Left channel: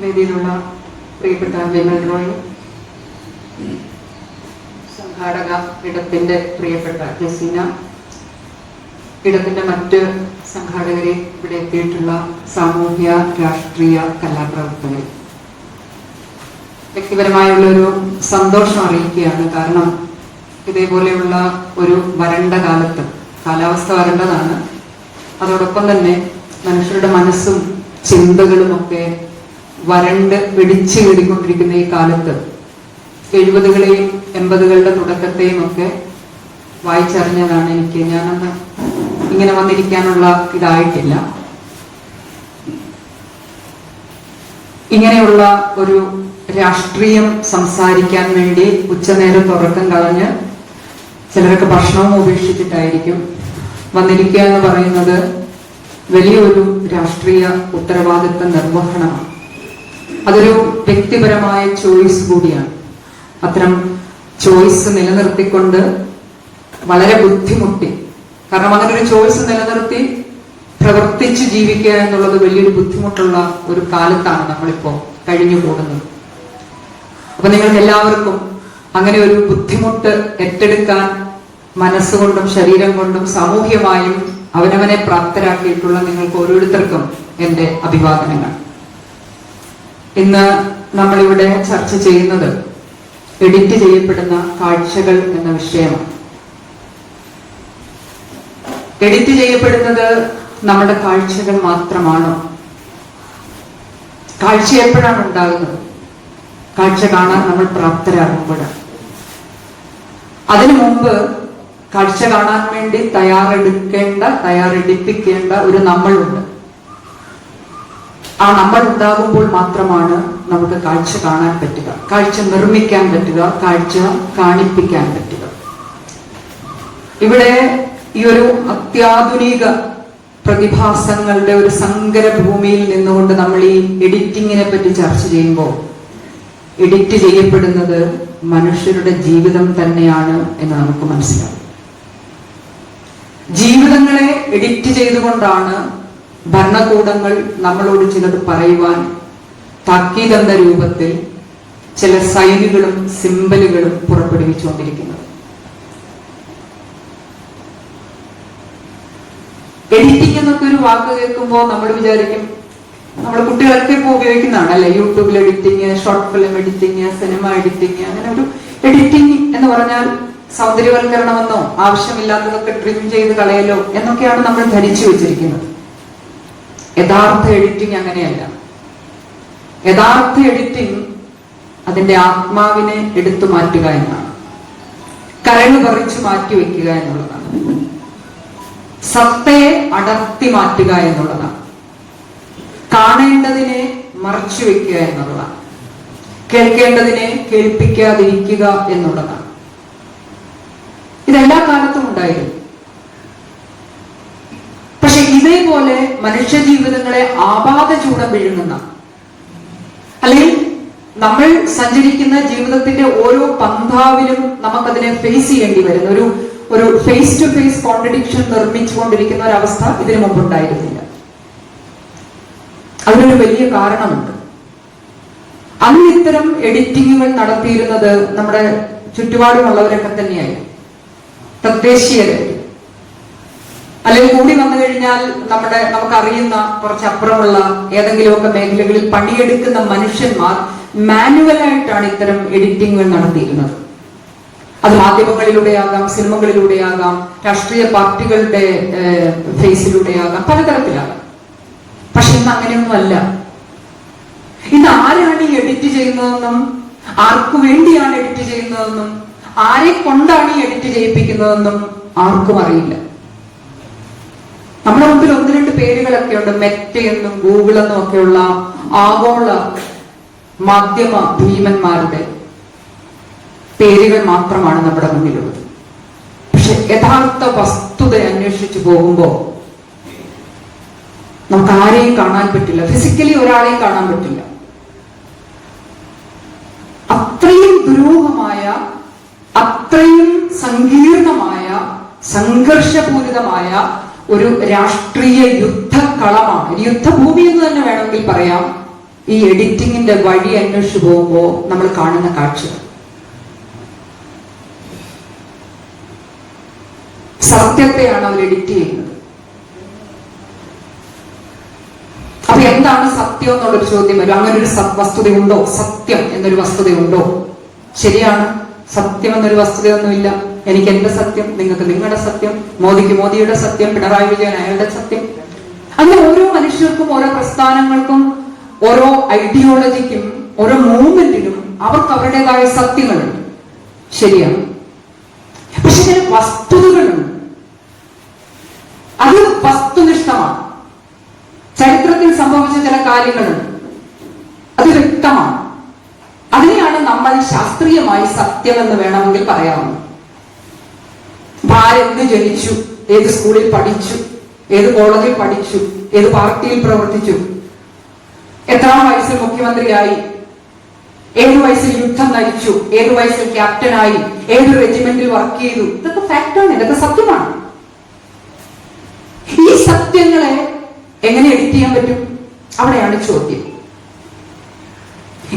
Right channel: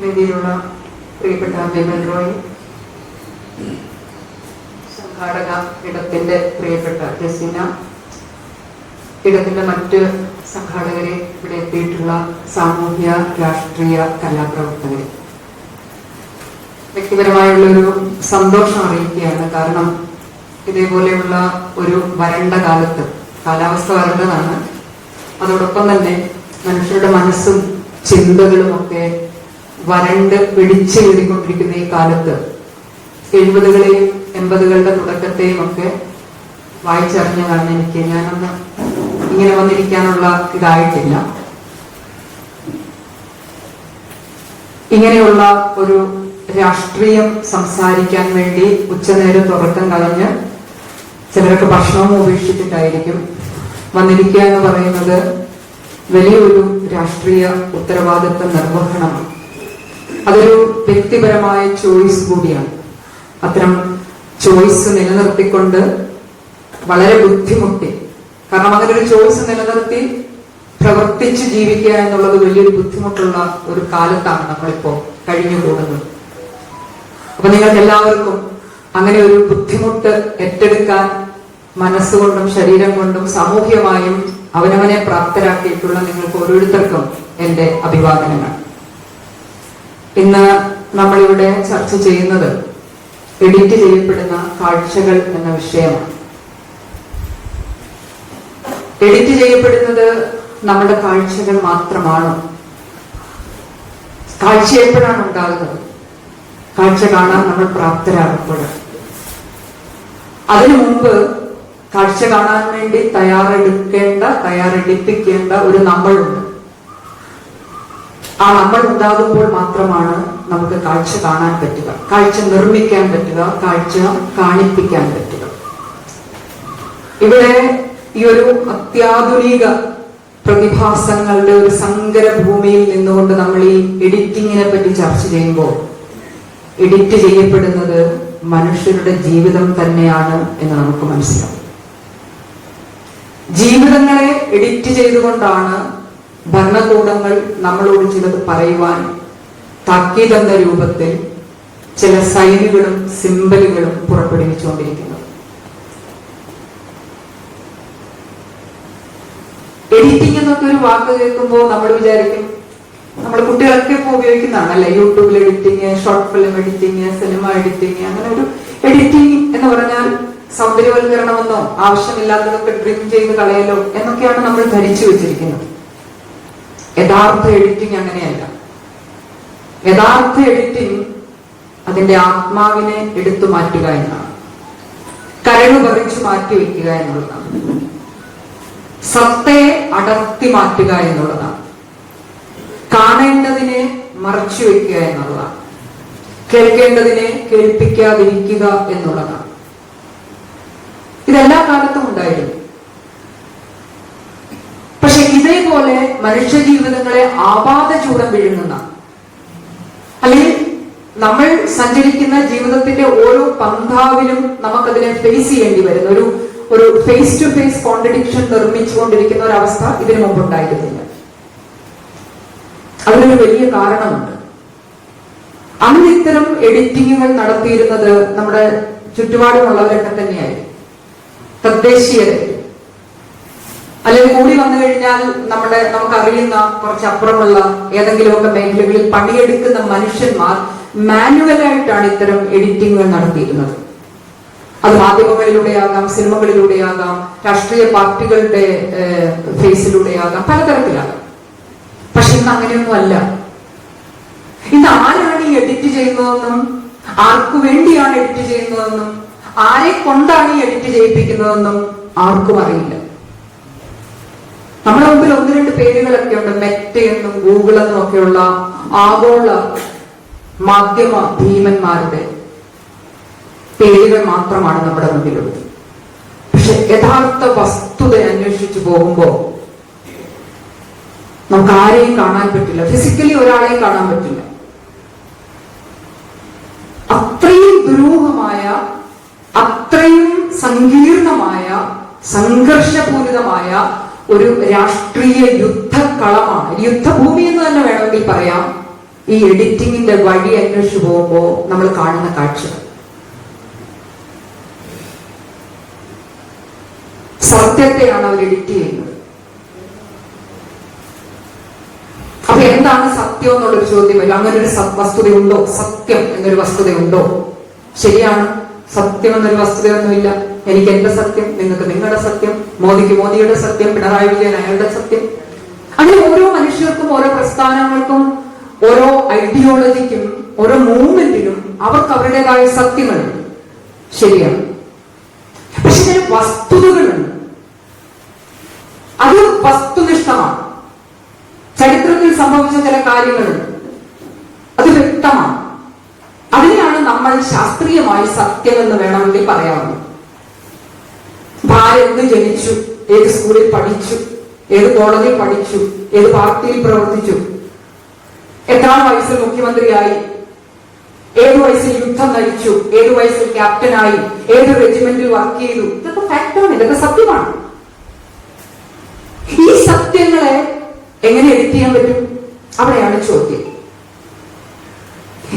വേദിയിലുള്ള പ്രിയപ്പെട്ട ജയമൽ റോയ്, സംഘാടക ഇടത്തിന്റെ പ്രിയപ്പെട്ട ജസീന, ഇടത്തിന്റെ മറ്റ് സംഘാടകരെ, ഇവിടെ എത്തിയിട്ടുള്ള സാമൂഹ്യ രാഷ്ട്രീയ കലാപ്രവർത്തകരെ, വ്യക്തിപരമായുള്ളൊരു സന്തോഷം അറിയിക്കുകയാണ്. കാരണം ഇതേപോലെയുള്ള ഒരു വരണ്ട കാലത്ത്, കാലാവസ്ഥ വരണ്ടതാണ്, അതോടൊപ്പം തന്നെ മനുഷ്യരുടെ മനസ്സും ചിന്തകളും ഒക്കെ വരണ്ട് പിടിച്ചു കയറിക്കൊണ്ടിരിക്കുന്ന ഈ കാലത്ത് 70കളെയും 80കളുടെ തുടക്കത്തെയും ഒക്കെ വായിച്ചറിഞ്ഞതാണ് എനിക്ക്. ഞാനൊന്ന് ഇങ്ങനെ വന്നിരിക്കാനുള്ള ഇതായിട്ടില്ല. ഇങ്ങനെയുള്ള ഒരു രാഷ്ട്രീയം സംസാരിക്കാൻ വേണ്ടി ഉച്ചനേരം തുറക്കം കളഞ്ഞ് ചിലരൊക്കെ ഭക്ഷണവും ഉപേക്ഷിച്ചിട്ടായിരിക്കും വന്നിരിക്കുക എന്ന് പറയുന്നത് വലിയൊരു രാഷ്ട്രീയ ഉത്തരവാദിത്വ നിർവഹണമാണ്. അതൊരു വ്യക്തിപരമായ ചോയ്സ് കൂടിയാണ്. അത്തരം ചോയ്സ് നിലനിർത്തിക്കൊണ്ട് വളരെ ബുദ്ധിമുട്ടി, കാരണം അങ്ങനെ ഒരു ചോയ്സ് നിലനിർത്തി പ്രവർത്തിച്ച് ജീവിക്കുക എന്നുള്ളത് വലിയൊരു ബുദ്ധിമുട്ടുള്ള ഒരു കാലത്താണ് നമ്മളിപ്പോ കഴിഞ്ഞു പോകുന്നത്. അപ്പൊ നിങ്ങൾക്ക് എല്ലാവർക്കും അങ്ങനെ ഒരു ബുദ്ധിമുട്ട് ഏറ്റെടുക്കാൻ മനസ്സുകൊണ്ടും ശരീരം കൊണ്ടും സാമൂഹ്യമായും അവനവനെ പ്രാപ്തരാക്കിയിട്ടുള്ള നിങ്ങൾക്ക് ഓരോരുത്തർക്കും എന്റെ അഭിവാദനങ്ങൾ. ഇന്ന് നമ്മളിവിടെ ചർച്ച ചെയ്യുന്നത് എഡിറ്റ് ചെയ്യപ്പെടുന്ന കാഴ്ചകൾ എന്ന വിഷയമാണ്. എഡിറ്റ് ചെയ്യപ്പെടുന്നത് നമ്മുടെ കാഴ്ചകൾ മാത്രമാണോ? കാഴ്ച എപ്പോഴാണ് ഉണ്ടാകുന്നത്? കാഴ്ച കാണാൻ നമ്മൾ പ്രാപ്തരാകുമ്പോഴാണ്. അതിനു മുമ്പ് കാഴ്ച കാണാൻ വേണ്ടി തയ്യാറെടുപ്പിക്കേണ്ട ഒരു നമ്മളുണ്ട്. ആ നമ്മൾ ഉണ്ടാകുമ്പോൾ മാത്രമാണ് നമുക്ക് കാഴ്ച കാണാൻ പറ്റുക, കാഴ്ച നിർമ്മിക്കാൻ പറ്റുക, കാഴ്ച കാണിപ്പിക്കാൻ പറ്റുക. ഇവിടെ ഈ ഒരു അത്യാധുനിക പ്രതിഭാസങ്ങളുടെ ഒരു സങ്കര ഭൂമിയിൽ നിന്നുകൊണ്ട് നമ്മൾ ഈ എഡിറ്റിങ്ങിനെ പറ്റി ചർച്ച ചെയ്യുമ്പോൾ എഡിറ്റ് ചെയ്യപ്പെടുന്നത് മനുഷ്യരുടെ ജീവിതം തന്നെയാണ് എന്ന് നമുക്ക് മനസ്സിലാവും. ജീവിതങ്ങളെ എഡിറ്റ് ചെയ്തുകൊണ്ടാണ് ഭരണകൂടങ്ങൾ നമ്മളോട് ചിലത് പറയുവാൻ താക്കീതെന്ന രൂപത്തിൽ ചില സൈനുകളും സിംബലുകളും പുറപ്പെടുവിച്ചുകൊണ്ടിരിക്കുന്നത്. എഡിറ്റിംഗ് എന്നൊക്കെ ഒരു വാക്ക് കേൾക്കുമ്പോൾ നമ്മൾ വിചാരിക്കും, നമ്മുടെ കുട്ടികളൊക്കെ ഇപ്പോൾ ഉപയോഗിക്കുന്നതാണ് അല്ലെ, യൂട്യൂബിൽ editing, short film editing, cinema editing. അങ്ങനെ ഒരു എഡിറ്റിംഗ് എന്ന് പറഞ്ഞാൽ സൗന്ദര്യവൽക്കരണമെന്നോ ആവശ്യമില്ലാത്തതൊക്കെ ട്രിം ചെയ്ത് കളയലോ എന്നൊക്കെയാണ് നമ്മൾ ധരിച്ചു വെച്ചിരിക്കുന്നത്. യഥാർത്ഥ എഡിറ്റിംഗ് അങ്ങനെയല്ല. യഥാർത്ഥ എഡിറ്റിംഗ് അതിന്റെ ആത്മാവിനെ എടുത്തു മാറ്റുക എന്നാണ്, കരള് പറിച്ചു മാറ്റിവെക്കുക എന്നുള്ളതാണ്, സത്തയെ അടർത്തി മാറ്റുക എന്നുള്ളതാണ്, കാണേണ്ടതിനെ മറച്ചു വെക്കുക എന്നുള്ളതാണ്, കേൾക്കേണ്ടതിനെ കേൾപ്പിക്കാതിരിക്കുക എന്നുള്ളതാണ്. ഇതെല്ലാ കാലത്തും ഉണ്ടായിരുന്നു. പക്ഷെ ഇതേപോലെ മനുഷ്യ ജീവിതങ്ങളെ ആപാത ചൂടം വിഴുങ്ങുന്ന, അല്ലെങ്കിൽ നമ്മൾ സഞ്ചരിക്കുന്ന ജീവിതത്തിന്റെ ഓരോ പന്ഥാവിലും നമുക്കതിനെ ഫേസ് ചെയ്യേണ്ടി വരുന്ന ഒരു ഫേസ് ടു ഫേസ് കോൺട്രഡിക്ഷൻ നിർമ്മിച്ചുകൊണ്ടിരിക്കുന്ന ഒരവസ്ഥ ഇതിനു മുമ്പ് ഉണ്ടായിരുന്നില്ല. അതിനൊരു വലിയ കാരണമുണ്ട്. അന്ന് ഇത്തരം എഡിറ്റിങ്ങുകൾ നടത്തിയിരുന്നത് നമ്മുടെ ചുറ്റുപാടുമുള്ളവരൊക്കെ തന്നെയായി, തദ്ദേശീയരായി, അല്ലെങ്കിൽ കൂടി വന്നു കഴിഞ്ഞാൽ നമുക്കറിയുന്ന കുറച്ചപ്പുറമുള്ള ഏതെങ്കിലുമൊക്കെ മേഖലകളിൽ പണിയെടുക്കുന്ന മനുഷ്യന്മാർ മാനുവലായിട്ടാണ് ഇത്തരം എഡിറ്റിങ്ങുകൾ നടത്തിയിരുന്നത്. അത് മാധ്യമങ്ങളിലൂടെയാകാം, സിനിമകളിലൂടെയാകാം, രാഷ്ട്രീയ പാർട്ടികളുടെ ഫേസിലൂടെയാകാം, പലതരത്തിലാകാം. പക്ഷെ ഇന്ന് അങ്ങനെയൊന്നുമല്ല. ഇന്ന് ആരാണ് ഈ എഡിറ്റ് ചെയ്യുന്നതെന്നും ആർക്കു വേണ്ടിയാണ് എഡിറ്റ് ചെയ്യുന്നതെന്നും ആരെ കൊണ്ടാണ് ഈ എഡിറ്റ് ചെയ്യിപ്പിക്കുന്നതെന്നും ആർക്കും അറിയില്ല. നമ്മുടെ മുമ്പിൽ 1-2 പേരുകളൊക്കെ ഉണ്ട്. മെറ്റ എന്നും ഗൂഗിൾ എന്നും ഒക്കെയുള്ള ആഗോള മാധ്യമ ഭീമന്മാരുടെ പേരുകൾ മാത്രമാണ് നമ്മുടെ മുന്നിലുള്ളത്. പക്ഷെ യഥാർത്ഥ വസ്തുത അന്വേഷിച്ചു പോകുമ്പോൾ നമുക്ക് ആരെയും കാണാൻ പറ്റില്ല, ഫിസിക്കലി ഒരാളെയും കാണാൻ പറ്റില്ല. അത്രയും ദുരൂഹമായ, അത്രയും സങ്കീർണമായ, സംഘർഷപൂരിതമായ ഒരു രാഷ്ട്രീയ യുദ്ധകളമാണ്, യുദ്ധഭൂമി എന്ന് തന്നെ വേണമെങ്കിൽ പറയാം ഈ എഡിറ്റിങ്ങിന്റെ വഴി അന്വേഷിച്ചു പോകുമ്പോൾ നമ്മൾ കാണുന്ന കാഴ്ചകൾ. സത്യത്തെയാണ് അവർ എഡിറ്റ് ചെയ്യുന്നത്. അപ്പൊ എന്താണ് സത്യം എന്നുള്ളൊരു ചോദ്യം വരും. അങ്ങനെ ഒരു വസ്തുതയുണ്ടോ? സത്യം എന്നൊരു വസ്തുതയുണ്ടോ? ശരിയാണ്, സത്യം എന്നൊരു വസ്തുതയൊന്നുമില്ല. എനിക്ക് എന്റെ സത്യം, നിങ്ങൾക്ക് നിങ്ങളുടെ സത്യം, മോദിക്ക് മോദിയുടെ സത്യം, പിണറായി വിജയൻ അയാളുടെ സത്യം. അങ്ങനെ ഓരോ മനുഷ്യർക്കും, ഓരോ പ്രസ്ഥാനങ്ങൾക്കും, ഓരോ ഐഡിയോളജിക്കും, ഓരോ മൂവ്മെന്റിനും അവർക്ക് അവരുടേതായ സത്യങ്ങളുണ്ട്. ശരിയാണ്. പക്ഷെ ചില വസ്തുതകളുണ്ട്, അത് വസ്തുനിഷ്ഠമാണ്. ചരിത്രത്തിൽ സംഭവിച്ച ചില കാര്യങ്ങളുണ്ട്, അത് വ്യക്തമാണ്. അതിനെയാണ് നമ്മൾ ശാസ്ത്രീയമായി സത്യം എന്ന് വേണമെങ്കിൽ പറയാവുന്നത്. ആരെന്ത് ജനിച്ചു, ഏത് സ്കൂളിൽ പഠിച്ചു, ഏത് കോളേജിൽ പഠിച്ചു, ഏത് പാർട്ടിയിൽ പ്രവർത്തിച്ചു, എത്രാം വയസ്സിൽ മുഖ്യമന്ത്രിയായി, ഏത് വയസ്സിൽ യുദ്ധം നയിച്ചു, ഏത് വയസ്സിൽ ക്യാപ്റ്റനായി, ഏത് റെജിമെന്റിൽ വർക്ക് ചെയ്തു, ഇതൊക്കെ ഫാക്ടാണ്, ഇതൊക്കെ സത്യമാണ്. ഈ സത്യങ്ങളെ എങ്ങനെ എഡിറ്റ് ചെയ്യാൻ പറ്റും? അവിടെയാണ് ചോദ്യം.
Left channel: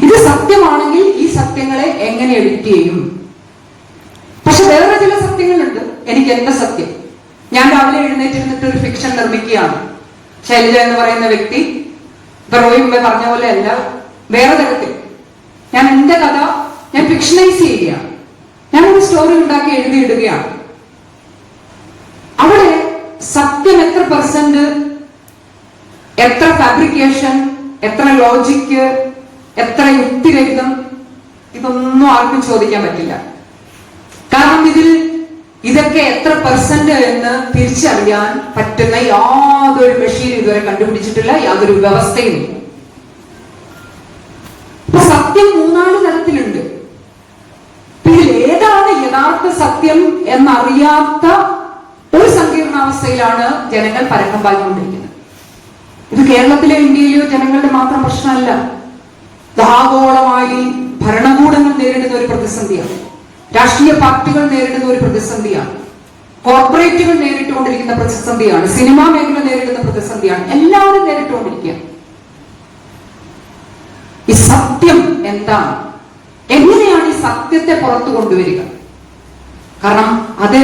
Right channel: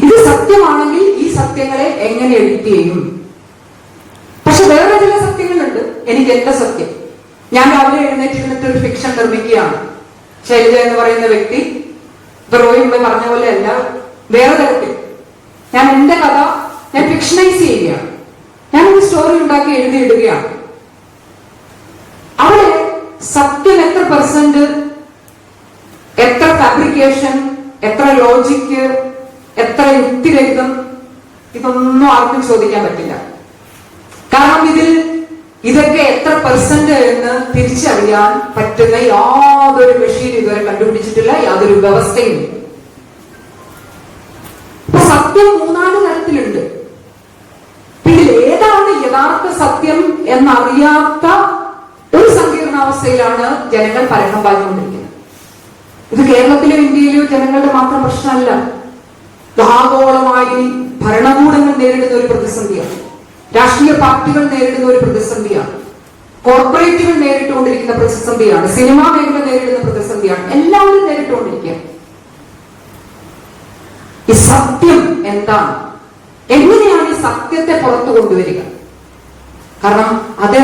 ഇത് സത്യമാണെങ്കിൽ ഈ സത്യങ്ങളെ എങ്ങനെ എഡിറ്റ് ചെയ്യും? പക്ഷെ വേറെ ചില സത്യങ്ങളുണ്ട്. എനിക്ക് എന്റെ സത്യം, ഞാൻ രാവിലെ എഴുന്നേറ്റിരുന്നിട്ട് ഒരു ഫിക്ഷൻ നിർമ്മിക്കുകയാണ്. ശൈലജ എന്ന് പറയുന്ന വ്യക്തി റോയിമ്പ പറഞ്ഞ പോലെ അല്ല, വേറെ തരത്തിൽ ഞാൻ എന്റെ കഥ ഞാൻ ഫിക്ഷനൈസ് ചെയ്യുകയാണ്. ഞാൻ ഒരു സ്റ്റോറി ഉണ്ടാക്കി എഴുതിയിടുകയാണ്. അവിടെ സത്യം എത്ര പെർസെന്റ്, എത്ര ഫാബ്രിക്കേഷൻ, എത്ര ലോജിക്ക്, എത്ര യുക്തിരഹിതം, ഇതൊന്നും ആർക്കും ചോദിക്കാൻ പറ്റില്ല. കാരണം ഇതൊക്കെ എത്ര പെർസെന്റ് എന്ന് തിരിച്ചറിയാൻ പറ്റുന്ന യാതൊരു മെഷീൻ ഇതുവരെ കണ്ടുപിടിച്ചിട്ടില്ല, യാതൊരു വ്യവസ്ഥയും. സത്യം മൂന്നാല് തരത്തിലുണ്ട്. ഇതിൽ ഏതാണ് യഥാർത്ഥ സത്യം എന്നറിയാത്ത ഒരു സങ്കീർണാവസ്ഥയിലാണ് ജനങ്ങൾ പരക്കം പാഞ്ഞുകൊണ്ടിരിക്കുന്നത്. ഇത് കേരളത്തിലെ ഇന്ത്യയിലെയോ ജനങ്ങളുടെ മാത്രം പ്രശ്നമല്ല. ആഗോളമായി ഭരണകൂടങ്ങൾ നേരിടുന്ന ഒരു പ്രതിസന്ധിയാണ്, രാഷ്ട്രീയ പാർട്ടികൾ നേരിടുന്ന ഒരു പ്രതിസന്ധിയാണ്, കോർപ്പറേറ്റുകൾ നേരിട്ടുകൊണ്ടിരിക്കുന്ന പ്രതിസന്ധിയാണ്, സിനിമാ മേഖല നേരിടുന്ന പ്രതിസന്ധിയാണ്. എല്ലാവരും നേരിട്ടുകൊണ്ടിരിക്കുകയാണ്. ഈ സത്യം എന്താണ്? എങ്ങനെയാണ് ഈ സത്യത്തെ പുറത്തു കൊണ്ടുവരിക? കാരണം അത്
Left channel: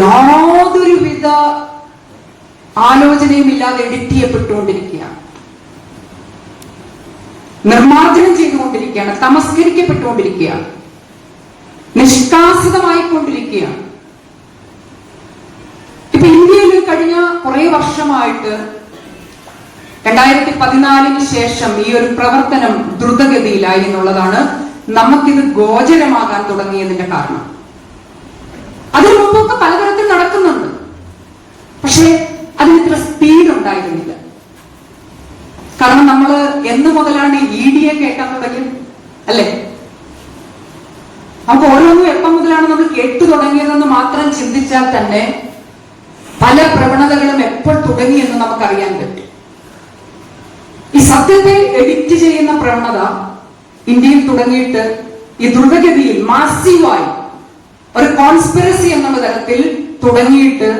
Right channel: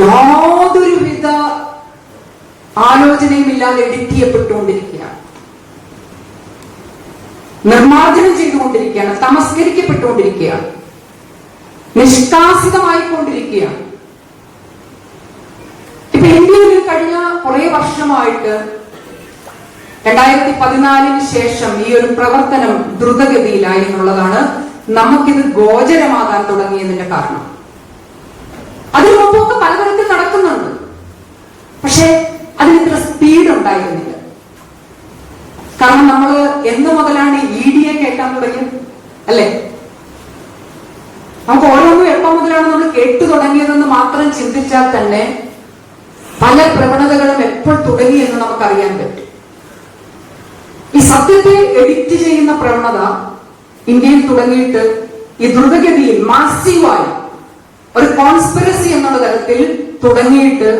യാതൊരുവിധ ആലോചനയും ഇല്ലാതെ എഡിറ്റ് ചെയ്യപ്പെട്ടുകൊണ്ടിരിക്കുകയാണ്, നിർമ്മാർജ്ജനം ചെയ്തുകൊണ്ടിരിക്കുകയാണ്, തമസ്കരിക്കപ്പെട്ടുകൊണ്ടിരിക്കുകയാണ്, നിഷ്കാസിതമായിക്കൊണ്ടിരിക്കുകയാണ്. ഇപ്പൊ ഇന്ത്യയിൽ കഴിഞ്ഞ കുറെ വർഷമായിട്ട് 2014 ശേഷം ഈ ഒരു പ്രവർത്തനം ദ്രുതഗതിയിലായി എന്നുള്ളതാണ് നമുക്കിത് ഗോചരമാകാൻ തുടങ്ങിയതിന്റെ കാരണം. അതിനു മുമ്പൊക്കെ പലതരത്തിൽ നടക്കുന്നുണ്ട്, പക്ഷെ അതിന് ഇത്ര സ്പീഡ് ഉണ്ടായിരുന്നില്ല. കാരണം നമ്മൾ എന്ന് മുതലാണ് ED കേൾക്കാൻ തുടങ്ങിയത്, അല്ലെ? നമുക്ക് ഓരോന്നും എപ്പം മുതലാണ് നമ്മൾ കേട്ടു തുടങ്ങിയതെന്ന് മാത്രം ചിന്തിച്ചാൽ തന്നെ പല പ്രവണതകളും എപ്പോൾ തുടങ്ങി എന്ന് നമുക്കറിയാൻ പറ്റും. ഈ സത്യത്തെ എഡിറ്റ് ചെയ്യുന്ന പ്രവണത ഇന്ത്യയിൽ തുടങ്ങിയിട്ട് ഈ ദ്രുതഗതിയിൽ മാസീവായി ഒരു കോൺസ്പിറസി എന്നുള്ള തരത്തിൽ തുടങ്ങിയിട്ട്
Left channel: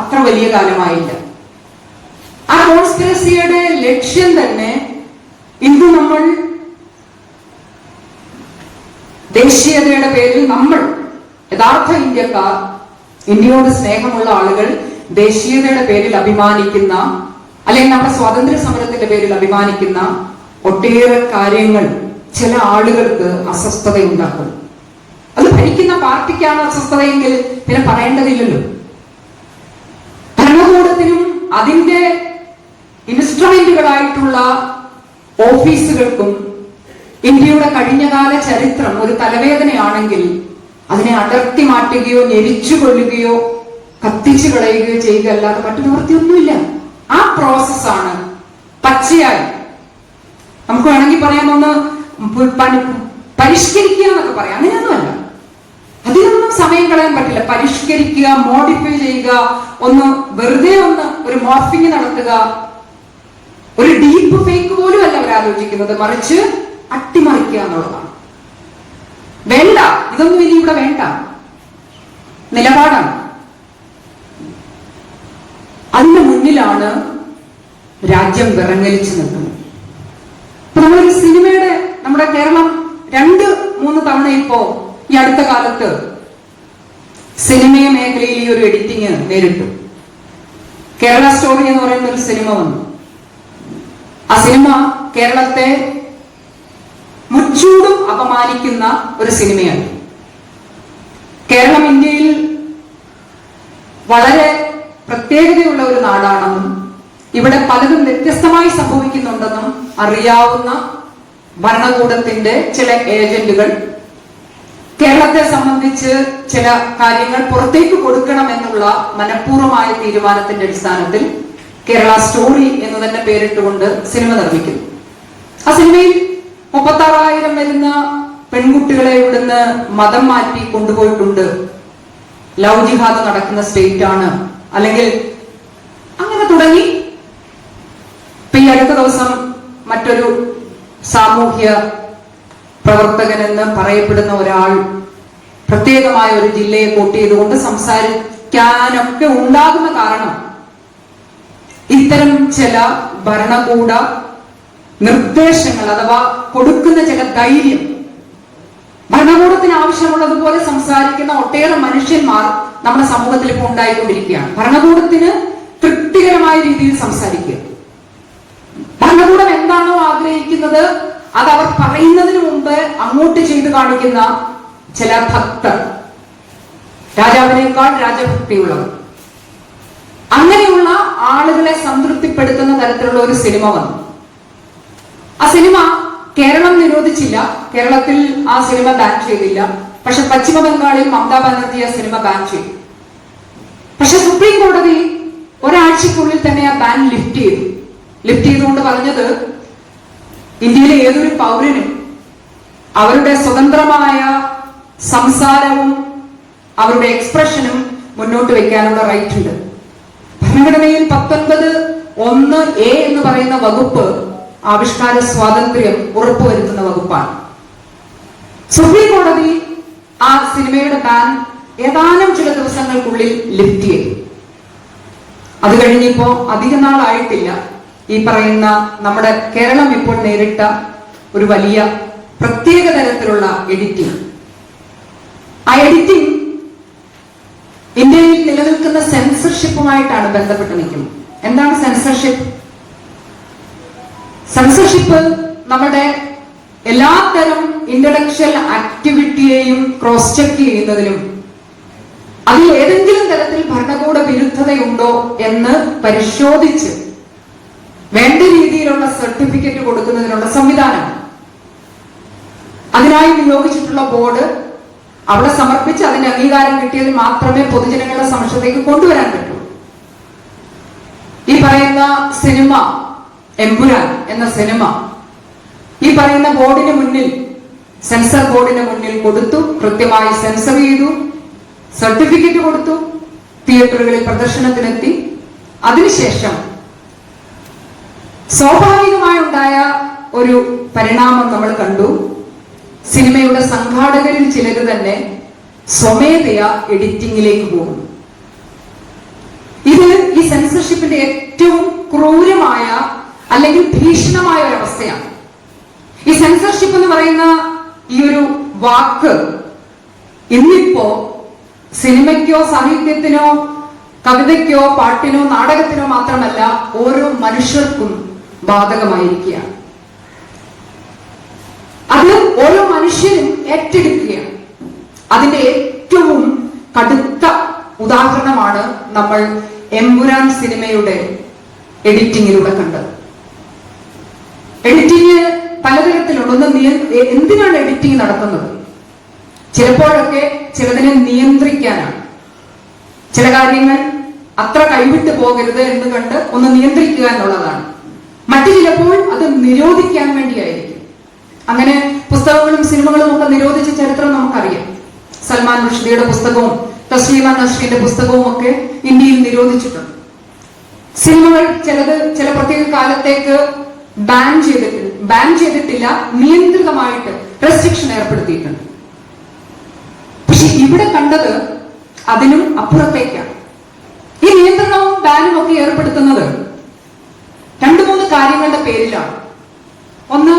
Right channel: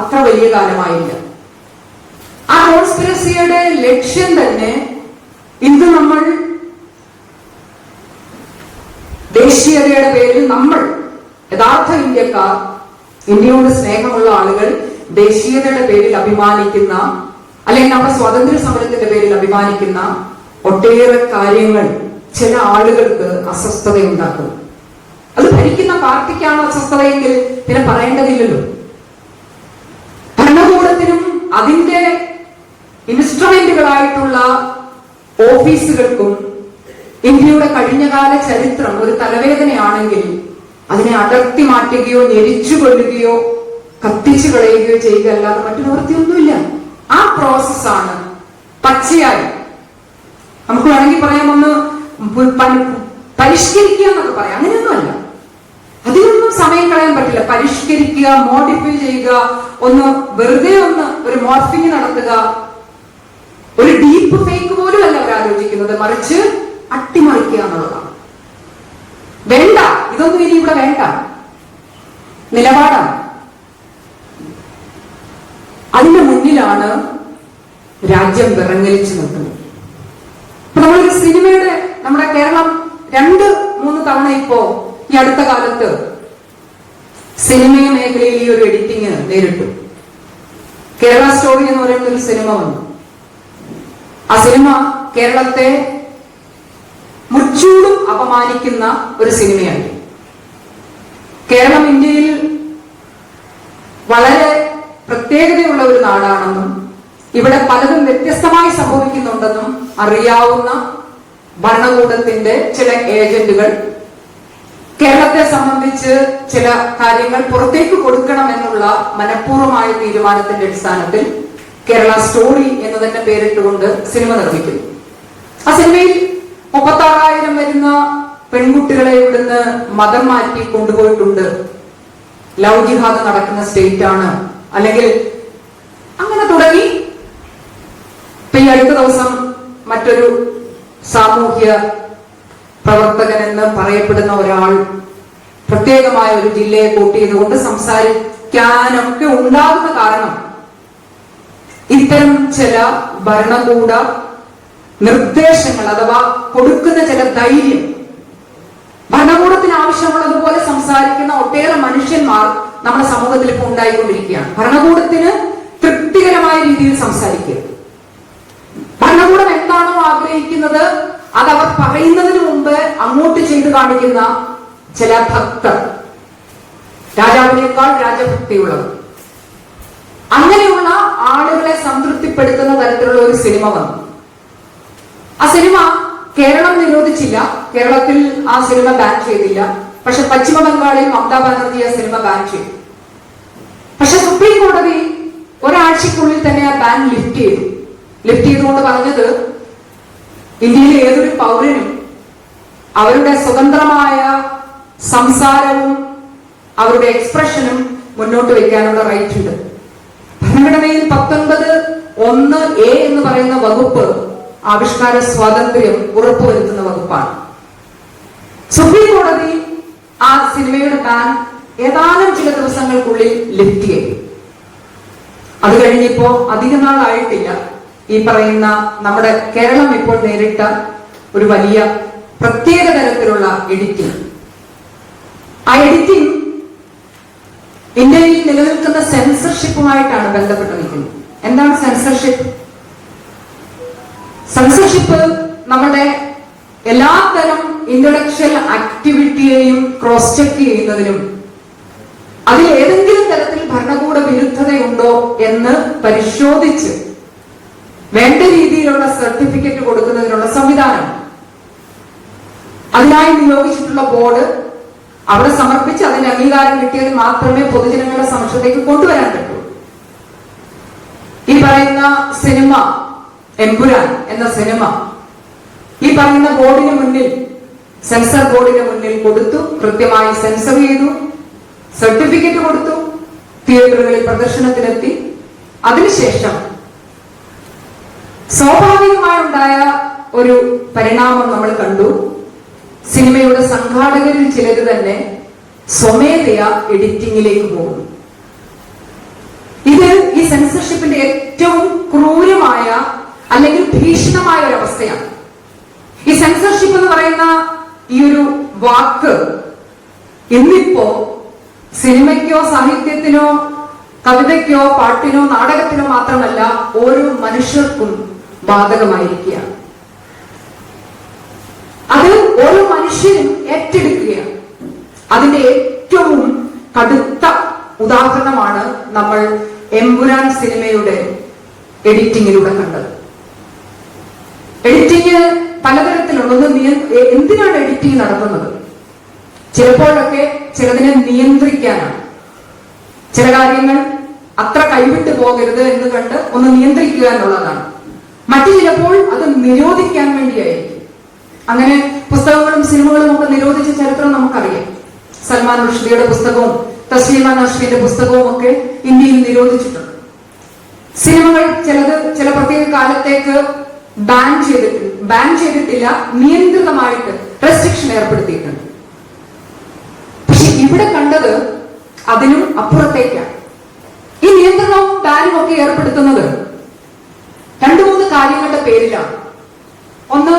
അത്ര വലിയ കാലമായില്ല. ആ കോൺസ്പിറസിയുടെ ലക്ഷ്യം തന്നെ ഇന്ന് നമ്മൾ ദേശീയതയുടെ പേരിൽ, നമ്മൾ യഥാർത്ഥ ഇന്ത്യക്കാർ, ഇന്ത്യയോട് സ്നേഹമുള്ള ആളുകൾ ദേശീയതയുടെ പേരിൽ അഭിമാനിക്കുന്ന, അല്ലെങ്കിൽ നമ്മുടെ സ്വാതന്ത്ര്യ സമരത്തിന്റെ പേരിൽ അഭിമാനിക്കുന്ന ഒട്ടേറെ കാര്യങ്ങൾ ചില ആളുകൾക്ക് അസ്വസ്ഥതയുണ്ടാക്കും. അത് ഭരിക്കുന്ന പാർട്ടിക്കാണ് അസ്വസ്ഥതയെങ്കിൽ പിന്നെ പറയേണ്ടതില്ലല്ലോ. ഭരണകൂടത്തിനും അതിന്റെ ഇൻസ്ട്രുമെന്റുകളായിട്ടുള്ള ഓഫീസുകൾക്കും ഇന്ത്യയുടെ കഴിഞ്ഞകാല ചരിത്രം ഒരു തലവേദനയാണെങ്കിൽ അതിനെ അടർത്തി മാറ്റുകയോ ഞെരിച്ചു കൊല്ലുകയോ കത്തിച്ചു കളയുകയോ ചെയ്യുക അല്ലാതെ മറ്റു നിവൃത്തിയൊന്നുമില്ല. ആ പ്രോസസ്സാണ് പച്ചയായി നമുക്ക് വേണമെങ്കിൽ പറയാം, ഒന്ന് പരിഷ്കരിക്കുക എന്നൊക്കെ പറയാം. അങ്ങനെയൊന്നുമല്ല, അതിനൊന്നും സമയം കളയാൻ പറ്റില്ല. പരിഷ്കരിക്കുക, മോഡിഫൈ ചെയ്യുക, ഒന്ന് വെറുതെ ഒന്ന് ഒരു മോർഫിംഗ് നടത്തുക, ഒരു ഡീപ്പ് ഫേക്ക് പോലും അല്ല അവർ ആലോചിക്കുന്നത്, മറിച്ച് അട്ടിമറിക്കുക എന്നുള്ളതാണ്. വേണ്ട, ഇതൊന്നും ഇനി ഇവിടെ വേണ്ട നിലപാടാണ്. അതിന്റെ മുന്നിലാണ് രാജ്യം വിറങ്ങലിച്ചു നിൽക്കുന്നത്. ഇപ്പൊ നമ്മളൊരു സിനിമയുടെ നമ്മുടെ കേരളം 2-3 തവണ ഇപ്പോ ഈ അടുത്ത കാലത്ത് സിനിമ മേഖലയിൽ ഈ ഒരു എഡിറ്റിംഗ് നേരിട്ടു. കേരള സ്റ്റോറി എന്ന് പറയുന്ന ഒരു സിനിമ വന്നു. ആ സിനിമ കേരളത്തെ മുച്ചൂടും അപമാനിക്കുന്ന ഒരു സിനിമയാണ്. കേരളം ഇന്ത്യയിൽ വളരെ പ്രത്യേകതയുള്ള ഒരു നാടാണെന്നും ഇവിടെ പലതും വ്യത്യസ്തമായി സംഭവിക്കുന്നുണ്ടെന്നും അറിയാവുന്ന ഭരണകൂടത്തിന്റെ ചില ഏജന്റുകൾ കേരളത്തെ സംബന്ധിച്ച് ചില കാര്യങ്ങൾ പുറത്തേക്ക് കൊടുക്കണമെന്നുള്ള മനഃപൂർവമായ തീരുമാനത്തിന്റെ അടിസ്ഥാനത്തിൽ കേരള സ്റ്റോറി എന്ന് തന്നെ പേരിട്ടുകൊണ്ട് സിനിമ നിർമ്മിക്കുന്നു. ആ സിനിമയിൽ 36,000 വരുന്ന പെൺകുട്ടികളെ ഇവിടുന്ന് മതം മാറ്റി കൊണ്ടുപോയിട്ടുണ്ട്. ലവ് ജിഹാദ് നടക്കുന്ന സ്റ്റേറ്റ് ആണ്, അല്ലെങ്കിൽ അങ്ങനെ തുടങ്ങി. ഈ അടുത്ത ദിവസം മറ്റൊരു സാമൂഹ്യ പ്രവർത്തകൻ എന്ന് പറയപ്പെടുന്ന ഒരാൾ പ്രത്യേകമായ ഒരു ജില്ലയെ കോട്ട് ചെയ്തുകൊണ്ട് സംസാരിക്കാനൊക്കെ ഉണ്ടാകുന്ന കാരണം ഇത്തരം ചില ഭരണകൂട നിർദ്ദേശങ്ങൾ അഥവാ കൊടുക്കുന്ന ചില ധൈര്യം, ഭരണകൂടത്തിന് ആവശ്യമുള്ളതുപോലെ സംസാരിക്കുന്ന ഒട്ടേറെ മനുഷ്യന്മാർ നമ്മുടെ സമൂഹത്തിൽ ഇപ്പോൾ ഉണ്ടായിക്കൊണ്ടിരിക്കുകയാണ്. ഭരണകൂടത്തിന് തൃപ്തികരമായ രീതിയിൽ സംസാരിക്കുക, ഭരണകൂടം എന്താണോ ആഗ്രഹിക്കുന്നത് അത് അവർ പറയുന്നതിന് മുമ്പ് അങ്ങോട്ട് ചെയ്തു കാണിക്കുന്ന ചില ഭക്തർ, രാജാവിനേക്കാൾ രാജഭക്തിയുള്ളവർ, അങ്ങനെയുള്ള ആളുകളെ സംതൃപ്തിപ്പെടുത്തുന്ന തരത്തിലുള്ള ഒരു സിനിമ വന്നു. ആ സിനിമ കേരളം നിരോധിച്ചില്ല, കേരളത്തിൽ ആ സിനിമ ബാൻ ചെയ്തില്ല. പക്ഷെ പശ്ചിമ ബംഗാളിൽ മമതാ ബാനർജി ആ സിനിമ ബാൻ ചെയ്തു. പക്ഷെ സുപ്രീം കോടതി ഒരാഴ്ചക്കുള്ളിൽ തന്നെ ആ ബാൻ ലിഫ്റ്റ് ചെയ്തു. ലിഫ്റ്റ് ചെയ്തുകൊണ്ട് പറഞ്ഞത് ഇന്ത്യയിലെ ഏതൊരു പൗരനും അവരുടെ സ്വതന്ത്രമായ സംസാരവും അവരുടെ എക്സ്പ്രഷനും മുന്നോട്ട് വയ്ക്കാനുള്ള റൈറ്റ് ഉണ്ട്. ഭരണഘടനയിൽ 19(1)A എന്ന് പറയുന്ന വകുപ്പ് ആവിഷ്കാര സ്വാതന്ത്ര്യം ഉറപ്പുവരുത്തുന്ന വകുപ്പാണ്. സുപ്രീം കോടതി ആ സിനിമയുടെ ബാൻ ഏതാനും ചില ദിവസങ്ങൾക്കുള്ളിൽ ലിഫ്റ്റ് ചെയ്തു. അത് കഴിഞ്ഞിപ്പോ അധിക നാളായിട്ടില്ല ഈ പറയുന്ന നമ്മുടെ കേരളം ഇപ്പോൾ നേരിട്ട ഒരു വലിയ പ്രത്യേക തരത്തിലുള്ള എഡിറ്റിംഗ്. ആ എഡിറ്റിംഗ് ഇന്ത്യയിൽ നിലനിൽക്കുന്ന സെൻസർഷിപ്പുമായിട്ടാണ് ബന്ധപ്പെട്ട് നിൽക്കുന്നത്. എന്താണ് സെൻസർഷിപ്പ്? സെൻസർഷിപ്പ് നമ്മുടെ എല്ലാത്തരം ഇന്റലക്ച്വൽ ആക്ടിവിറ്റിയെയും ക്രോസ് ചെക്ക് ചെയ്യുന്നതിനും അതിൽ ഏതെങ്കിലും തരത്തിൽ ഭരണകൂട വിരുദ്ധതയുണ്ടോ എന്ന് പരിശോധിച്ച് വേണ്ട രീതിയിലുള്ള സർട്ടിഫിക്കറ്റ് കൊടുക്കുന്നതിനുള്ള സംവിധാനം. അതിനായി നിയോഗിച്ചിട്ടുള്ള ബോർഡ് അവിടെ സമർപ്പിച്ച് അതിന്റെ അംഗീകാരം കിട്ടിയത് മാത്രമേ പൊതുജനങ്ങളുടെ സമക്ഷത്തേക്ക് കൊണ്ടുവരാൻ പറ്റൂ. ഈ പറയുന്ന സിനിമ എമ്പുരാൻ എന്ന സിനിമ ഈ പറയുന്ന ബോർഡിന് മുന്നിൽ, സെൻസർ ബോർഡിന് മുന്നിൽ കൊടുത്തു, കൃത്യമായി സെൻസർ ചെയ്തു, സർട്ടിഫിക്കറ്റ് കൊടുത്തു, തിയേറ്ററുകളിൽ പ്രദർശനത്തിനെത്തി. അതിനുശേഷം സ്വാഭാവികമായുണ്ടായ ഒരു പരിണാമം നമ്മൾ കണ്ടു. സിനിമയുടെ സംഘാടകരിൽ ചിലര് തന്നെ സ്വമേധയാ എഡിറ്റിംഗിലേക്ക് പോകുന്നു. ഇത് ഈ സെൻസർഷിപ്പിന്റെ ഏറ്റവും ക്രൂരമായ അല്ലെങ്കിൽ ഭീഷണമായ ഒരു അവസ്ഥയാണ്. ഈ സെൻസർഷിപ്പ് എന്ന് പറയുന്ന ഈ ഒരു വാക്ക് ഇന്നിപ്പോ സിനിമയ്ക്കോ സാഹിത്യത്തിനോ കവിതയ്ക്കോ പാട്ടിനോ നാടകത്തിനോ മാത്രമല്ല ഓരോ മനുഷ്യർക്കും ബാധകമായിരിക്കുകയാണ്. അത് ഓരോ മനുഷ്യരും ഏറ്റെടുക്കുകയാണ്. അതിന്റെ ഏറ്റവും കടുത്ത ഉദാഹരണമാണ് നമ്മൾ എമ്പുരാൻ സിനിമയുടെ എഡിറ്റിംഗിലൂടെ കണ്ടത്. എഡിറ്റിംഗ് പലതരത്തിലുള്ള എന്തിനാണ് എഡിറ്റിംഗ് നടത്തുന്നത്? ചിലപ്പോഴൊക്കെ ചിലതിനെ നിയന്ത്രിക്കാനാണ്. ചില കാര്യങ്ങൾ അത്ര കൈവിട്ട് പോകരുത് എന്ന് കണ്ട് ഒന്ന് നിയന്ത്രിക്കുക എന്നുള്ളതാണ്. മറ്റു ചിലപ്പോൾ അത് നിരോധിക്കാൻ വേണ്ടിയായിരിക്കും. അങ്ങനെ പുസ്തകങ്ങളും സിനിമകളും ഒക്കെ നിരോധിച്ച ചരിത്രം നമുക്കറിയാം. സൽമാൻ റുഷ്ദിയുടെ പുസ്തകവും തസ്മീന നസ്രീന്റെ പുസ്തകവും ഒക്കെ ഇന്ത്യയിൽ നിരോധിച്ചിട്ടുണ്ട്. സിനിമകൾ ചില പ്രത്യേക കാലത്തേക്ക് ബാൻ ചെയ്തിട്ടില്ല, നിയന്ത്രിതമായിട്ട് റെസ്ട്രിക്ഷൻ ഏർപ്പെടുത്തിയിട്ടുണ്ട്. പക്ഷെ ഇവിടെ കണ്ടത് അതിനും അപ്പുറത്തേക്കാണ്. ഈ നിയന്ത്രണവും ബാനും ഒക്കെ ഏർപ്പെടുത്തുന്നത് 2-3 കാര്യങ്ങളുടെ പേരിലാണ്. ഒന്ന്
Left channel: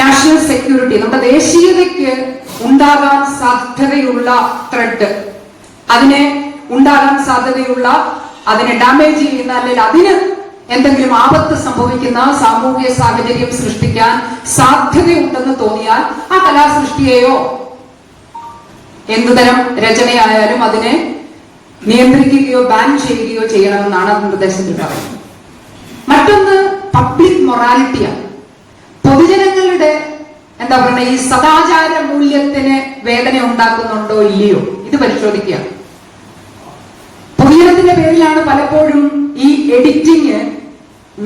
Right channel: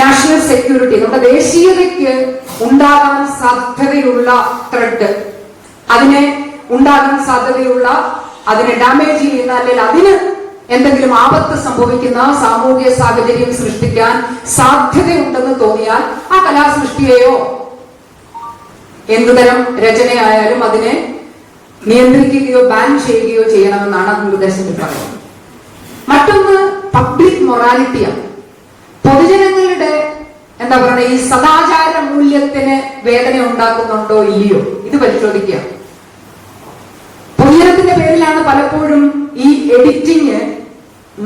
നാഷണൽ സെക്യൂരിറ്റി, നമ്മുടെ ദേശീയതയ്ക്ക് ഉണ്ടാകാൻ സാധ്യതയുള്ള ത്രെഡ്, അതിനെ ഉണ്ടാകാൻ സാധ്യതയുള്ള, അതിനെ ഡാമേജ് ചെയ്യുന്ന, അല്ലെങ്കിൽ അതിന് എന്തെങ്കിലും ആപത്ത് സംഭവിക്കുന്ന സാമൂഹിക സാഹചര്യം സൃഷ്ടിക്കാൻ സാധ്യതയുണ്ടെന്ന് തോന്നിയാൽ ആ കലാസൃഷ്ടിയെയോ എന്തുതരം രചനയായാലും അതിനെ നിയന്ത്രിക്കുകയോ ബാൻ ചെയ്യുകയോ ചെയ്യണമെന്നാണ് നിർദ്ദേശത്തിൽ പറയുന്നത്. മറ്റൊന്ന് പബ്ലിക് മൊറാലിറ്റിയാണ്. പൊതുജനങ്ങളുടെ എന്താ പറയുക, ഈ സദാചാര മൂല്യത്തിന് വേദന ഉണ്ടാക്കുന്നുണ്ടോ ഇല്ലയോ ഇത് പരിശോധിക്കുക. പൊതുജനത്തിന്റെ പേരിലാണ് പലപ്പോഴും ഈ എഡിറ്റിങ്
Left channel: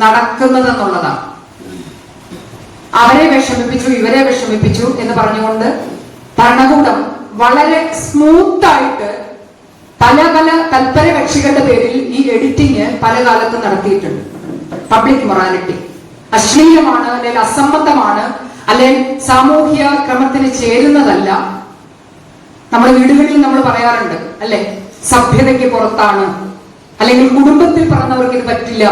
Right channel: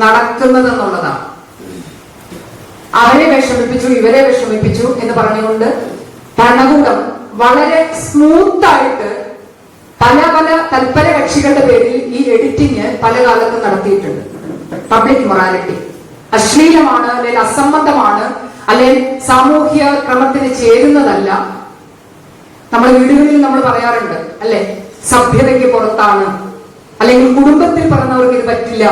നടക്കുന്നത് എന്നുള്ളതാണ്. അവരെ വിഷമിപ്പിച്ചു, ഇവരെ വിഷമിപ്പിച്ചു എന്ന് പറഞ്ഞുകൊണ്ട് ഭരണകൂടം വളരെ സ്മൂത്തായിട്ട് പല പല തൽപര കക്ഷികളുടെ പേരിൽ ഈ എഡിറ്റിംഗ് പല കാലത്ത് നടത്തിയിട്ടുണ്ട്. പബ്ലിക് മൊറാലിറ്റി അശ്ലീലമാണ്, അല്ലെങ്കിൽ അസംബന്ധമാണ്, അല്ലെങ്കിൽ സാമൂഹ്യ ക്രമത്തിന് ചേരുന്നതല്ല. നമ്മൾ വീടുകളിൽ നമ്മൾ പറയാറുണ്ട് അല്ലെ, സഭ്യതയ്ക്ക് പുറത്താണ്, അല്ലെങ്കിൽ കുടുംബത്തിൽ പറഞ്ഞവർക്ക് ഇത് പറ്റില്ല,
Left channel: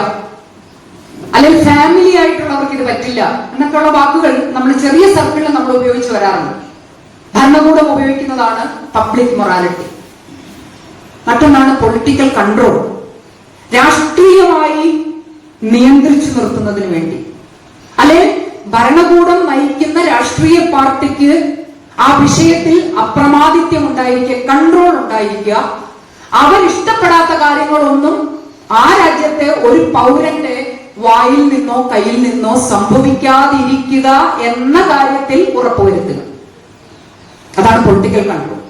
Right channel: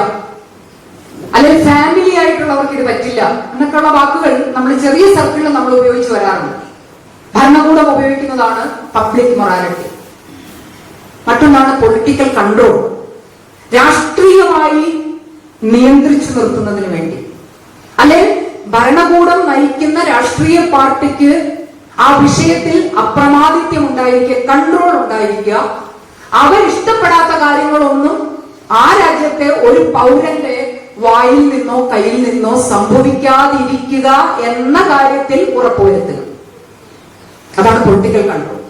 അല്ലെങ്കിൽ ഫാമിലി ആയിട്ടുള്ളവർക്ക് ഇത് പറ്റില്ല എന്നൊക്കെയുള്ള വാക്കുകൾ നമ്മൾ ചെറിയ സർക്കിളിൽ നമ്മൾ ഉപയോഗിച്ച് വരാറുണ്ട്. ഭരണകൂടം ഉപയോഗിക്കുന്നതാണ് പബ്ലിക് മൊറാലിറ്റി. മറ്റൊന്നാണ് പൊളിറ്റിക്കൽ കൺട്രോൾ, രാഷ്ട്രീയമായി നിയന്ത്രിച്ചു നിർത്തുന്നതിന് വേണ്ടി, അല്ലെ ഭരണകൂടം നയിക്കുന്ന രാഷ്ട്രീയ പാർട്ടിക്ക് ആ വിഷയത്തിൽ അപ്രമാദിത്യം ഉണ്ടായിരിക്കുക, കൺട്രോൾ ഉണ്ടായിരിക്കുക. അവരിഷ്ടപ്പെടാത്ത കാര്യങ്ങളൊന്നും ആ രാജ്യത്തെ ഒരു പൗരന്റെ വായിൽ നിന്നോ കയ്യിൽ നിന്നോ സംഭവിക്കാതിരിക്കുക എന്ന കാര്യത്തിൽ ഉറപ്പുവരുത്തുക. അതാണ് പൊളിറ്റിക്കൽ കൺട്രോൾ.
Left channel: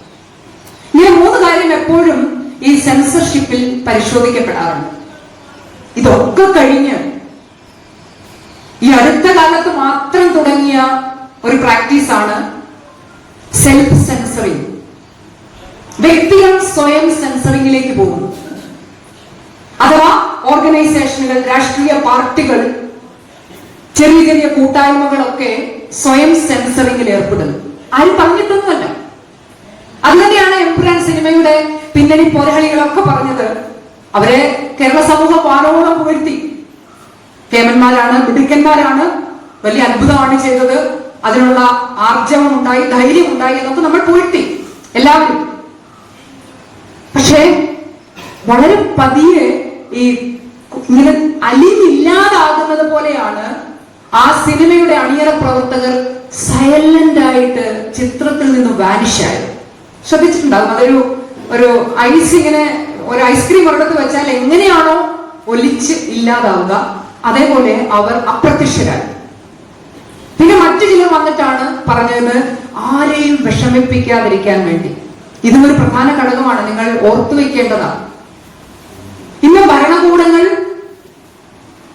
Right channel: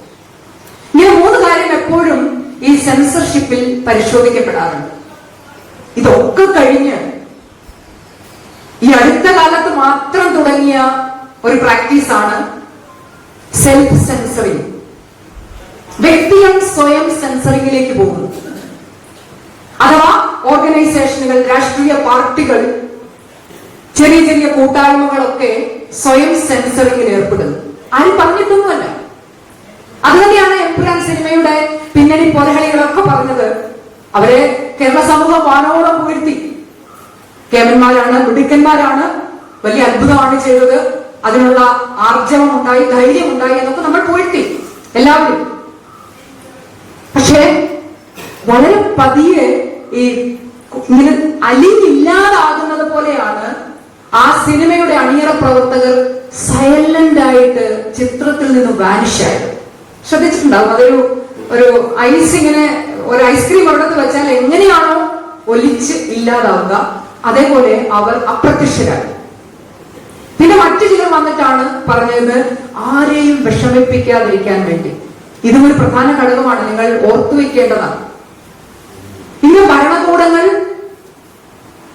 ഇങ്ങനെ മൂന്ന് കാര്യം എപ്പോഴും ഈ സെൻസർഷിപ്പിൽ പരിശോധിക്കപ്പെടാറുണ്ട്. ഇതൊക്കെ കഴിഞ്ഞ് ഈ അടുത്ത കാലത്ത് മാത്രം തുടങ്ങിയ ഒരു പ്രാക്ടീസാണ് സെൽഫ് സെൻസറിങ്. വ്യക്തികൾ സ്വയം സെൻസറിങ്ങിലേക്ക് പോകുന്നു. അഥവാ ഓർഗനൈസേഷനുകൾ, രാഷ്ട്രീയ പാർട്ടികൾ, ചെറിയ ചെറിയ കൂട്ടായ്മകളൊക്കെ സ്വയം സെൻസറിങ്ങിൽ ഏർപ്പെടുന്നു. ആരും പറഞ്ഞിട്ടൊന്നുമല്ല. അതുതന്നെയാണ് എംപുരാൻ സിനിമയുടെ പിന്നണി പോരാളികളൊക്കെ പറഞ്ഞത്. അവരെ കേരള സമൂഹം വാനോളം പുകഴ്ത്തി. കേമന്മാരാണ്, മിടുക്കന്മാരാണ്, വലിയ അത്ഭുതമാണ് ചെയ്തത്, അതിനുള്ള ആർജവം ഉണ്ടായി, ധൈര്യം ഉണ്ടായി എന്നൊക്കെ നമ്മൾ പുകഴ്ത്തി എല്ലാവരും. പക്ഷേ വളരെ പതിയെ ഈ ഇങ്ങനെ അലിവില്ലാതാകുന്നത് പോലെയാണ് ആ സിനിമയുടെ അണിയറ പ്രവർത്തകർ സൈലന്റ് ആയിട്ട് ചിത്രത്തിൽ നിന്ന് വാനിഷായത്. ശ്രദ്ധിച്ചിട്ടുണ്ടാവും. ഒരു ഐസ് ഇങ്ങനെ, ഒരു ഐസ്ക്രീം ഒരിടത്ത് വെച്ചാൽ എങ്ങനെയാണോ ഒലിച്ച് ഇല്ലാതാവുക, അതേപോലെ അവർ അപ്രത്യക്ഷരായി. പിന്നെ മറ്റു ചിലർ വന്നിട്ടാണ് പറഞ്ഞത് ആരെയും വിഷമിപ്പിക്കാതിരിക്കാൻ വേണ്ടി. ഇതും ഒരു പ്രധാന ഘടകമാണ്, നിങ്ങൾ ഓർത്തുവെക്കേണ്ടതാണ്. ഇന്ന് ഭരണകൂടങ്ങൾ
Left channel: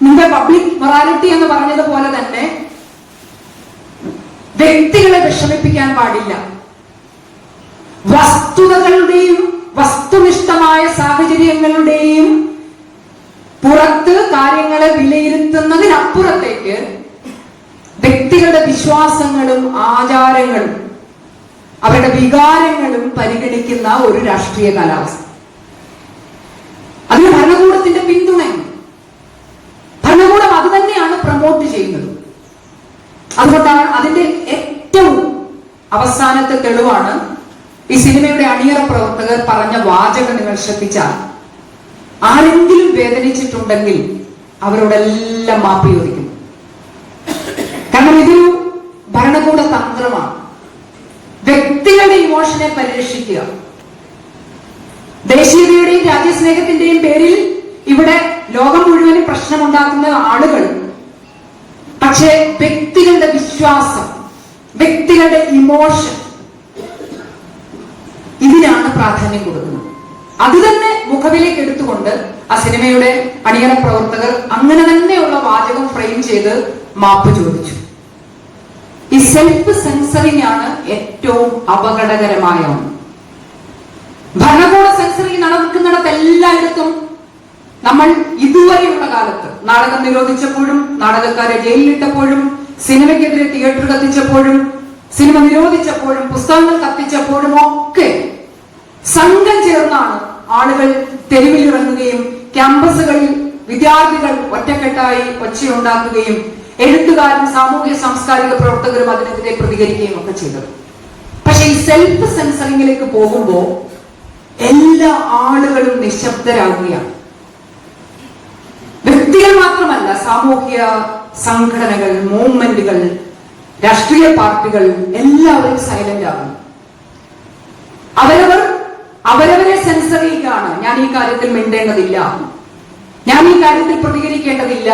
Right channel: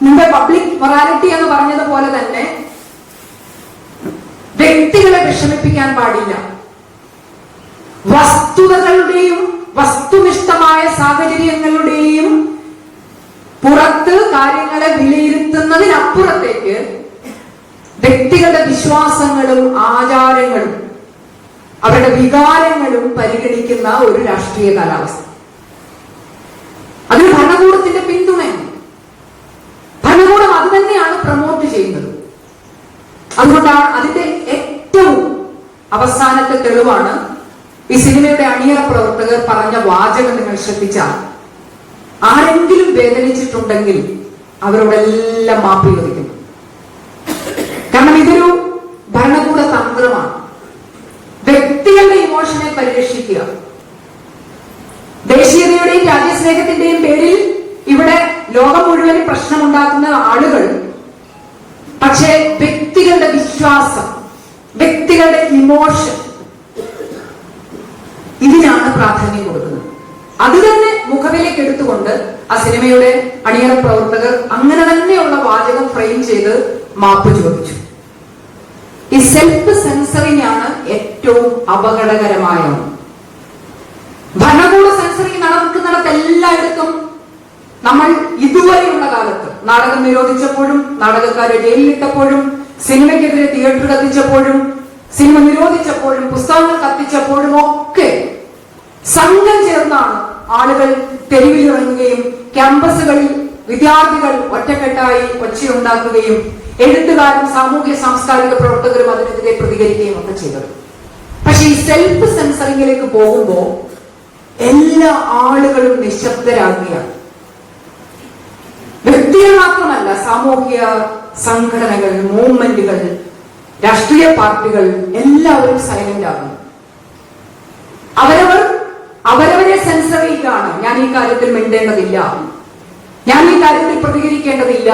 നിങ്ങളുടെ പബ്ലിക് മൊറാലിറ്റി എന്ന് പറഞ്ഞതുപോലെ തന്നെ വ്യക്തികളെ വിഷമിപ്പിക്കാൻ പാടില്ല. വസ്തുതകളുടെയും വസ്തുനിഷ്ഠമായ സാഹചര്യങ്ങളുടെയും പുറത്ത് കാര്യങ്ങളെ വിലയിരുത്തുന്നതിനപ്പുറത്തേക്ക് വ്യക്തികളുടെ വിശ്വാസങ്ങളും ആചാരങ്ങളും അവരുടെ വികാരങ്ങളും പരിഗണിക്കുന്ന ഒരു രാഷ്ട്രീയ കാലാവസ്ഥ. അതിന് ഭരണകൂടത്തിന്റെ പിന്തുണയാണ്. ഭരണകൂടം അത് തന്നെയാണ് പ്രമോട്ട് ചെയ്യുന്നത്. അതുകൊണ്ടാണ് അതിന്റെ ഏറ്റവും അവസാനത്തെ തെളിവാണ് ഈ സിനിമയുടെ അണിയറ പ്രവർത്തകർ പറഞ്ഞ വാചകം. നിങ്ങൾ ശ്രദ്ധിച്ചാൽ, ആരെങ്കിലും വേദനിച്ചിട്ടുണ്ടെങ്കിൽ അവരോടെല്ലാം മാപ്പ് ചോദിക്കും. കാരണം ഇതൊരു ഭരണകൂട തന്ത്രമാണ്. വ്യക്തികളുടെ ഇമോഷനെ പരിരക്ഷിക്കുക. ദേശീയതയുടെയും രാജ്യസ്നേഹത്തിന്റെയും പേരിൽ ഇവിടെ ലോകം മുഴുവനും പ്രശ്നമുണ്ടാക്കുന്ന ആളുകൾ, പക്ഷേ വ്യക്തികളുടെ വിശ്വാസം, വ്യക്തികളുടെ ഇമോഷൻ, ഇതിനാണ് പ്രാധാന്യം കൊടുക്കുന്നത്. അത് തന്നെ മുഖവിലേക്ക് എടുത്തുകൊണ്ട് ആ സിനിമയുടെ അണിയറ പ്രവർത്തകർ അങ്ങനെ തന്നെയുള്ള വാചകം ഫ്രെയിം ചെയ്ത് മാപ്പ് ചോദിച്ചു. ഈ സെൽഫ് സെൻസറിംഗ് ആണ് ഏറ്റവും അപകടകരമായ ഒന്ന്. ഭരണകൂട സെൻസറിംഗ് നടക്കുന്നിടത്ത് എല്ലായിടത്തും നമ്മൾ ഇതുവരെയുള്ള കാലത്ത് നാടകം നിരോധിച്ചപ്പോഴും, നാടകക്കാരെ ജയിലിലിട്ടപ്പോഴും, സിനിമയ്ക്കെതിരെ തിയേറ്റർ കത്തിച്ചപ്പോഴും, സിനിമ നിരോധിച്ചപ്പോഴും, പുസ്തകങ്ങൾ കത്തിച്ചപ്പോഴും ഒക്കെ സംഘം ചേർന്നാണ് ആളുകൾ തെരുവിലിറങ്ങുകയും ക്യാമ്പസുകളിൽ വിദ്യാർത്ഥികൾ ഒറ്റക്കെട്ടായി ഒച്ചയുണ്ടാക്കുകയും എഴുത്തുകാരും സാമൂഹ്യ സാംസ്കാരിക പ്രവർത്തകരും അതിനെതിരെ പ്രതികരിക്കുകയും ഒക്കെ ചെയ്തത്. പക്ഷെ ഈ സെൽഫ് സെൻസറിങ്ങിലേക്ക് പോകുമ്പോൾ എല്ലാ ആളുകളും നിശബ്ദരാകുകയാണ്. വ്യക്തികൾ മാത്രമല്ല, സാമൂഹ്യ സംഘടനകൾ, മൂവ്മെന്റുകൾ, രാഷ്ട്രീയ പാർട്ടികൾ എല്ലാവരും സൈലന്റ് ആകുന്നു. അവരവരെ സെൻസർ ചെയ്യുകയാണ്. ഞാൻ ഈ കാര്യത്തിൽ മിണ്ടേണ്ടതില്ല, ഞാൻ ഈ കാര്യത്തിൽ പ്രതികരിക്കേണ്ടതില്ല,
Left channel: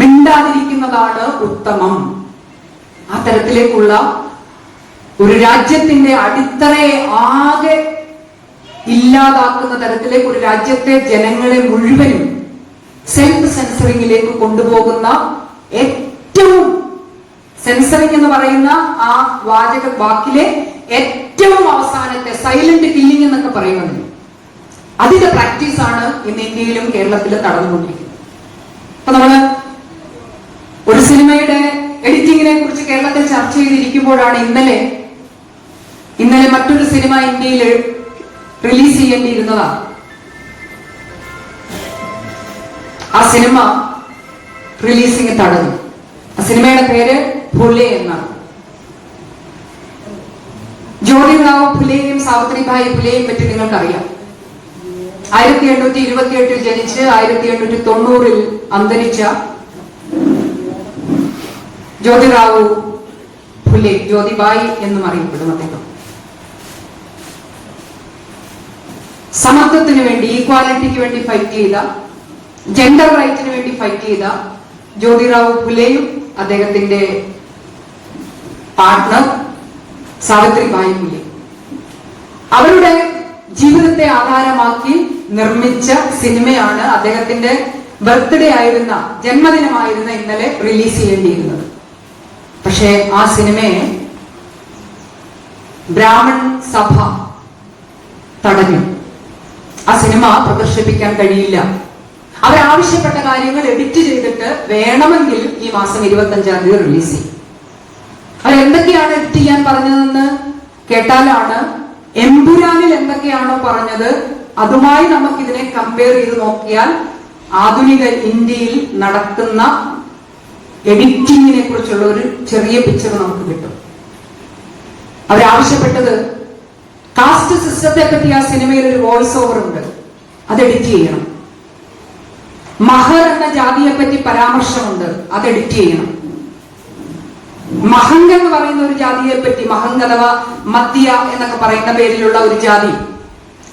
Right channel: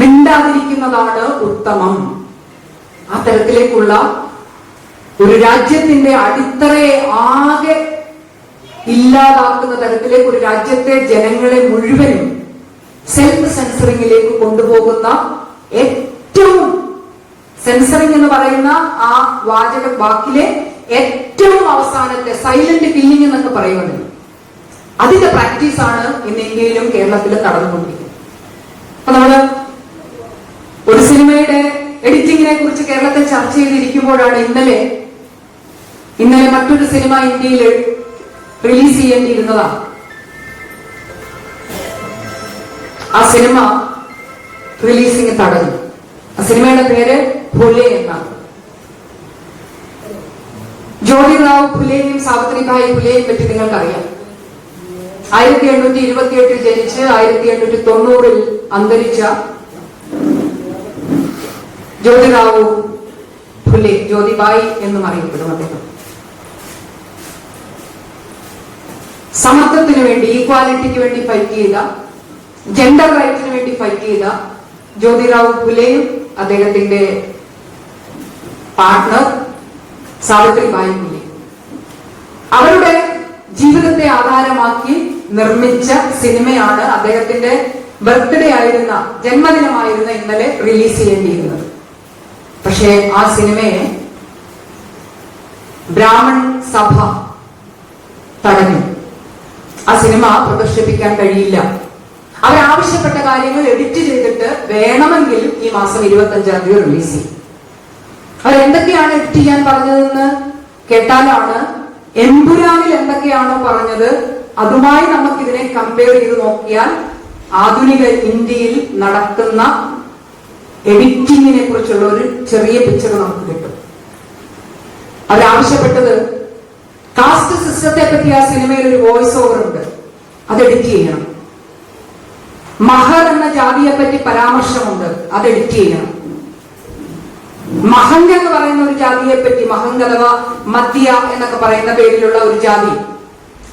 മിണ്ടാതിരിക്കുന്നതാണ് ഉത്തമം. ആ തരത്തിലേക്കുള്ള ഒരു രാജ്യത്തിന്റെ അടിത്തറയെ ആകെ ഇല്ലാതാക്കുന്ന തരത്തിലേക്ക് ഒരു രാജ്യത്തെ ജനങ്ങളെ മുഴുവനും സെൽഫ് സെൻസറിങ്ങിലേക്ക് കൊണ്ടുപോകുന്ന ഏറ്റവും സെൻസറിങ് എന്ന് പറയുന്ന ആ വാക്കിലെ ഏറ്റവും അവസാനത്തെ സൈലന്റ് കില്ലിംഗ് എന്നൊക്കെ പറയുന്നത്, അതിന്റെ പ്രാക്ടീസാണ് ഇന്ന് ഇന്ത്യയിലും കേരളത്തിലും നടന്നുകൊണ്ടിരിക്കുന്നത്. അപ്പൊ നമ്മള് ഒരു സിനിമയുടെ എഡിറ്റിങ്ങിനെ കുറിച്ച് കേരളത്തിൽ ചർച്ച ചെയ്തിരിക്കുമ്പോഴാണ് ഇന്നലെ മറ്റൊരു സിനിമ ഇന്ത്യയിൽ റിലീസ് ചെയ്യേണ്ടിയിരുന്നതാണ്. ആ സിനിമ റിലീസിങ് തടഞ്ഞു. ആ സിനിമയുടെ പേര് ഫുലെ എന്നാണ്. ജ്യോതിറാവ് ഫുലെയും സാവിത്രിബായി ഫുലെയും പറ്റി നിങ്ങൾക്കറിയാം. 1828 ജനിച്ച് 1890 അന്തരിച്ച ജ്യോതിറാവു ഫുലെ, ജ്യോതിബായി എന്നും അറിയപ്പെടും. അദ്ദേഹം സമത്വത്തിന് വേണ്ടി, ഈക്വാലിറ്റിക്ക് വേണ്ടി ഫൈറ്റ് ചെയ്ത, ജെൻഡർ റൈറ്റിന് വേണ്ടി ഫൈറ്റ് ചെയ്ത ജ്യോതിറാവു ഫുലെയും അദ്ദേഹത്തിന്റെ പാർട്ട്ണർ സാവിത്രിബായി ഫുലെ അവരുടെ ജീവിതത്തെ ആധാരമാക്കി നിർമ്മിച്ച സിനിമയാണ് അദ്ദേഹത്തിന്റെ ബർത്ത്ഡേ ആയിരുന്ന, ജന്മദിനമായിരുന്ന ഇന്നലെ റിലീസ് ചെയ്യേണ്ടിയിരുന്നത്. പക്ഷേ ആ സിനിമയെ ബ്രാഹ്മൺ സഭ തടഞ്ഞു. ആ സിനിമ പ്രദർശിപ്പിക്കാൻ കഴിയില്ല. അവരാവശ്യപ്പെട്ട കാര്യങ്ങൾ എഡിറ്റ് ചെയ്തിട്ട് വേണമെങ്കിൽ ഈ മാസം 25-ാം തീയതി റിലീസ് ചെയ്യും. അവരെന്തൊക്കെയാണ് എഡിറ്റ് ചെയ്യാൻ പറഞ്ഞതെന്ന് കേട്ടാലാണ്, എമ്പുരാനിൽ എന്തൊക്കെയാണോ പറഞ്ഞത് അതുമായി നമുക്കിതിനെ കമ്പയർ ചെയ്ത് നോക്കിയാൽ ആധുനിക ഇന്ത്യയിൽ നടക്കുന്ന എഡിറ്റിങ്ങിനെ കുറിച്ചുള്ള ഒരു ചെറിയ പിക്ചർ നമുക്ക് കിട്ടും. അവരാവശ്യപ്പെട്ടത് കാസ്റ്റ് സിസ്റ്റത്തെ പറ്റി ആ സിനിമയിൽ ഒരു വോയിസ് ഓവർ ഉണ്ട്, അത് എഡിറ്റ് ചെയ്യണം. മഹർ എന്ന ജാതിയെ പറ്റി പരാമർശമുണ്ട്, അത് എഡിറ്റ് ചെയ്യണം. മഹംഗ് എന്ന് പറയുന്ന ഒരു ജാതിയെ പറ്റി, മഹംഗ് അഥവാ മദ്യ എന്നൊക്കെ പറയുന്ന പേരിലുള്ള ഒരു ജാതി,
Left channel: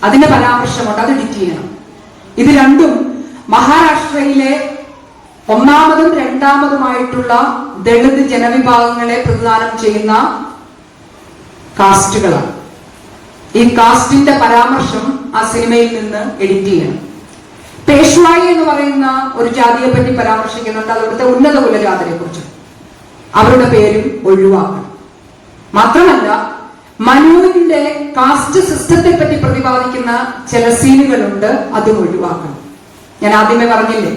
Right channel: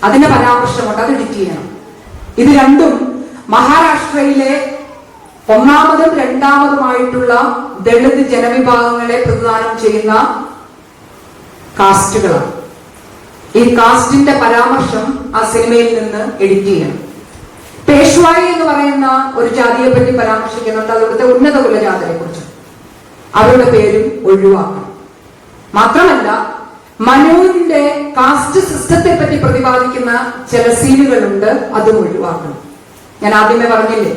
അതിന്റെ പരാമർശമുണ്ട്, അത് എഡിറ്റ് ചെയ്യണം. ഇത് രണ്ടും മഹാരാഷ്ട്രയിലെ ഒന്നാമതും രണ്ടാമതുമായിട്ടുള്ള ദളിത് ജനവിഭാഗങ്ങളെ പ്രതിദാനം ചെയ്യുന്ന കാസ്റ്റുകളാണ്. ഈ കാസ്റ്റിന്റെ പരാമർശം ആ സിനിമയിൽ നിന്ന് എഡിറ്റ് ചെയ്യണം. പേഷ്വായി എന്ന് പറയുന്ന ഒരു ജാതിയെ പറ്റി പരാമർശിക്കുന്നുണ്ട്, അവിടുത്തെ ഉന്നത കുലജാതരെ കുറിച്ച്, അവരുടെ പേരും ഒഴിവാക്കണം. മാത്രമല്ല, മനുവിന്റെ കാസ്റ്റ് സിസ്റ്റത്തെ പറ്റി പ്രതിപാദിക്കുന്ന ചില സീനുകളുണ്ട്, അതും ഒഴിവാക്കണം. ഞാൻ ആദ്യമേ പറഞ്ഞില്ലേ,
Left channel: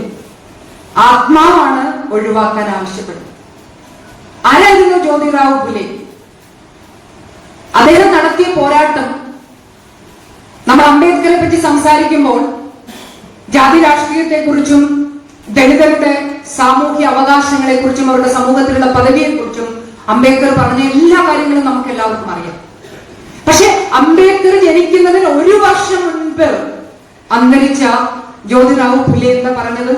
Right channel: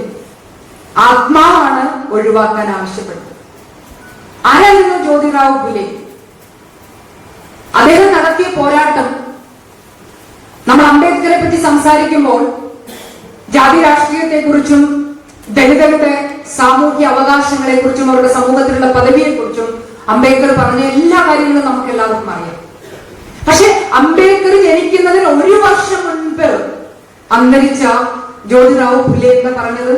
ആത്മാവാണ് ഒഴിവാക്കാൻ ആവശ്യപ്പെടുന്നത്. ആരായിരുന്നു ജ്യോതിറാവു ഫുലെ? അദ്ദേഹം നടത്തിയ പോരാട്ടം, നമ്മൾ അംബേദ്കറെ പറ്റി സംസാരിക്കുമ്പോൾ ജാതി രാഷ്ട്രീയത്തെ കുറിച്ചും ദളിതരുടെ സാമൂഹ്യ അവകാശങ്ങളെ കുറിച്ചും അവരുടെ സമൂഹത്തിലുള്ള പദവിയെ കുറിച്ചും അംബേദ്കർ പറഞ്ഞ എല്ലാ കാര്യങ്ങളും നമുക്ക് എല്ലാവർക്കും അറിയാം. പക്ഷെ അംബേദ്കർ ജനിക്കുന്നതിന് 1 വർഷം മുൻപ് അന്തരിച്ച ജ്യോതിറാവു ഫുലെ എന്ന് പറഞ്ഞത്,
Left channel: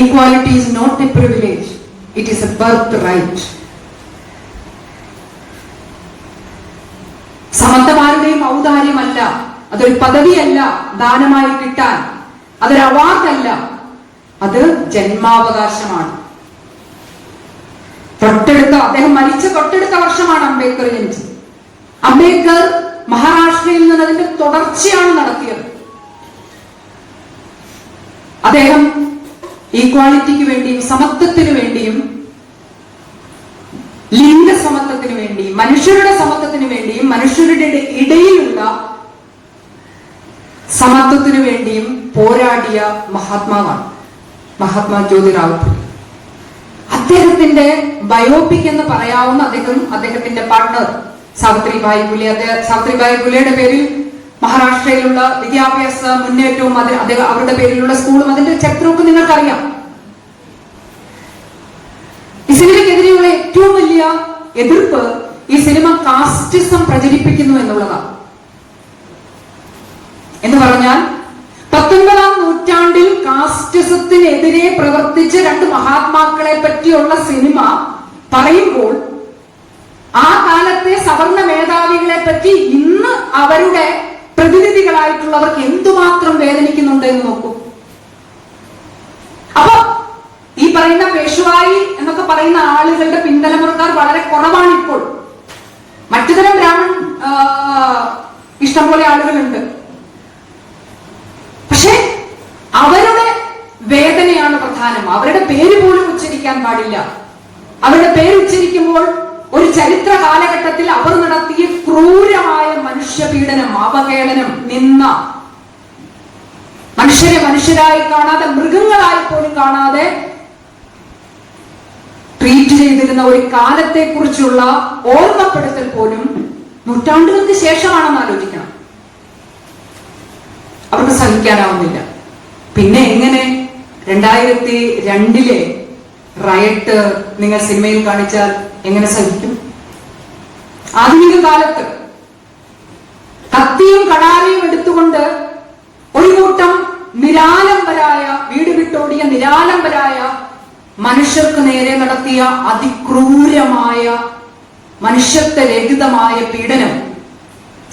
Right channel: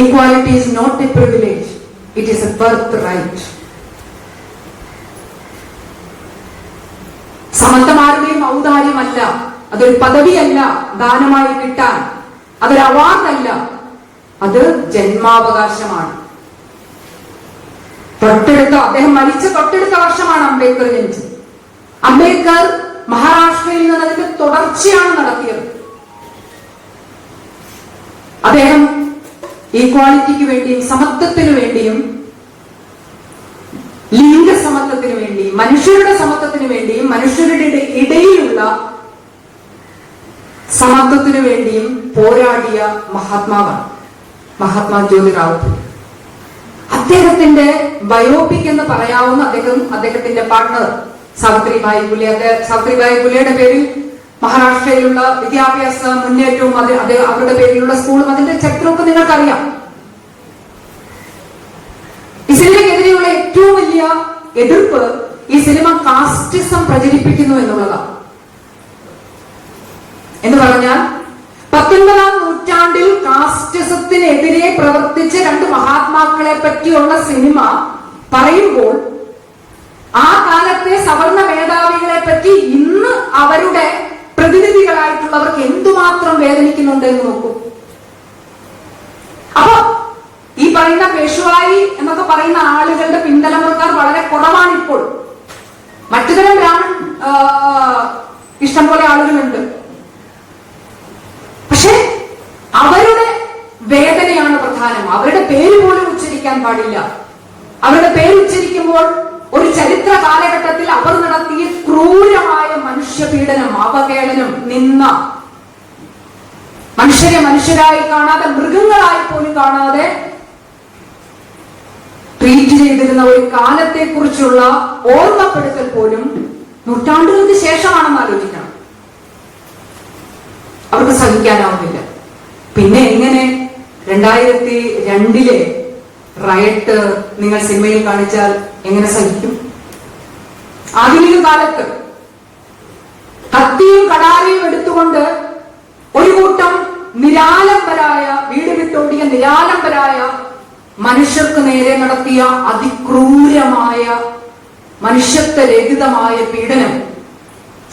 equality is not a privilege, it is a birthright. സമത്വമാരുടെയും ഔദാര്യമല്ല, അതൊരു പദവിയല്ല ദാനമായി കിട്ടാൻ, അതൊരു അവാർഡല്ല, അത് ജന്മാവകാശമാണ്. അദ്ദേഹം മരിച്ച തൊട്ടടുത്ത വർഷമാണ് അംബേദ്കർ ജനിച്ചത്. അംബേദ്കർ മഹാരാഷ്ട്രയിൽ നിന്ന് അതിന്റെ തുടർച്ചയാണ് നടത്തിയത്. അദ്ദേഹം ഈക്വാളിറ്റിക്ക് വേണ്ടിയും സമത്വത്തിനു വേണ്ടിയും ലിംഗസമത്വത്തിന് വേണ്ടിയും മനുഷ്യരുടെ സമത്വത്തിന് വേണ്ടിയും മനുഷ്യരുടെ ഇടയിലുള്ള സമത്വത്തിനു വേണ്ടിയും പോരാടിയ മഹാത്മാവാണ് മഹാത്മാ ജ്യോതിറാവു ഫുലെ. അദ്ദേഹത്തിന്റെ ബയോപിക് എന്ന് പറയാവുന്ന അദ്ദേഹത്തിന്റെ പാർട്ണർ സാവിത്രിബായി ഫുലെ, സാവിത്രിബായി ഫുലെയുടെ പേരിൽ മഹാരാഷ്ട്രയിലുള്ള വിദ്യാഭ്യാസ മുന്നേറ്റവും അവരുടെ പേരിലുള്ള സ്കൂളും അതിന്റെ ചരിത്രമൊക്കെ നിങ്ങൾക്കറിയാം. എതിർപ്പ് ഈ സിനിമ കാസ്റ്റിസം പ്രചരിപ്പിക്കുന്നു എന്നുള്ളതാണ്. എന്ന് പറഞ്ഞാൽ 19-ാം നൂറ്റാണ്ടിൽ കാസ്റ്റിസത്തിനെതിരെ പ്രവർത്തിച്ച രണ്ട് മഹാത്മാക്കളെ പറ്റിയുള്ള സിനിമ പറയുമ്പോൾ ആ കാലത്തെ സവർണ മേധാവികളെ പറ്റി ഇന്ന് അവരുടെ പ്രതിനിധികളായിട്ടുള്ളവർക്ക് എന്തുമാത്രം വേദനിക്കുന്നുണ്ട് എന്ന് നോക്കൂ. അപ്പൊ ഈ പറയുന്ന പേഷ്വായി എന്നൊക്കെ പറയുന്ന ആളുകളുടെ പിന്തലമുറക്കാർ വളരെ കുറവാണിപ്പോൾ. മറ്റുതരം ബ്രാഹ്മൺ ഇഷ്ടംപോലെ ആളുകളുണ്ട്. പക്ഷെ അവരുടെ വേദനയാണ് പ്രധാനം. അവരുടെ പേര് പോലും ഉച്ചരിക്കാൻ പാടില്ല. അവരുടെ പേര് ഉച്ചരിക്കുമ്പോൾ ഒരു ചരിത്ര കാലഘട്ടത്തിൽ അവർ നടത്തിയ ക്രൂരമായ മനുഷ്യപീഡനം, അവഹേളനം, നിന്ന, മനുഷ്യരെ മനുഷ്യരായി കാണാതെ മൃഗങ്ങളായി പോലും കാണാതെ ട്രീറ്റ് ചെയ്തിരുന്ന ഒരു കാലത്തെ കുറിച്ചുള്ള ഓർമ്മപ്പെടുത്തൽ പോലും നൂറ്റാണ്ടുകൾക്ക് ശേഷമാണെന്ന് ആലോചിക്കണം. അവർക്ക് സഹിക്കാനാവുന്നില്ല. പിന്നെ എങ്ങനെ 2002 റയട്ട് നിങ്ങൾ സിനിമയിൽ കാണിച്ചാൽ എങ്ങനെ സഹിക്കും? ആധുനിക കാലത്ത് കത്തിയും കടാരയും എടുത്തുകൊണ്ട് ഒരു കൂട്ടം നിരാലംബരായ, വീട് വിട്ടോടിയ നിരാലംബരായ മനുഷ്യർക്ക് നേരെ നടത്തിയ അതിക്രൂരമായ മനുഷ്യത്വരഹിതമായ പീഡനം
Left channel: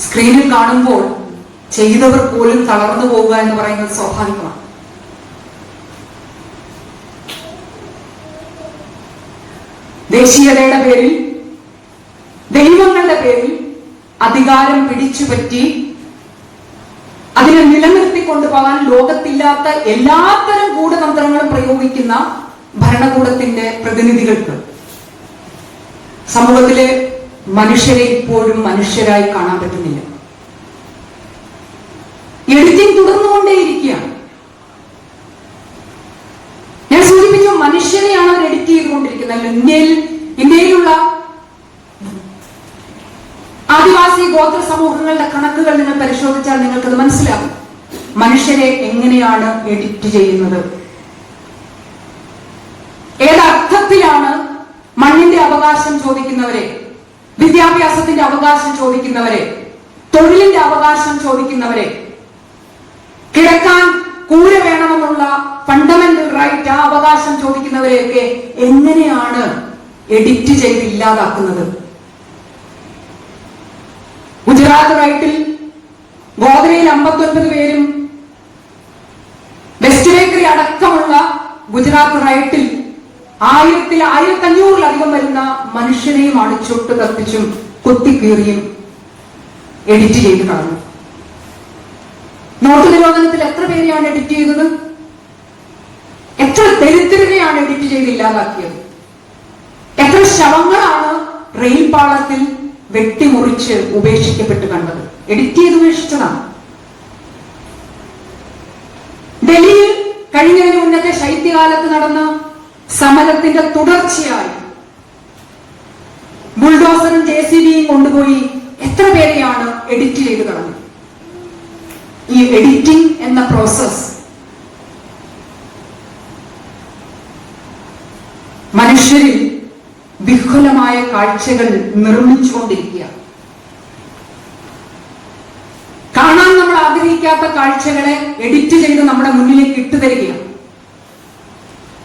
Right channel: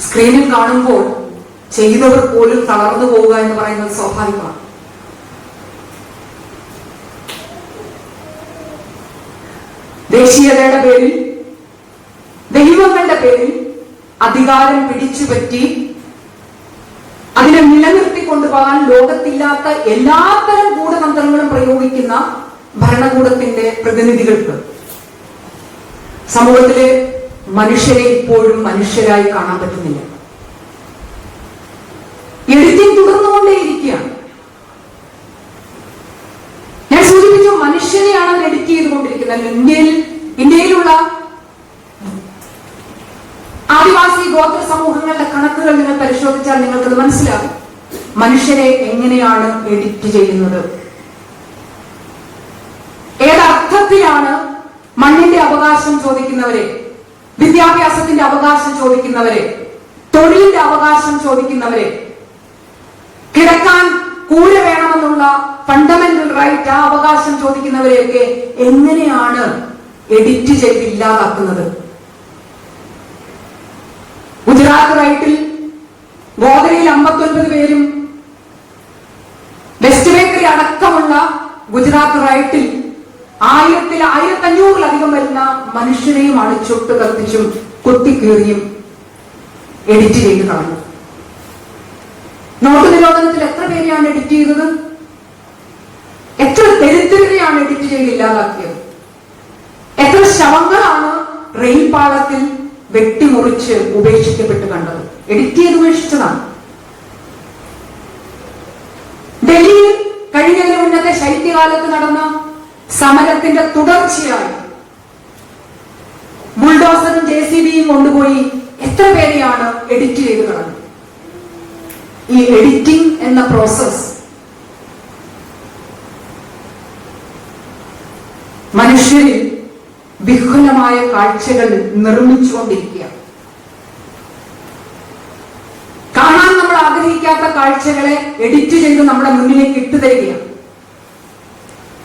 സ്ക്രീനിൽ കാണുമ്പോൾ ചെയ്തവർ പോലും തളർന്നു പോവുക എന്ന് പറയുന്നത് സ്വാഭാവികമാണ്. ദേശീയതയുടെ പേരിൽ, ദൈവങ്ങളുടെ പേരിൽ അധികാരം പിടിച്ചുപറ്റി അതിനെ നിലനിർത്തി കൊണ്ടുപോകാൻ ലോകത്തില്ലാത്ത എല്ലാത്തരം ഗൂഢതന്ത്രങ്ങളും പ്രയോഗിക്കുന്ന ഭരണകൂടത്തിന്റെ പ്രതിനിധികൾക്ക് സമൂഹത്തിലെ മനുഷ്യരെ ഇപ്പോഴും മനുഷ്യരായി കാണാൻ പറ്റുന്നില്ല. എഡിറ്റിംഗ് തുടർന്നുകൊണ്ടേയിരിക്കുകയാണ്. ഞാൻ സൂചിപ്പിച്ചു, മനുഷ്യനെയാണ് അവർ എഡിറ്റ് ചെയ്തുകൊണ്ടിരിക്കുന്നത്. ഇന്ത്യയിലുള്ള ആദിവാസി ഗോത്ര സമൂഹങ്ങളുടെ കണക്കുകൾ നിങ്ങൾ പരിശോധിച്ചാൽ നിങ്ങൾക്കത് മനസ്സിലാകും. മനുഷ്യരെ എങ്ങനെയാണ് എഡിറ്റ് ചെയ്യുന്നത്, ഏതർത്ഥത്തിലാണ് മണ്ണിന്റെ അവകാശം ചോദിക്കുന്നവരെ, വിദ്യാഭ്യാസത്തിന്റെ അവകാശം ചോദിക്കുന്നവരെ, തൊഴിലിന്റെ അവകാശം ചോദിക്കുന്നവരെ, കിടക്കാൻ കൂര വേണമെന്നുള്ള ഫണ്ടമെന്റൽ റൈറ്റ്, ആ അവകാശം ചോദിക്കുന്നവരെയൊക്കെ എങ്ങനെയാണ് എഡിറ്റ് ചെയ്ത് ഇല്ലാതാക്കുന്നത്? ഗുജറാത്ത് റൈറ്റിൽ ഗോദരയിൽ 59 പേരും, വെസ്റ്റ് ബേക്കറി അടക്കമുള്ള ഗുജറാത്ത് റൈറ്റിൽ 1500-ലധികം വരുന്ന മനുഷ്യരെയും അടിച്ചൊട്ട് കത്തിച്ചും കുത്തിക്കീറിയും എഡിറ്റ് ചെയ്ത് കളഞ്ഞു. നോട്ട് നിരോധനത്തിൽ എത്ര പേരെയാണ് എഡിറ്റ് ചെയ്തത്? എത്ര ദരിദ്രരെയാണ് എഡിറ്റ് ചെയ്ത് ഇല്ലാതാക്കിയത്? എത്ര ശവങ്ങളാണ് റെയിൽ പാളത്തിൽ വെട്ടിമുറിച്ച് ഉപേക്ഷിക്കപ്പെട്ട് കണ്ടത്? എഡിറ്റ് ചെയ്ത് ഉപേക്ഷിച്ചതാണ്. ഡൽഹിയിൽ കഴിഞ്ഞതിന് മുന്നത്തെ ശൈത്യകാലത്ത് നടന്ന സമരത്തിന്റെ തുടർച്ചയായി ബുൾഡോസറും JCBയും കൊണ്ടുപോയി എത്ര പേരെയാണ് എഡിറ്റ് ചെയ്ത് കളഞ്ഞത്? ഈ എഡിറ്റിംഗ് എന്ന പ്രോസസ് മനുഷ്യരിൽ വിഹുലമായ കാഴ്ചകൾ നിർമ്മിച്ചുകൊണ്ടിരിക്കുക. കാണാൻ നമ്മൾ ആഗ്രഹിക്കാത്ത കാഴ്ചകളെ എഡിറ്റ് ചെയ്ത് നമ്മുടെ മുന്നിലേക്ക് ഇട്ടുതരികയാണ്.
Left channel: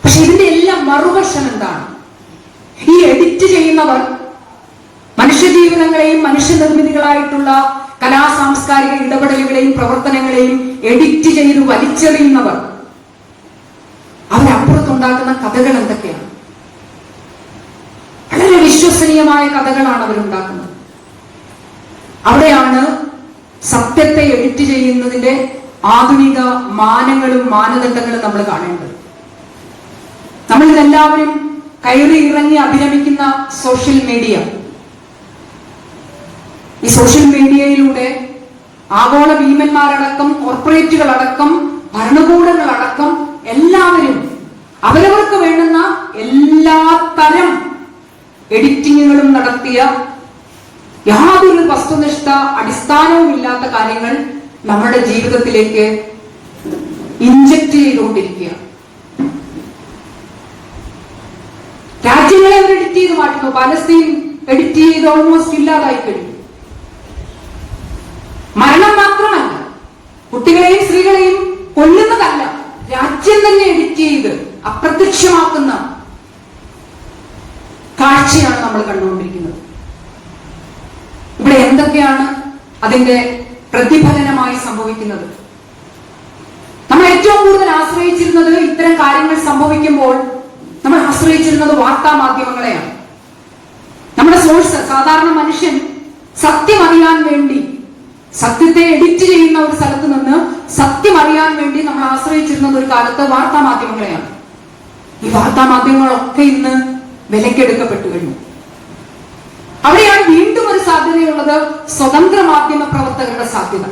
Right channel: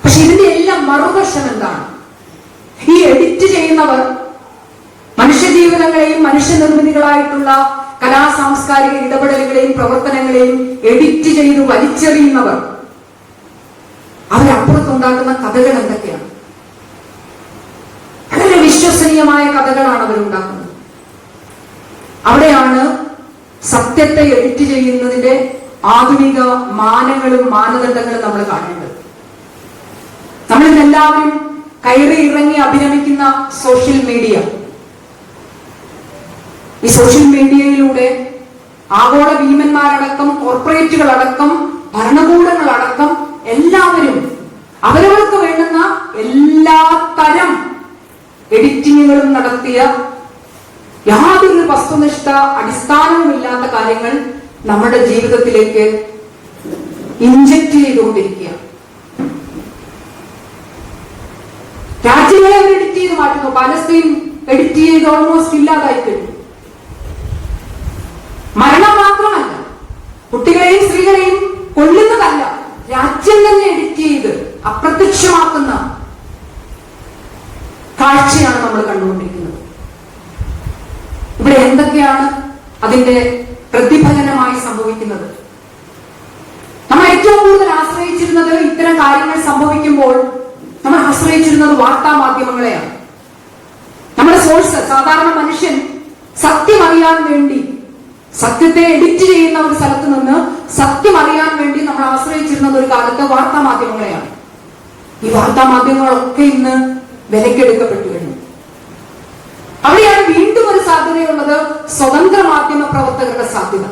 പക്ഷെ ഇതിന്റെ എല്ലാം മറുവശം എന്താണ്? ഈ എഡിറ്റ് ചെയ്യുന്നവർ മനുഷ്യജീവിതങ്ങളെയും മനുഷ്യനിർമ്മിതികളായിട്ടുള്ള കലാ സാംസ്കാരിക ഇടപെടലുകളെയും പ്രവർത്തനങ്ങളെയും എഡിറ്റ് ചെയ്ത് വലിച്ചെറിയുന്നവർ, അവരപ്പുറത്തുണ്ടാക്കുന്ന കഥകൾ എന്തൊക്കെയാണ്? വളരെ വിശ്വസനീയമായ കഥകളാണ് അവരുണ്ടാക്കുന്നത്. അവിടെയാണ് സത്യത്തെ എഡിറ്റ് ചെയ്യുന്നതിന്റെ ആധുനിക മാനങ്ങളും മാനദണ്ഡങ്ങളും നമ്മൾ കാണേണ്ടത്. നമ്മളിതെല്ലാവരും കയറി ഇറങ്ങി അഭിനമിക്കുന്ന സോഷ്യൽ മീഡിയ, ഈ സോഷ്യൽ മീഡിയയിലൂടെ ആഗോള ഭീമന്മാരടക്കം, കോർപ്പറേറ്റുകളടക്കം, ഭരണകൂടങ്ങളടക്കം എല്ലാവരും അവരവർക്ക് വേണ്ടുന്ന എല്ലാ തരം എഡിറ്റിങ്ങുകളും നടത്തിയ യാതൊരു വസ്തുനിഷ്ഠ അടിസ്ഥാനവും ഇല്ലാത്ത കാര്യങ്ങൾ നമ്മുടെ ജീവിതത്തിലേക്ക് ഇൻജക്ട് ചെയ്തുകൊണ്ടിരിക്കുക. രാജ്യങ്ങളെ അവർ എഡിറ്റ് ചെയ്ത് മാറ്റുന്നു. പലസ്തീൻ എഡിറ്റ് ചെയ്ത് ഓൾമോസ്റ്റ് ഇല്ലാതായി കഴിഞ്ഞു. മരണം മാത്രമല്ല, കുട്ടികളെയും സ്ത്രീകളെയും കൊല്ലുന്നതല്ല, രാജ്യം തന്നെ എഡിറ്റ് ചെയ്ത് അപ്രത്യക്ഷമാക്കുന്ന കാഴ്ചയാണ് നമ്മൾ കണ്ടുകൊണ്ടിരിക്കുന്നത്. ഇവിടെ എന്തൊക്കെയാണ് അതിന്റെ പ്രതിഫലനമായി സംഭവിക്കുന്നത്? നമ്മൾ ഏറ്റവും കൂടുതൽ ആശ്രയിച്ചിരുന്നത്, ഇത്തരം കാര്യങ്ങൾ സംഭവിക്കുമ്പോൾ നമ്മൾ ആശ്രയിച്ചിരുന്നത് വാർത്താ മാധ്യമങ്ങളെയാണ്. നമ്മുടെ സോഴ്സ്, സാധാരണ മനുഷ്യൻ സത്യം അറിയാൻ വേണ്ടി, സത്യത്തെ എഡിറ്റ് ചെയ്യുന്ന ഒരു സ്ഥലത്ത് നിന്ന് സത്യം അറിയാൻ വേണ്ടി നമ്മൾ ആശ്രയിച്ചിരുന്നത് ഒരു കാലത്ത് വാർത്താ മാധ്യമങ്ങളെയാണ്. ഈ വാർത്താ മാധ്യമങ്ങളൊക്കെ ഇന്ന് വിലക്കെടുക്കപ്പെട്ടു കഴിഞ്ഞു. അവിടെയാണ് വീണ്ടും ഒരു സാധ്യതയുള്ളത്, സ്വതന്ത്ര മാധ്യമ പ്രവർത്തകരുടെ സാധ്യത.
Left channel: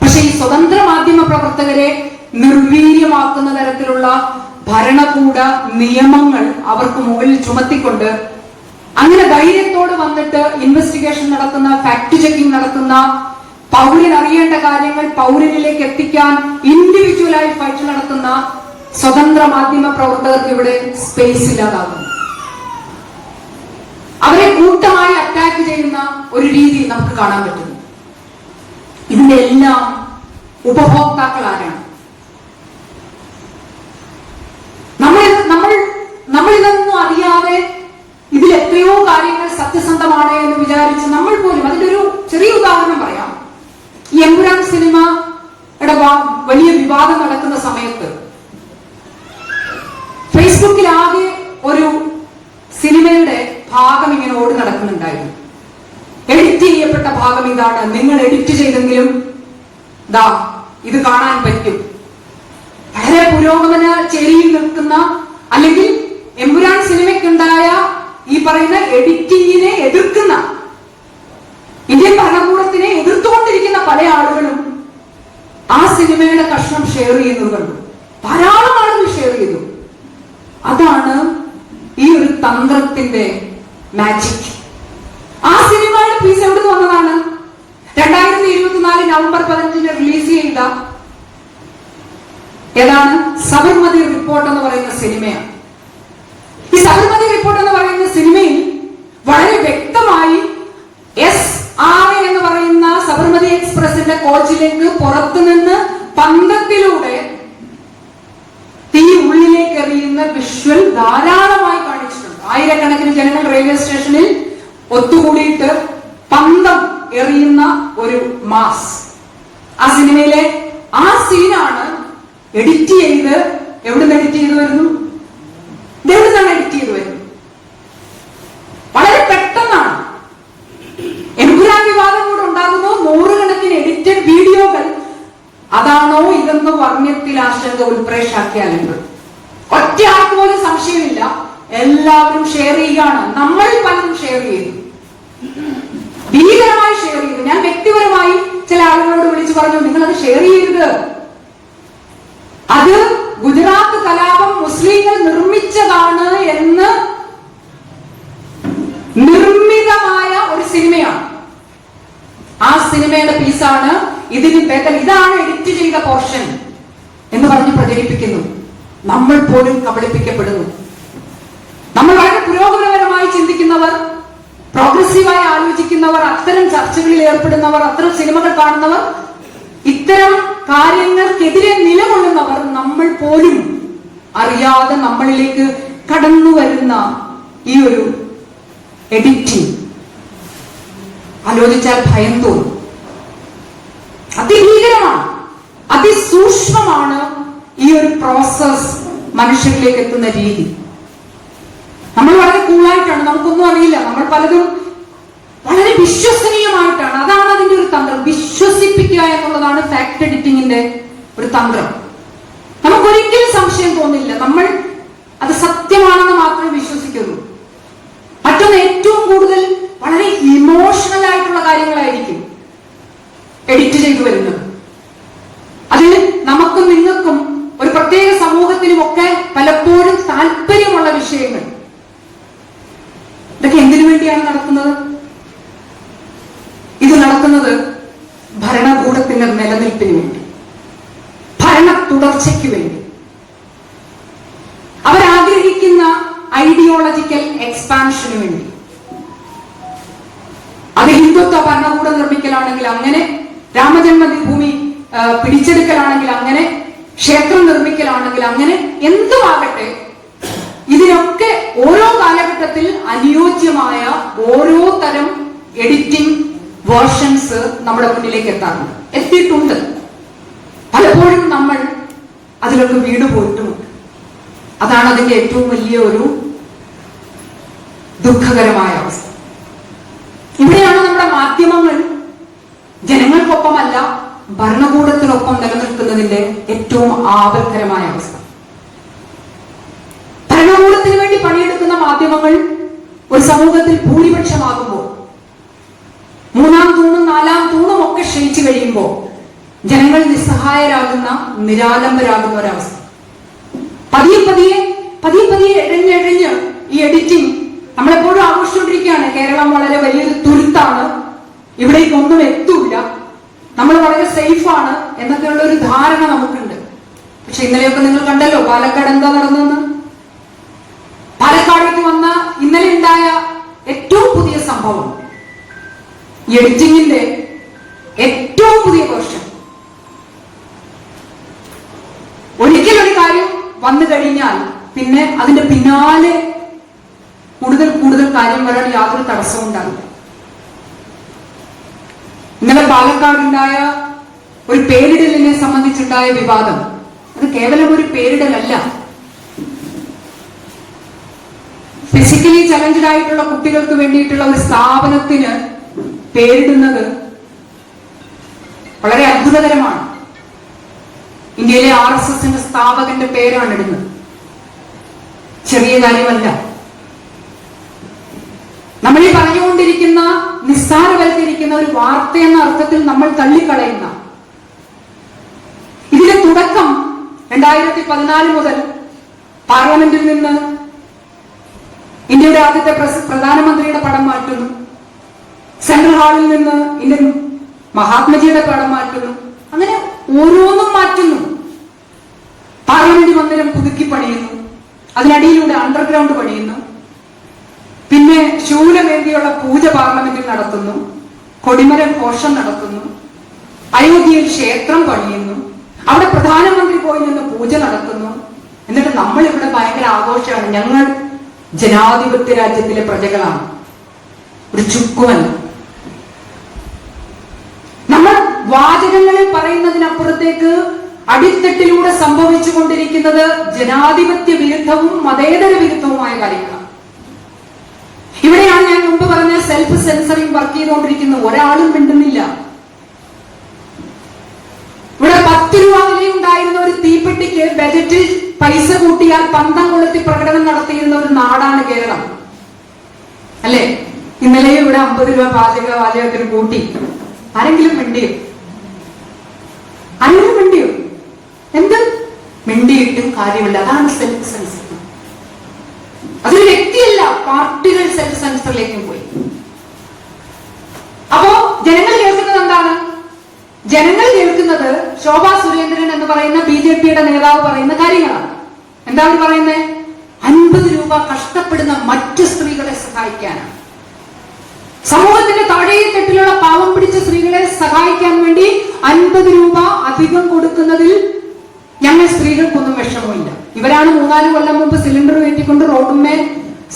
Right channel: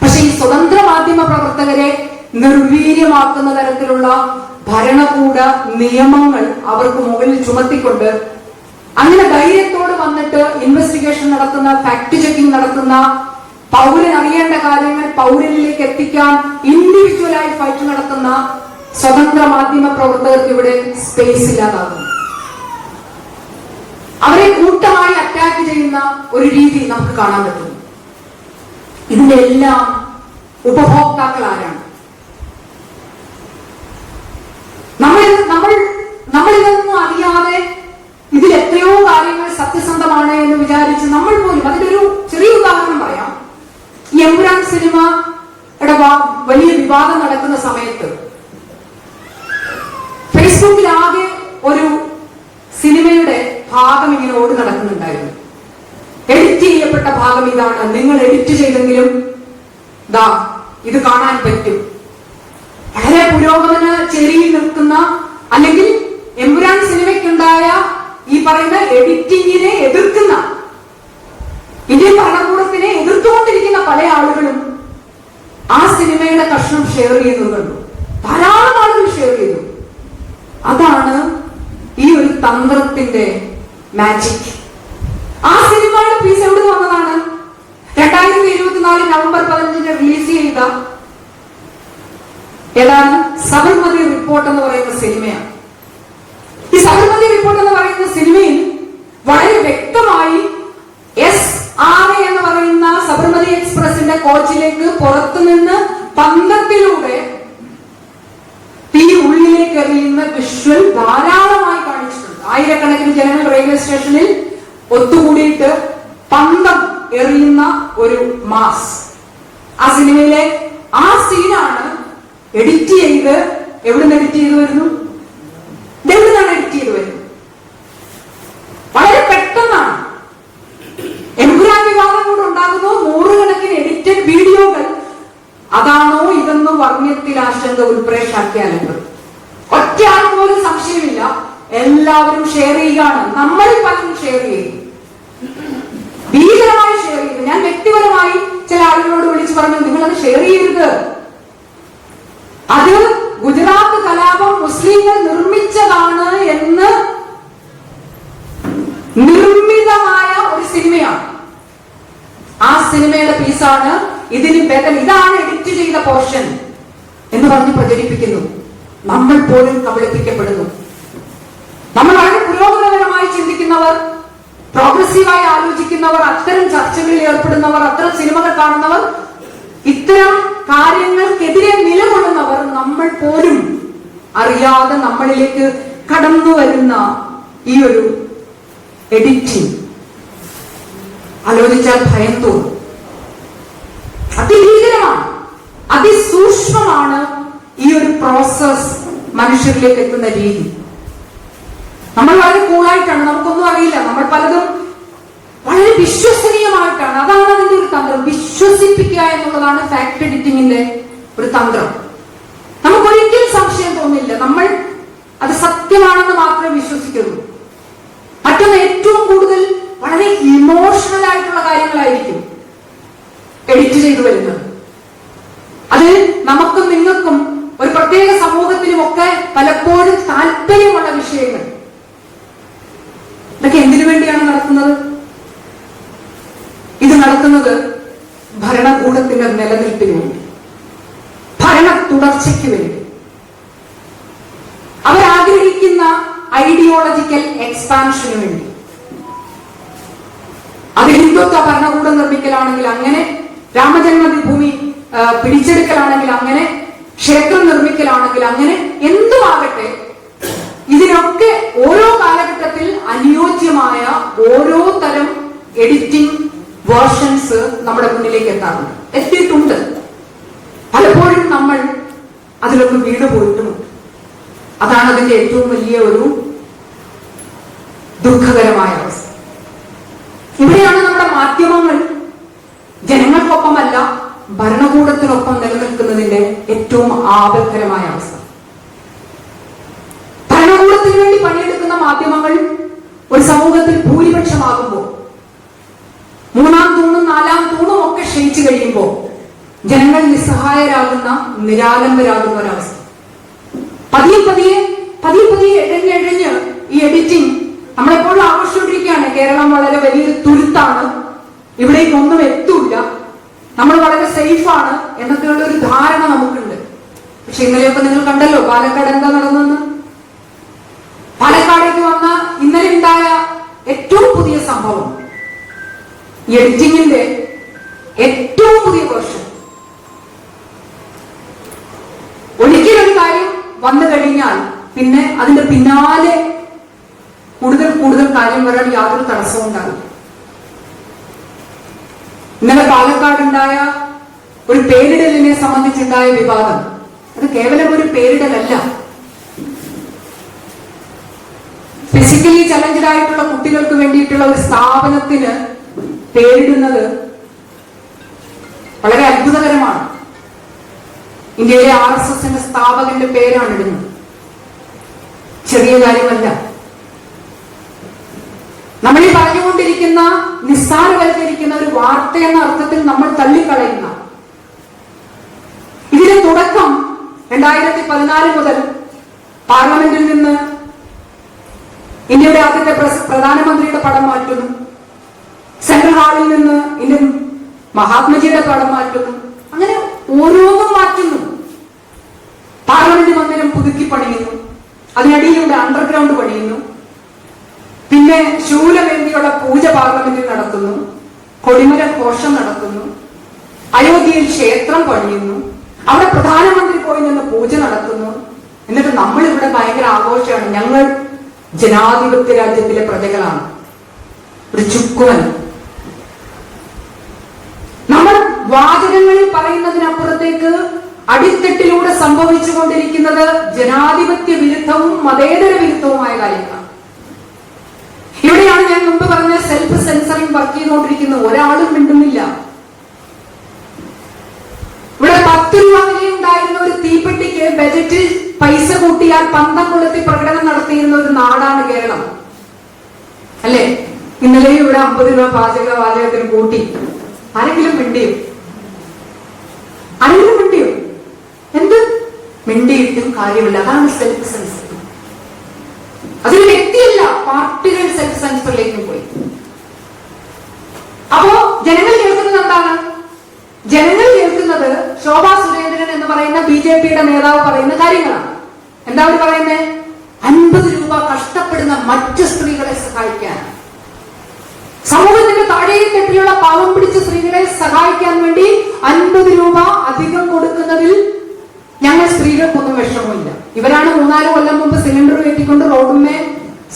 പക്ഷെ ഈ സ്വതന്ത്ര മാധ്യമ പ്രവർത്തകരെ നിർവീര്യമാക്കുന്ന തരത്തിലുള്ള ഭരണകൂട നിയമങ്ങൾ അവർക്ക് മുകളിൽ ചുമത്തിക്കൊണ്ട്, അങ്ങനെ ധൈര്യത്തോട് വന്നിട്ട് ഇൻവെസ്റ്റിഗേഷൻ നടത്തുന്ന, ഫാക്ട് ചെക്കിംഗ് നടത്തുന്ന, പൗരൻ അറിയേണ്ട കാര്യങ്ങൾ പൗരനിലേക്ക് എത്തിക്കാൻ ഇൻഡിവിജ്വലായി ഫൈറ്റ് നടത്തുന്ന സ്വതന്ത്ര മാധ്യമ പ്രവർത്തകർക്ക് ഇവിടെ സ്പേസ് ഇല്ലാതാകുന്നു. അവരെ കൂട്ടമായി അറ്റാക്ക് ചെയ്യുന്ന ഒരു രീതി നമുക്ക് കാണാൻ പറ്റുന്നു. ഇതിന്റെ എല്ലാം ഉപഭോക്താക്കൾ ആരാണ്? നമ്മളിതൊന്നും അറിയാതെ ഇതിൽ എത്രയോ കാര്യങ്ങൾ സത്യസന്ധമാണ് എന്ന് വിചാരിച്ച് നമ്മൾ പോലും, അതിന്റെ ഒരു ചെറിയ ഉദാഹരണം പറയാം. ഈ എമ്പുരാൻ സിനിമയുടെ വലിയ വിവാദം നടക്കുന്ന സമയത്ത് ഫേസ്ബുക്കിൽ ആകെ ഒരു സിനിമയുടെ ഭാഗം ഇങ്ങനെ ഓടി നടക്കുന്നുണ്ടായിരുന്നു. എഡിറ്റ് ചെയ്യപ്പെട്ട ഭാഗം ഇതാണ്, നിങ്ങൾ എഡിറ്റ് ചെയ്തെങ്കിലും ദാ ഇത് കാണാൻ പറ്റും. വളരെ പുരോഗമന ചേരിയിൽ നിൽക്കുന്ന, അല്ലെങ്കിൽ എമ്പുരാൻ സിനിമയ്ക്കുണ്ടായ ഈ പറയുന്ന എഡിറ്റിങ്ങിനെ എതിർക്കുന്ന, ഇന്ത്യൻ ഭരണകൂടത്തിനെ എതിർത്തുകൊണ്ടിരിക്കുന്ന പല ആളുകളും ആ സിനിമയുടെ കഷ്ണം ഷെയർ ചെയ്യുന്നത് കണ്ടു. ധാരാളം ആളുകൾ ഷെയർ ചെയ്തു. അതാണ് ഈ ഒരു തന്ത്രത്തിന്റെ മാജിക്. ആ സിനിമയുടെ പീസ് എവിടെ വന്നതാണ്? 2024 നവംബർ 15 റിലീസ് ചെയ്ത ഏതാണ്? സബർമതി റിപ്പോർട്ട് എന്ന് പറയുന്ന സിനിമയാണ്. ഈ സബർമതി റിപ്പോർട്ട് എന്ന് പറയുന്ന സിനിമയിൽ വളരെ വ്യക്തമായി SRA എന്ന് പറയുന്ന സബർമതി എക്സ്പ്രസിന്റെ കോച്ചിലേക്ക് പുറത്തുനിന്ന് പന്തത്തിലൂടെ തീ ഉള്ളിലേക്ക് എറിയുന്ന വിഷ്വൽ ധാരാളമായി കാണിച്ചിട്ടുണ്ട്. ആയിരക്കണക്കിന് ജനങ്ങൾ റെയിൽവേ സ്റ്റേഷനിൽ ഒത്തുകൂടിയിട്ട് പന്തം എറിയുന്ന ഒരു മാസ്. ആ സിനിമയിലെ ആ സീനാണ് എഡിറ്റ് ചെയ്ത്, എവിടുന്ന് എഡിറ്റ് ചെയ്തു വരുന്നു? എവിടുന്നാണ് എഡിറ്റ് ചെയ്തു വരുന്നത്? വളരെ പെട്ടെന്നാണ്. എമ്പുരാൻ വിവാദം കൂടെ ഉണ്ടാകുന്നു, നൂറുകണക്കിന് എഡിറ്റഡ് വീഡിയോകൾ. അതാണോ ഇതെന്ന് വർണ്ണ്യത്തിൽ ആശങ്ക ഉൾപ്രേക്ഷാക്കിയാലും ഒറ്റ ആൾപ്പോലും സംശയമില്ല, എല്ലാവരും ഷെയർ ചെയ്യുകയാണ്. നമ്മൾ പലരും ഷെയർ ചെയ്തു, ഭീകരമായി ഷെയർ ചെയ്തു. ഞാൻ വ്യക്തിപരമായി ചില ആളുകളോട് വിളിച്ചു പറഞ്ഞു, നിങ്ങളത് ഷെയർ ചെയ്യരുത്, അത് ഗുജറാത്ത് കലാപം മുസ്ലിങ്ങൾ നിർമ്മിച്ചതാണ് എന്ന് നിർമ്മിതമായ ഒരു സിനിമയാണ്. ആ സിനിമയുടെ പീസാണ് ഇതിന് ബദൽ, ഇതാണ് എഡിറ്റ് ചെയ്ത പോർഷൻ എന്ന് പറഞ്ഞ് പ്രചരിപ്പിക്കുന്നു. നമ്മൾ പോലും കബളിപ്പിക്കപ്പെടുന്നു. നമ്മൾ വളരെ പുരോഗമനപരമായി ചിന്തിക്കുന്നവർ, പ്രോഗ്രസീവായി ആലോചിക്കുന്നവർ, അത്തരം ചർച്ചകളിൽ ഏർപ്പെടുന്നവർ, അത്തരം സിനിമകൾ കാണുന്നവർ, ഇത്തരം കാര്യങ്ങൾക്കെതിരെ നിലകൊള്ളുന്നവർ, നമ്മൾ പോലും അറിയാതെ നമ്മളിലേക്ക് കടന്നു വരുന്ന ഈ ഒരു എഡിറ്റിംഗ് ആലോചിച്ചാൽ ഭയം തോന്നും. അതിഭീകരമാണ്, അതിസൂക്ഷ്മമാണ് ഈ ഒരു പ്രോസസ് മനുഷ്യരിലേക്ക് എത്തുന്ന രീതി. നമ്മൾ വളരെ കൂളായിട്ടാണ്, നമുക്കൊന്നും അറിയില്ല, നമ്മൾ പലതും വളരെ വിശ്വസനീയമായിട്ടാണ്. അതാണ് അതിന്റെ ഒരു തന്ത്രം. വിശ്വസിപ്പിക്കുക എന്നുള്ളതാണ് ഫാക്ട് എഡിറ്റിംഗിന്റെ ഒരു തന്ത്രം. നമുക്കൊരിക്കലും സംശയം തോന്നില്ല, നമ്മൾ അത് സത്യമാണെന്ന് മാത്രമേ വിശ്വസിക്കുള്ളൂ. മറ്റൊന്ന്, ഏറ്റവും കൂടുതൽ വളരെ ഇമോഷണൽ ആയിട്ടുള്ള കാര്യങ്ങളായിരിക്കും എഡിറ്റ് ചെയ്തു വരുന്നത്. അത് നമുക്കും നിങ്ങൾക്കും ഒരു പ്രത്യേക സമൂഹത്തിനും ഒക്കെ പലപ്പോഴും താല്പര്യമുള്ള വിഷയങ്ങൾ. ഇതൊക്കെ എന്തിനു വേണ്ടിയാണ് നടക്കുന്നത്? ഇത് നടക്കുന്നത് ഭരണകൂടത്തിന്റെ നിലനിൽപ്പിന് വേണ്ടി, ഭരണ തുടർച്ചയ്ക്ക് വേണ്ടി. അവരാഗ്രഹിക്കുന്ന ഐഡിയോളജിക്കൽ എക്സ്പാൻഷന് വേണ്ടി. നിർമ്മിക്കലാണെങ്കിൽ അങ്ങനെ, രാമജന്മഭൂമി പിടിച്ചെടുക്കലാണെങ്കിൽ അങ്ങനെ, ക്ഷേത്രം നിർമ്മിക്കലാണെങ്കിൽ അങ്ങനെ, എന്തുമാകട്ടെ ഇതിനൊക്കെ ഓരോ കാലഘട്ടത്തിൽ അനുയോജ്യമായ ഓരോ തരം എഡിറ്റിംഗ് വേർഷൻസ് നമ്മുടെ മുന്നിലേക്ക് എത്തിയിട്ടുണ്ട്. പലപ്പോഴും നമ്മൾ അതിലൊന്ന് വീട് പോയിട്ടുമുണ്ട്. അതാണ് അതിന്റെ ഏറ്റവും വലിയ ഒരു ദുഃഖകരമായ അവസ്ഥ. ഇവിടെയാണ് നമ്മുടെ മാധ്യമങ്ങൾ ജനങ്ങൾക്കൊപ്പമല്ല ഭരണകൂടത്തിനൊപ്പം നിലനിൽക്കുന്നതിന്റെ ഏറ്റവും ആപൽക്കരമായ അവസ്ഥ. ഭരണകൂടത്തിന് വേണ്ടി പണിയെടുക്കുന്ന മാധ്യമങ്ങൾ ഒരു സമൂഹത്തിൽ ഭൂരിപക്ഷമാകുമ്പോൾ, മൂന്നാം തൂണും നാലാം തൂണും ഒക്കെ ക്ഷയിച്ചു കഴിയുമ്പോൾ ജനങ്ങൾ നിസ്സഹായരാകുന്ന, നിരാലംബരാകുന്ന ഒരവസ്ഥ. പതിയെ പതിയെ എഴഞ്ഞ് ഈ എഡിറ്റിംഗ് നമ്മളെപ്പോഴും ആഘോഷിച്ചുകൊണ്ടിരിക്കുകയാണ്. കേരളം വളരെ വലിയൊരു തുരുത്താണ്, ഇവിടേക്ക് ഒന്നും എത്തൂല്ല, നമ്മൾ വളരെ സേഫാണ് എന്നൊക്കെയുള്ള ഒരു ധാരണ നമുക്കുണ്ട്. പക്ഷെ ഇന്നലെയൊക്കെ നിങ്ങൾ കണ്ടല്ലോ പാലക്കാട് എന്താ നടന്നെന്ന്. പാലക്കാടേക്ക് വന്ന ഇന്നലെ ഉണ്ടായ ഏറ്റവും പുതിയ സംഭവം, എഡിറ്റിംഗിന്റെ ഏറ്റവും പുതിയ വേർഷൻ. ഒരിക്കലൊരു കാര്യം വന്നു കഴിഞ്ഞാൽ പിന്നെ അതിന്റെ പിന്നാലെ കൂടുതൽ കാര്യം വരാൻ യാതൊരു തടസ്സവും ഉണ്ടാവില്ല. ഇന്നലെ പാലക്കാടുണ്ടായ ഒരു പേരിടലിനെ സംബന്ധിച്ചുണ്ടായ വിവാദം, അത് കേവലം ഒരു പേരിടലല്ല. ഫിസിക്കലി ചലഞ്ചഡ് ആയിട്ടുള്ള കുട്ടികൾക്ക് വേണ്ടിയിട്ടുള്ള ഒരു സ്ഥാപനത്തിന് പേരിടുന്നത് വളരെ അത്ഭുതകരമാണ്. ഇന്ത്യയിലെ RSSന്റെ സ്ഥാപകന്റെ പേരാണ് ഇടുന്നത്. ചെറിയ കാര്യമല്ല. നമ്മൾ ഈ പറഞ്ഞുകൊണ്ടിരിക്കുന്ന നിസ്സാരവൽക്കരിക്കുന്ന ഒരു വാർത്ത എന്ന അർത്ഥത്തിൽ നമ്മൾ തള്ളിക്കളയുന്ന ഇതിന്റെ തുടക്കം 2014 മുതൽ പാർലമെന്റിൽ നിന്ന് ഇന്ത്യയുടെ ആദ്യത്തെ പ്രധാനമന്ത്രിയുടെ പടം മാറ്റുന്നു, സെൻട്രൽ ഹാളിൽ നിന്ന് ഇന്ത്യൻ മഹാത്മജിയുടെ പടം മാറ്റുന്നു, അങ്ങനെ ഓരോന്നും മാറ്റുന്നു. പാർലമെന്റ് മന്ദിരം പുതുക്കി പണിയുന്നു, അതിനടിയിലൂടെ അണ്ടർഗ്രൗണ്ട് പണിയുന്നു, പിന്നെ ശൂലമേന്തിയുള്ള പൂജ പാർലമെന്റിൽ നടത്തുന്നു, കൊടിമര ഘോഷം നടത്തുന്നു, അയോധ്യയിൽ ക്ഷേത്രം പണിയുന്നു, അവിടെ പ്രധാനമന്ത്രി പോയി നിന്ന് പൂജ നടത്തുന്നു. എന്നിട്ട് നമ്മൾ ഇവിടെ ഭയങ്കര ആഘോഷമാണ്, ഞങ്ങൾ ജനാധിപത്യ രാജ്യത്തിലെ പ്രജകളാണ്, ഒരു ചുക്കുമല്ല. നമ്മൾ വാചകങ്ങളിൽ പറയുന്നതിനപ്പുറത്തേക്ക് അടിത്തട്ടിലൂടെ സംഭവിച്ചുകൊണ്ടിരിക്കുന്നത് ജനാധിപത്യ വിരുദ്ധവും മതേതര വിരുദ്ധവുമായ കാര്യങ്ങളാണ്. ഇവിടെയാണ് ഞാൻ മുമ്പ് പറഞ്ഞ സെൽഫ് സെൻസറിങ് വർക്ക് ചെയ്തുകൊണ്ടിരിക്കുന്നത്. ഒരാളും മിണ്ടുന്നില്ല. ഇവിടെ 10 രൂപ വിലയുണ്ടായിരുന്ന ഒരു തീപ്പെട്ടിക്ക് ബജറ്റിൽ പൈസ കൂട്ടിയാൽ പന്തം കൊളുത്തി പ്രകടനം നടത്തിയിരുന്ന ഒരു നാടാണ് കേരളം, അല്ലെ? ഇന്നലെയും ഇവിടെ 50 രൂപ പാചകത്തിന് കൂട്ടി. ആരെങ്കിലും മിണ്ടിയോ? എന്ത് മിണ്ടിയിട്ടും കാര്യമില്ല. അതാണ് സെൽഫ് സെൻസർ. അതൊരു വ്യക്തിയല്ല, പാർട്ടികൾ സെൽഫ് സെൻസറിലേക്ക് പോയി. അപ്പോ ജനങ്ങൾ കേൾക്കുന്നത് എന്താണ്? ജനങ്ങൾ കേൾക്കുന്നത് ശോഭാ സുരേന്ദ്രൻ എന്ന് പറയുന്ന BJPയുടെ നേതാവ് പറയുന്ന കാര്യങ്ങളാണ്. എന്താ അവർ പറയുന്നത്? 50 രൂപ കഷ്ടപ്പെടുന്ന മറ്റു സ്ത്രീകളെ സഹായിക്കാൻ, സമൂഹത്തിന്റെ താഴെത്തട്ടിലുള്ള പാവം പിടിച്ച സ്ത്രീകളെ സഹായിക്കാൻ വേണ്ടി 50 രൂപ അധികം കൊടുക്കുന്നതിൽ ഞങ്ങൾ സ്ത്രീകൾക്കൊന്നും വിഷമമില്ല. ഇവരാണ് 3-4 കൊല്ലം മുമ്പ് സിലിണ്ടർ കയറ്റിക്കൊണ്ട് റോഡുമേ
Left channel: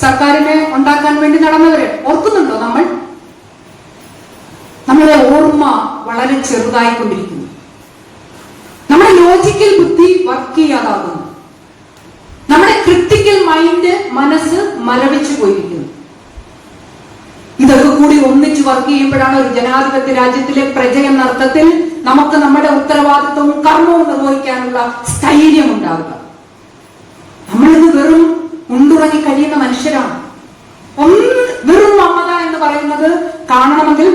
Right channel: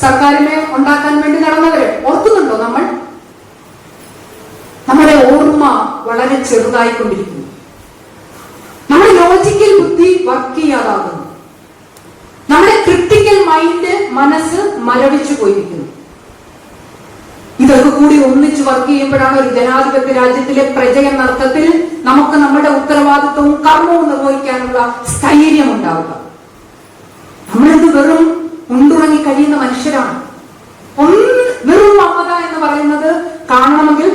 സർക്കാരിനെ ഉണ്ടാക്കാൻ വേണ്ടി നടന്നവര്. ഓർക്കുന്നുണ്ടോ? നമ്മുടെ ഓർമ്മ വളരെ ചെറുതായിക്കൊണ്ടിരിക്കുന്നു. നമ്മുടെ ലോജിക്കൽ ബുദ്ധി വർക്ക് ചെയ്യാതാകുന്നു. നമ്മുടെ ക്രിട്ടിക്കൽ മൈൻഡ്, മനസ്സ് മരവിച്ചു പോയിരിക്കുന്നു. ഇതൊക്കെ കൂടി ഒന്നിച്ച് വർക്ക് ചെയ്യുമ്പോഴാണ് ഒരു ജനാധിപത്യ രാജ്യത്തിലെ പ്രജ എന്ന അർത്ഥത്തിൽ നമുക്ക് നമ്മുടെ ഉത്തരവാദിത്വവും കർമ്മവും നിർവഹിക്കാനുള്ള സ്ഥൈര്യം ഉണ്ടാവുക. നമ്മളിത് വെറും ഉണ്ടുറങ്ങി കഴിയുന്ന മനുഷ്യരാണ്. വെറും മമത എന്ന് പറയുന്നത് കാണണമെങ്കിൽ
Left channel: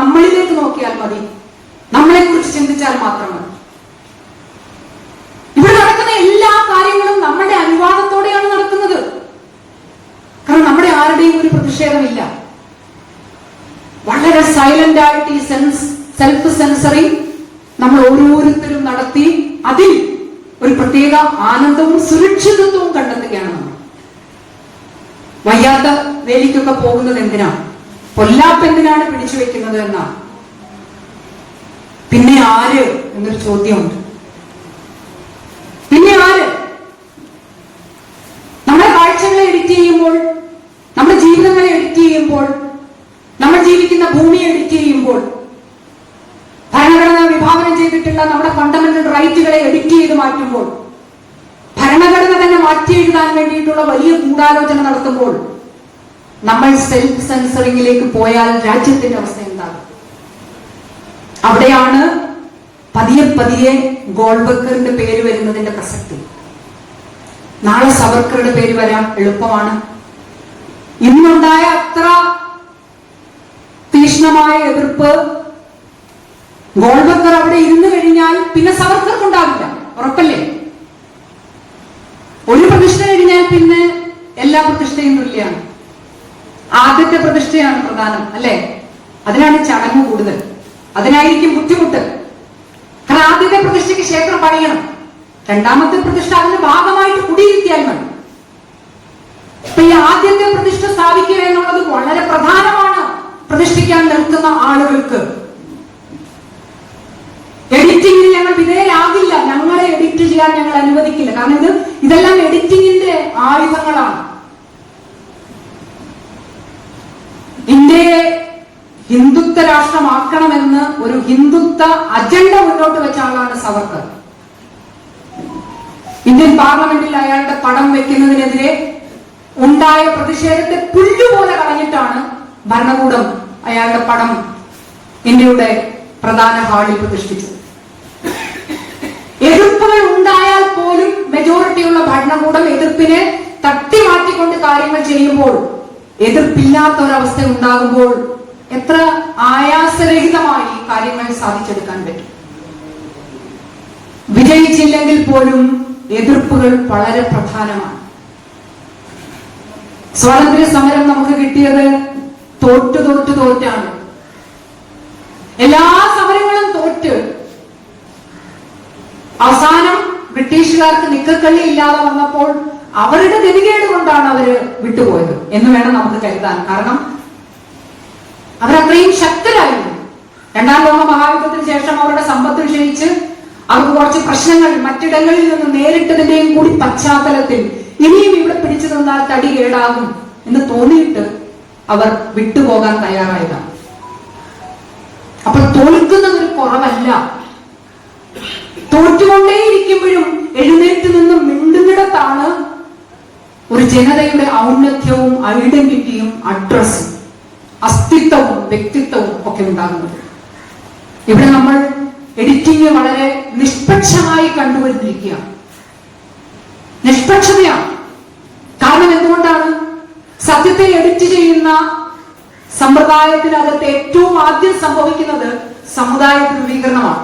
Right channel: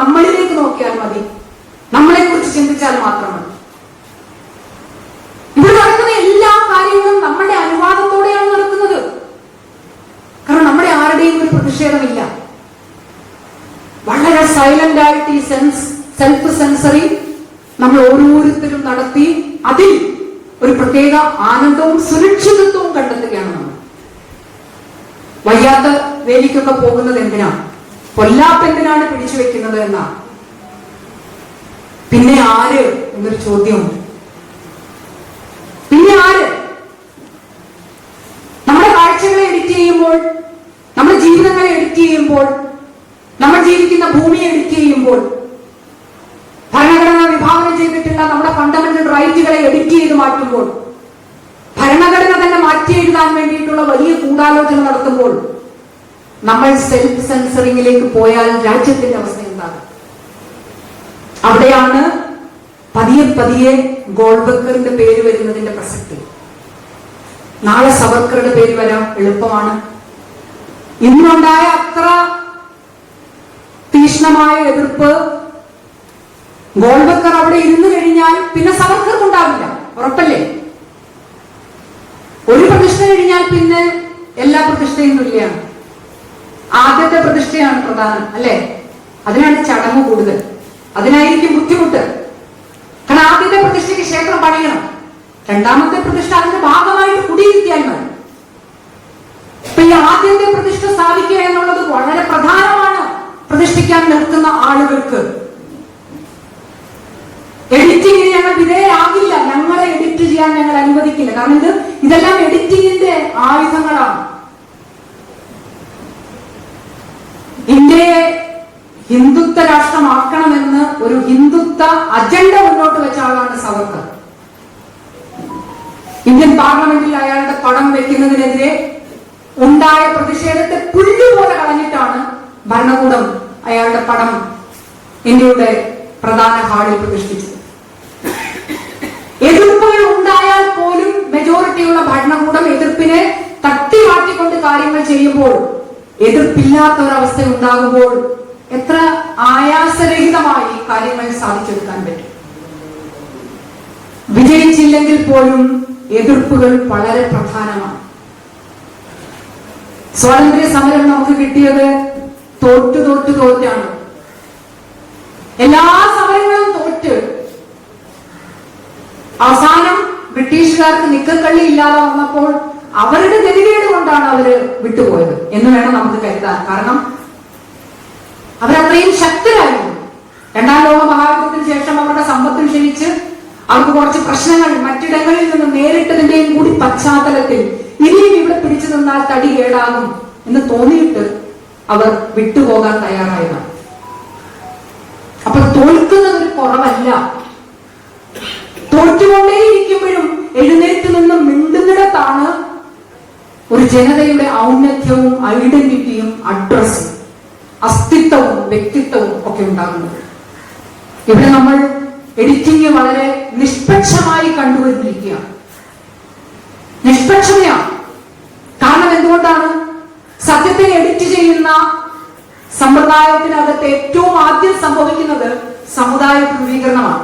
നമ്മളിലേക്ക് നോക്കിയാൽ മതി, നമ്മളെ കുറിച്ച് ചിന്തിച്ചാൽ മാത്രം മതി. ഇവിടെ നടക്കുന്ന എല്ലാ കാര്യങ്ങളും നമ്മുടെ അനുവാദത്തോടെയാണ് നടക്കുന്നത്. കാരണം നമ്മുടെ ആരുടെയും ഒരു പ്രതിഷേധമില്ല. വളരെ സൈലന്റ് ആയിട്ട് ഈ സെൽഫ് സെൻസറിങ് നമ്മൾ ഓരോരുത്തരും നടത്തി അതിൽ ഒരു പ്രത്യേക ആനന്ദവും സുരക്ഷിതത്വവും കണ്ടെത്തുകയാണ് നമ്മൾ. വയ്യാത്ത വേലിക്കൊക്കെ പോകുന്നത് എന്തിനാണ്? പൊല്ലാപ്പെന്തിനാണ് പിടിച്ചു വെക്കുന്നത് എന്നാണ്. പിന്നെ ആര് എന്നൊരു ചോദ്യമുണ്ട്. പിന്നെ ആര്? നമ്മുടെ കാഴ്ചകളെ എഡിറ്റ് ചെയ്യുമ്പോൾ, നമ്മുടെ ജീവിതങ്ങളെ എഡിറ്റ് ചെയ്യുമ്പോൾ, നമ്മൾ ജീവിക്കുന്ന ഭൂമിയെ എഡിറ്റ് ചെയ്യുമ്പോൾ, ഭരണഘടന വിഭാവനം ചെയ്തിട്ടുള്ള നമ്മുടെ ഫണ്ടമെന്റൽ റൈറ്റുകളെ എഡിറ്റ് ചെയ്ത് മാറ്റുമ്പോൾ, ഭരണഘടന തന്നെ മാറ്റി എഴുതാൻ വേണ്ടിയിട്ടുള്ള വലിയ ഗൂഢാലോചന നടത്തുമ്പോൾ, നമ്മൾ സെൽഫ് സെൻസറിംഗിലേക്ക് പോയാൽ രാജ്യത്തിന്റെ അവസ്ഥ എന്താണ്? അവിടെയാണ് പതിയെ പതിയെ ഗോൾബക്കറിന്റെ പേര് വരുന്നതിന്റെ പ്രസക്തി. നാളെ സവർക്കറുടെ പേര് വരാൻ എളുപ്പമാണ്. ഇന്നുണ്ടായ അത്ര തീക്ഷ്ണമായ എതിർപ്പ് ഗോൾബക്കർ അവിടെ ഇരുന്നു കഴിഞ്ഞാൽ പിന്നെ സവർക്കർക്ക് ഉണ്ടാവില്ല, ഉറപ്പല്ലേ? ഒരു പ്രതിഷ്ഠ കഴിഞ്ഞാൽ പിന്നെ എല്ലാ പ്രതിഷ്ഠയും തുല്യാണ്. ആദ്യത്തെ പ്രതിഷ്ഠയാണ് പ്രധാനം, അല്ലെ? അതിനാണ് ചടങ്ങ് കൂടുതൽ, അതിനായിരിക്കും ബുദ്ധിമുട്ട്. കാരണം ആദ്യത്തെ പ്രതിഷ്ഠയ്ക്ക് ക്ഷേത്രം പണിയണം, രണ്ടാമത്തെ പ്രതിഷ്ഠ അതിന്റെ ഭാഗമായിട്ട് കുടിയിരുത്തിയാൽ മതി. അപ്പൊ ഈ ആദ്യത്തെ പ്രതിഷ്ഠ സ്ഥാപിക്കുക എന്നുള്ളത് വളരെ പ്രധാനമാണ് പ്രതിഷ്ഠിക്കാൻ നിൽക്കുന്ന ആളുകൾക്ക്. എഡിറ്റിംഗിന് ഞങ്ങൾ വിധേയരാകില്ല, ഞങ്ങളെ എഡിറ്റ് ചെയ്യാൻ ഞങ്ങൾ അനുവദിക്കില്ല. കാരണം ഇതെല്ലാം എഡിറ്റിംഗിന്റെ ആയുധങ്ങളാണ്. ഇന്ത്യയെ ഹിന്ദുത്വ രാഷ്ട്രമാക്കണമെന്ന് ഒരു ഹിന്ദുത്വ അജണ്ട മുന്നോട്ട് വെച്ച ആളാണ് സവർക്കർ. ഇന്ത്യൻ പാർലമെന്റിൽ അയാളുടെ പടം വെക്കുന്നതിനെതിരെ ഉണ്ടായ പ്രതിഷേധത്തെ പുല്ലുപോലെ കളഞ്ഞിട്ടാണ് ഭരണകൂടം അയാളുടെ പടം ഇന്ത്യയുടെ പ്രധാന ഹാളിൽ പ്രതിഷ്ഠിച്ചത്. എതിർപ്പുകൾ ഉണ്ടായാൽ പോലും മെജോറിറ്റിയുള്ള ഭരണകൂടം എതിർപ്പിനെ തട്ടി മാറ്റിക്കൊണ്ട് കാര്യങ്ങൾ ചെയ്യുമ്പോൾ, എതിർപ്പില്ലാത്ത ഒരവസ്ഥ ഉണ്ടാകുമ്പോൾ എത്ര ആയാസരഹിതമായി കാര്യങ്ങൾ സാധിച്ചെടുക്കാൻ പറ്റും. വിജയിച്ചില്ലെങ്കിൽ പോലും എതിർപ്പുകൾ വളരെ പ്രധാനമാണ്. സ്വാതന്ത്ര്യ സമരം നമുക്ക് കിട്ടിയത് തോറ്റാണ്. എല്ലാ സമരങ്ങളും തോറ്റ് അവസാനം ബ്രിട്ടീഷുകാർക്ക് നിക്കക്കള്ളി ഇല്ലാതെ വന്നപ്പോൾ അവരുടെ ഗതികേട് കൊണ്ടാണ് അവര് വിട്ടുപോയത് എന്ന് വേണം നമുക്ക് കരുതാൻ. കാരണം അവരത്രയും ശക്തരായിരുന്നു. രണ്ടാം ലോക മഹായുദ്ധത്തിന് ശേഷം അവരുടെ സമ്പത്ത് ക്ഷയിച്ച് അവർക്ക് കുറച്ച് പ്രശ്നങ്ങൾ മറ്റിടങ്ങളിൽ നിന്ന് നേരിട്ടതിന്റെയും കൂടി പശ്ചാത്തലത്തിൽ ഇനിയും ഇവിടെ പിടിച്ചു നിന്നാൽ തടി കേടാകും എന്ന് തോന്നിയിട്ട് അവർ വിട്ടുപോകാൻ തയ്യാറായതാണ്. അപ്പോൾ തോൽക്കുന്നതൊരു കുറവല്ല. തോറ്റുകൊണ്ടേയിരിക്കുമ്പോഴും എഴുന്നേറ്റ് നിന്ന് മിണ്ടുന്നിടത്താണ് ഒരു ജനതയുടെ ഔന്നത്യവും ഐഡന്റിറ്റിയും അഡ്രസ്സും അസ്തിത്വവും വ്യക്തിത്വവും ഒക്കെ ഉണ്ടാകുന്നത്. ഇവിടെ നമ്മൾ എഡിറ്റിംഗ് വളരെ നിഷ്പക്ഷമായി കണ്ടുവരുന്നിരിക്കുകയാണ്. നിഷ്പക്ഷതയാണ്. കാരണം എന്തുകൊണ്ടാണ്? സത്യത്തെ എഡിറ്റ് ചെയ്യുന്ന സമ്പ്രദായത്തിനകത്ത് ഏറ്റവും ആദ്യം സംഭവിക്കുന്നത് സമുദായ ധ്രുവീകരണമാണ്.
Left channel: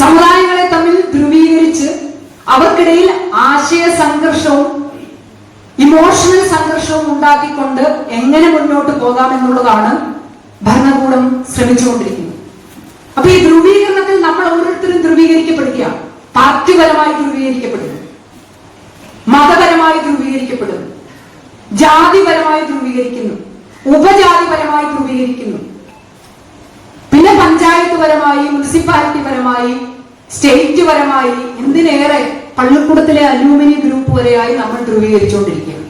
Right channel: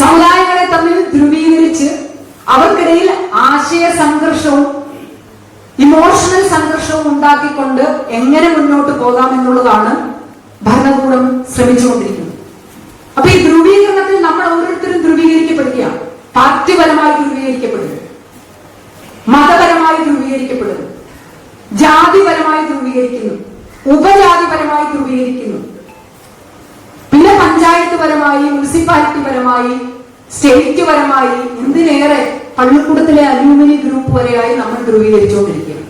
സമുദായങ്ങളെ തമ്മിൽ ധ്രുവീകരിച്ച് അവർക്കിടയിൽ ആശയ സംഘർഷവും ഇമോഷണൽ സംഘർഷവും ഉണ്ടാക്കിക്കൊണ്ട് എങ്ങനെ മുന്നോട്ട് പോകാമെന്നുള്ളതാണ് ഭരണകൂടം ശ്രമിച്ചുകൊണ്ടിരിക്കുന്നത്. അപ്പൊ ഈ ധ്രുവീകരണത്തിൽ നമ്മൾ ഓരോരുത്തരും ധ്രുവീകരിക്കപ്പെടുകയാണ്. പാർട്ടിപരമായി ധ്രുവീകരിക്കപ്പെടുന്നു, മതപരമായി ധ്രുവീകരിക്കപ്പെടുന്നു, ജാതിപരമായി ധ്രുവീകരിക്കുന്നു, ഉപജാതിപരമായി ധ്രുവീകരിക്കുന്നു, പിന്നെ പഞ്ചായത്ത് പരമായി, മുനിസിപ്പാലിറ്റി പരമായി, സ്റ്റേറ്റ് പരമായി, എന്തിനേറെ പള്ളിക്കൂടത്തിലെ അലൂമിനി ഗ്രൂപ്പ് വരെയായി നമ്മൾ ധ്രുവീകരിച്ചുകൊണ്ടിരിക്കുകയാണ്.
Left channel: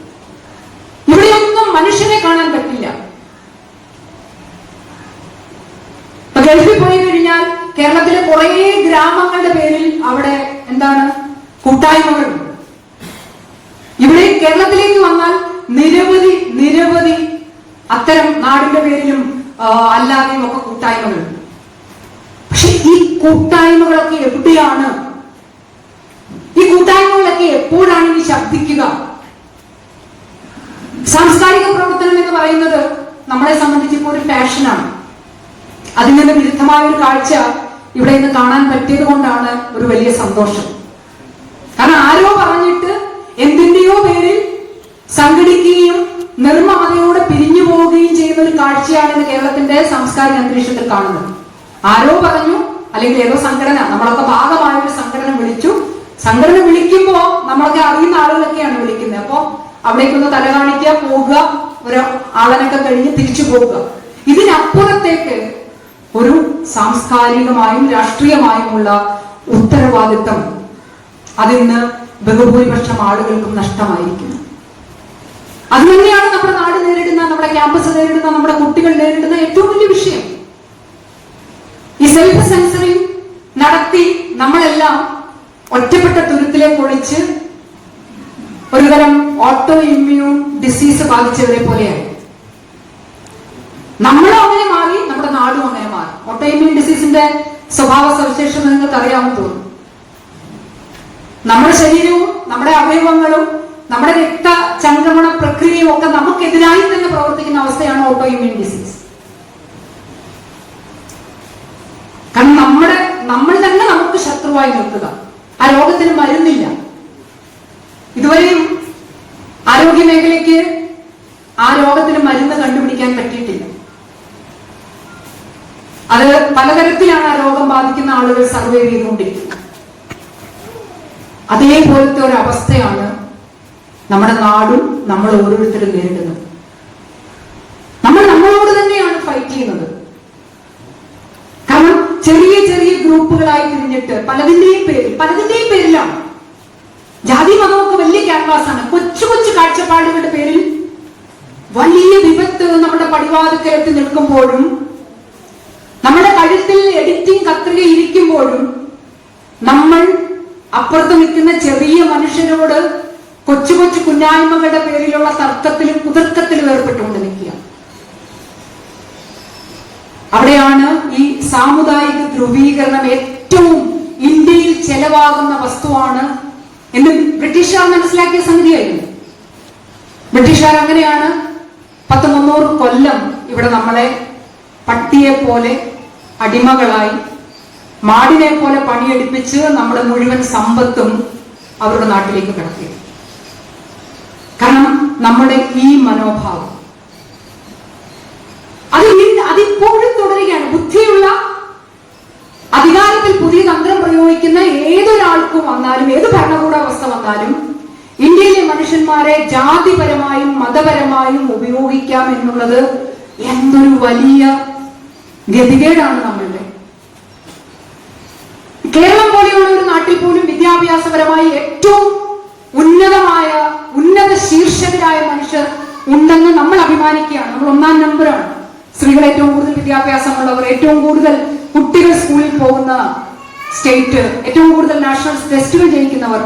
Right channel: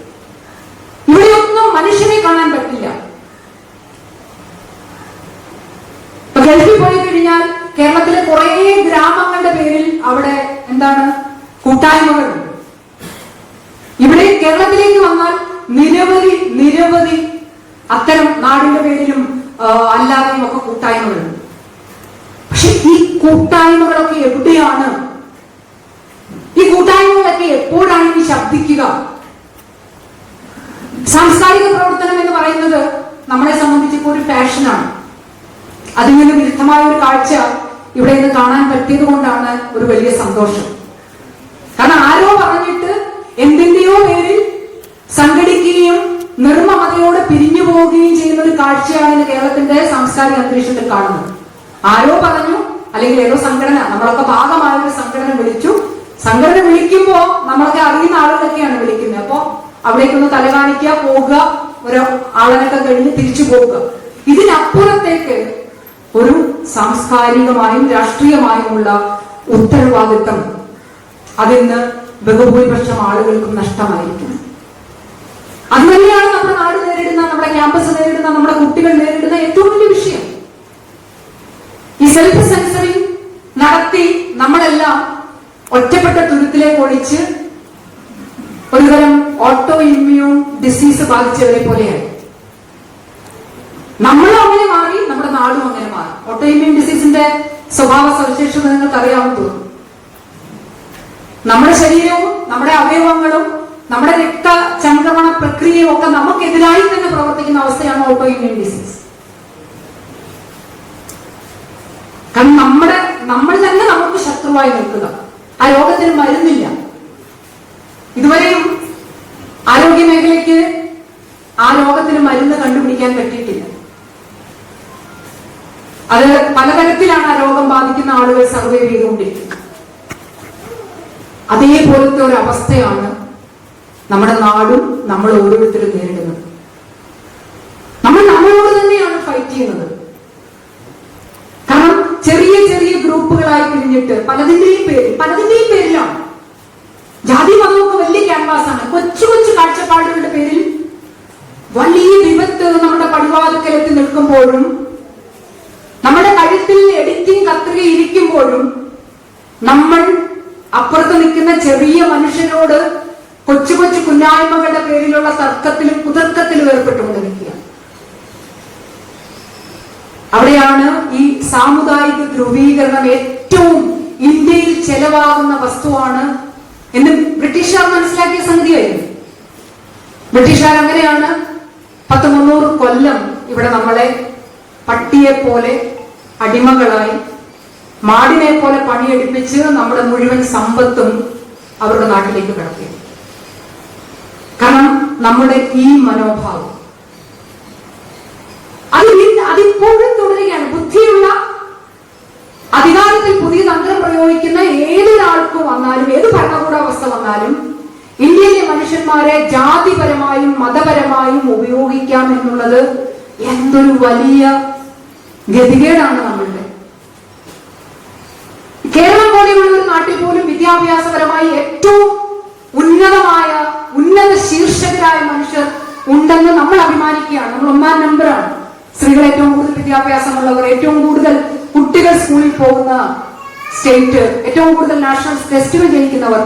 ഇവിടെയൊന്നും മനുഷ്യനെ കാണാൻ പറ്റില്ല. ഗൾഫിൽ പോയി കഴിഞ്ഞാൽ കേരളത്തിലെ കുറെ ഗ്രാമങ്ങളുടെ പേരിൽ അവിടെ എന്താണ് കൂട്ടായ്മകളുണ്ട്. ഇവിടെ കേരളത്തിലേക്ക് വന്നാൽ നിരവധി അത്തരം നാടിന്റെ പേരിലും അല്ലാതെയും ഒക്കെ കൂട്ടായ്മകളുണ്ട്. പക്ഷെ ഈ കൂട്ടായ്മകളൊക്കെ എവിടെയാണ്? ഈ കൂട്ടായ്മകളൊക്കെ എപ്പോഴാണ് ഇനി ശബ്ദിക്കുക? സാംസ്കാരിക പ്രവർത്തനം എന്ന് പറയുന്നത് നമ്മളെ സംബന്ധിച്ച് ഇപ്പോൾ ഒരു പാഷനാണ്. അതിൽ നിന്ന് വിരുദ്ധമായ ഒരു കാഴ്ച ഇവിടെ ഇന്ന് കാണാൻ പറ്റിയത് കൊണ്ടാണ് ഒരു വലിയ സന്തോഷം. കാരണം ആരോ പറഞ്ഞിട്ട് എന്തിന്റെയോ പേരിൽ സംഘടിക്കുകയും നിർമ്മമതയോടെ പിരിഞ്ഞു പോവുകയും ചെയ്യുന്ന ഒരു കാഴ്ചയാണ് ഇന്ന് കേരളത്തിന്റെ സാംസ്കാരിക അന്തരീക്ഷത്തിൽ കാണുന്നത്. ആരോ പറഞ്ഞു, അല്ലെങ്കിൽ ഏതോ സംഘടന, നമ്മളൊക്കെ ഭാഗമായ ഒരു സംഘടന വിളിച്ചു. സംഘടന വിളിക്കുമ്പോ നമ്മളൊക്കെ അറിയുന്ന ആളുകളൊക്കെയാണ് വിളിക്കുന്നത്. അപ്പൊ അവിടേക്കൊന്ന് തല കാണിക്കുക, പോകുക, ഒരു ആളനൊക്കെ കഴിഞ്ഞ് തിരിച്ചു പോവുക. ഇതിനപ്പുറത്തേക്ക് ഒരു സാംസ്കാരികമായും രാഷ്ട്രീയമായുമുള്ള ഉത്തരവാദിത്തം അതിന്ന് ബഹുഭൂരിപക്ഷം ആളുകൾക്കും നഷ്ടമായിരിക്കുന്നു. അത് തന്നെയാണ് നമ്മുടെ നാട് നേരിടുന്ന, നമ്മുടെ ക്യാമ്പസ് നേരിടുന്ന, നമ്മുടെ കുട്ടികൾ നേരിടുന്ന ഏറ്റവും വലിയ വിഷയം. ഈ സെൽഫ് സെൻസറിങ് നടത്തി നമ്മളെല്ലാം ഒറ്റപ്പെട്ട തുരുത്തിലേക്ക് ഒളിച്ച് ഒരുതരം ഓട്ടോ ഇമ്മ്യൂൺ ഡിസീസ് ബാധിച്ചവരെ പോലെയാണ്. നമ്മളും അങ്ങനെ മാറി, നമ്മുടെ നാടും അങ്ങനെ മാറി. ഓട്ടോ ഇമ്മ്യൂൺ ഡിസീസിന്റെ സ്വഭാവ സവിശേഷത നിങ്ങൾക്ക് അറിയാമെന്ന് തോന്നുന്നു. നമ്മുടെ ശരീരവും നമ്മുടെ അവയവങ്ങളും നമ്മുടെ രക്തചംക്രമണ പ്രക്രിയയും ഒക്കെ നമുക്കെതിരായി തന്നെ പ്രവർത്തിക്കുന്ന അവസ്ഥയാണ് ഓട്ടോ ഇമ്മ്യൂൺ ഡിസീസ്. കാരണം നമ്മൾ തന്നെ നമുക്ക് ശത്രുവായി നിൽക്കുക. ആ രോഗത്തിന് മരുന്നില്ല. ഇതുവരെയും ആരോഗ്യ മേഖലയ്ക്ക് ആ രോഗത്തിന് മരുന്ന് കണ്ടുപിടിക്കാൻ പറ്റിയിട്ടില്ല. അത് പലതരത്തിലാണ് ആ രോഗം ബാധിക്കുന്ന ആളുകൾ സർവേ ചെയ്തുകൊണ്ടിരിക്കുന്നത്. അതേപോലത്തെ ഒരു അവസ്ഥയാണ് നമ്മുടെ നാടും നമ്മൾ ഓരോരുത്തരും നേരിടുന്നത്. നമ്മൾ നമ്മളോട് തന്നെയാണ് ഫൈറ്റ് ചെയ്യുന്നത്. കാരണം ചെറിയ ചെറിയ ഗ്രൂപ്പുകളായി തിരിഞ്ഞിട്ട് പലതിന്റെയും പേരിലാണ്. ജാതി മതമൊക്കെ വലിയ ക്യാൻവാസാണ്. കൊച്ചു കൊച്ചു കാഴ്ചപ്പാടുകളുടെ പേരിൽ വലിയ വിപത്ത് നമ്മുടെ പടിവാതിക്കലെത്തി നിൽക്കുമ്പോഴും, നമ്മുടെ കഴുത്തിൽ എഡിറ്റിംഗ് കത്രിക ഇരിക്കുമ്പോഴും നമ്മൾ അപ്പുറത്ത് നിൽക്കുന്ന ചെറിയ മനുഷ്യരോട് കൊച്ചു കൊച്ചു കുഞ്ഞായ്മകളുടെ പേരിലുള്ള തർക്കത്തിലും കുതർക്കത്തിലും ഏർപ്പെട്ടുകൊണ്ട് നിൽക്കുക. അവിടെയാണ് ഈ സാമുദായിക ധ്രുവീകരണം ഏറ്റവും ഇന്ത്യയിൽ ചെലവാകുന്ന വസ്തുവാണ് എന്ന് ബ്രിട്ടീഷുകാർ മനസ്സിലാക്കിയ സംഗതിയായിരുന്നു. ബ്രിട്ടീഷുകാർ അങ്ങനെയാണ് 100-300 കൊല്ലം ഇവിടെ നമ്മളെ പട്ടിയെ പോലെ അടിമകളായി മാടിനെ പോലെ പണിയെടുപ്പിച്ച് നമ്മുടെ മുഴുവൻ സമ്പത്തും അവരുടെ നാട്ടിലേക്ക് കടത്തി. കാരണം നമ്മുടെ ഈ മനോഭാവം അതിപ്പോഴും തുടരുകയാണ്. ബുദ്ധിയുള്ള അധികാരത്തിൽ പുതിയ തന്ത്രം പ്രയോഗിക്കുന്ന ഏതൊരാൾക്കും വന്നാലും, ഏത് ഭരണകൂട അവസ്ഥ വന്നാലും ഇന്ത്യയിലെ മനുഷ്യന്മാരെ ജാതിപരമായും മതപരമായും ഉപയോഗിക്കാം എന്നുള്ളത് എന്തൊരു വലിയ ഗതികേടാണ് നമ്മളുടെ. കേരളം പോലെയുള്ള ഒരു നാട്ടിൽ പോലും വിദ്യാഭ്യാസപരമായി ഏറ്റവും ഉന്നത ശീർഷകരായ മനുഷ്യർ ഉണ്ടെന്ന് നമ്മൾ അഭിമാനിക്കുകയാണ്. നമ്മൾ 1-ാം നമ്പറാണ്. സ്ത്രീകൾ ഏറ്റവും കൂടുതൽ വിദ്യാഭ്യാസമുള്ളവർ, ഏറ്റവും കൂടുതൽ കുട്ടികൾ സ്കൂളിൽ പോകുന്ന സ്റ്റേറ്റ്, ഏറ്റവും കൂടുതൽ നാഷണൽ ടെസ്റ്റുകൾ ജയിക്കുന്നവർ.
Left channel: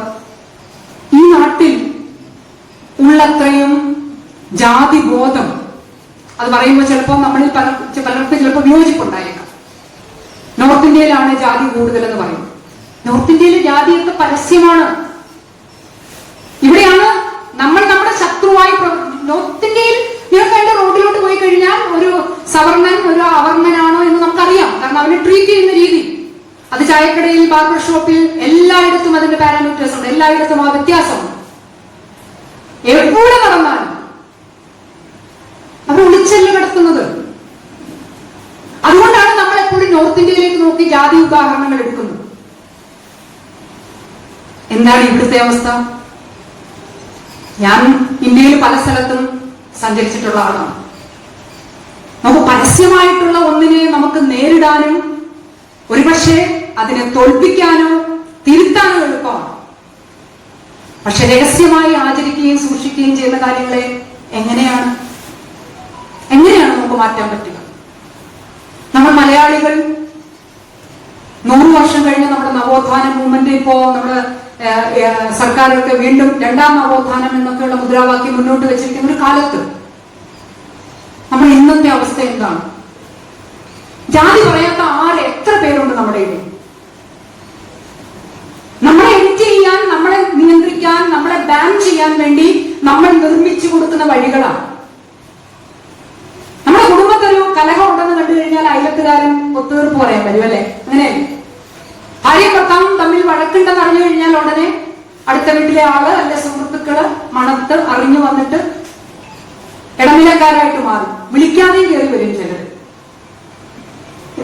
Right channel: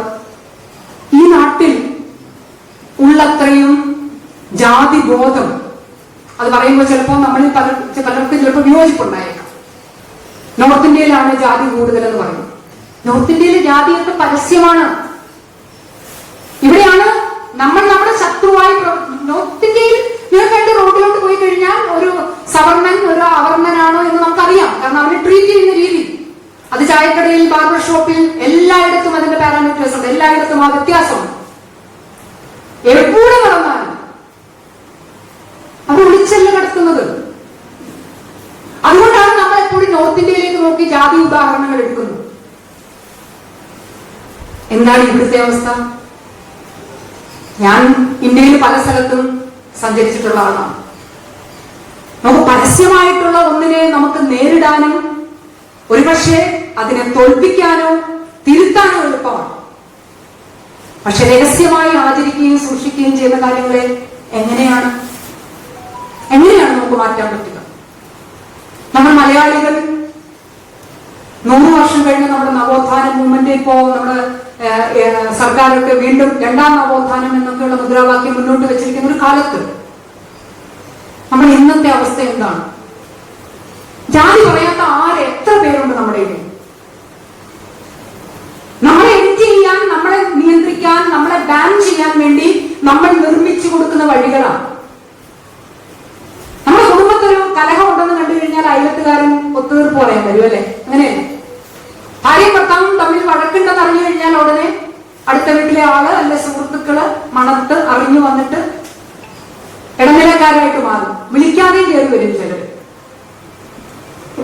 ഈ നാട്ടിൽ ഉള്ളത്രയും ജാതി ബോധം, അത് പറയുമ്പോൾ ചിലപ്പോൾ നമ്മളിൽ പലർക്കും ചിലപ്പോൾ വിയോജിപ്പുണ്ടായേക്കാം. നോർത്ത് ഇന്ത്യയിലാണ് ജാതി കൂടുതൽ എന്ന് പറയും. നോർത്ത് ഇന്ത്യയിലെ ജാതിയൊക്കെ പരസ്യമാണ്. ഇവിടെയാണ് നമ്മൾ നമ്മുടെ ശത്രുവായി. നോർത്ത് ഇന്ത്യയിൽ നിങ്ങൾക്ക് റോഡിലോട്ട് പോയി കഴിഞ്ഞാൽ ഒരു സവർണൻ ഒരു അവർണനാണോ എന്ന് നമുക്കറിയാം. കാരണം അവനെ ട്രീറ്റ് ചെയ്യുന്ന രീതി, അത് ചായക്കടയിൽ, ബാർബർ ഷോപ്പിൽ, എല്ലായിടത്തും അതിന്റെ പാരാമീറ്റേഴ്സ് ഉണ്ട്. എല്ലായിടത്തും ആ വ്യത്യാസമുണ്ട്. എവിടെ നടന്നാലും അവർ ഒളിച്ചല്ല കടത്തുന്നത്. അതുകൊണ്ടാണ് നമ്മൾ എപ്പോഴും നോർത്ത് ഇന്ത്യയിലേക്ക് നോക്കി ജാതി ഉദാഹരണങ്ങൾ എടുക്കുന്നത്. എന്താണ് ഇവിടുത്തെ അവസ്ഥ? ഞാൻ ഇന്ത്യയിൽ പല സ്ഥലത്തും സഞ്ചരിച്ചിട്ടുള്ള ആളാണ്. നമുക്ക് പരസ്യമായിട്ടുള്ള ഒന്നിനെ നമുക്ക് നേരിടാനും ഒരുപക്ഷെ അതിനെ തോൽപ്പിക്കാനോ തിരുത്താനോ എളുപ്പമാണ്. പക്ഷെ രഹസ്യമായി ആചരിക്കുകയും സൂക്ഷിക്കുകയും ചെയ്യുന്ന കാര്യങ്ങളെ എങ്ങനെയാണ് നമുക്ക് മാറ്റാൻ പറ്റുക? നമ്മൾ മലയാളികൾ 100 വർഷം കഴിഞ്ഞ് നമ്മുടെ നവോത്ഥാന മൂവ്മെന്റ്, ഇപ്പോ നമ്മുടെ സർക്കാരൊക്കെ വീണ്ടും 2ാം നവോത്ഥാനം എന്നൊക്കെയുള്ള മുദ്രാവാക്യം മുന്നോട്ട് വെച്ചിരിക്കുന്ന ഒരു കാലത്ത് നമ്മൾ ഇന്നത്തെ അവസ്ഥ എന്താണ്? ജാതി പറയാത്ത എത്ര പേരുണ്ട് നമ്മുടെ ഇടയിൽ? നമ്മളെ എഡിറ്റ് ചെയ്യാൻ, നമ്മളെ നിയന്ത്രിക്കാൻ, നമ്മളെ ബാൻ ചെയ്യാൻ വേണ്ടി നമ്മൾ നിർമ്മിച്ചു കൊടുക്കുന്ന വഴികളാണ്. നമ്മുടെ കുടുംബത്തൊരു കലഹം ഉണ്ടെന്ന് കണ്ടു കഴിഞ്ഞാൽ അയലത്തുകാരൻ ഒത്തുതീർപ്പ് പറയാൻ വരും, അല്ലെ? അങ്ങനെ ഭാര്യയും ഭർത്താവും തമ്മിൽ വഴക്കുണ്ടെന്ന് അറിഞ്ഞു കഴിഞ്ഞാൽ ഉടനെ അടുത്ത വീട്ടിലെ ആള് അല്ലെ സുഹൃത്തുക്കള് മണത്ത് അറിഞ്ഞു വന്നിട്ട് ഇടനിലക്കാരായിട്ട് മാറും. വിളിക്കാതെ കയറി വരും ചിലർ.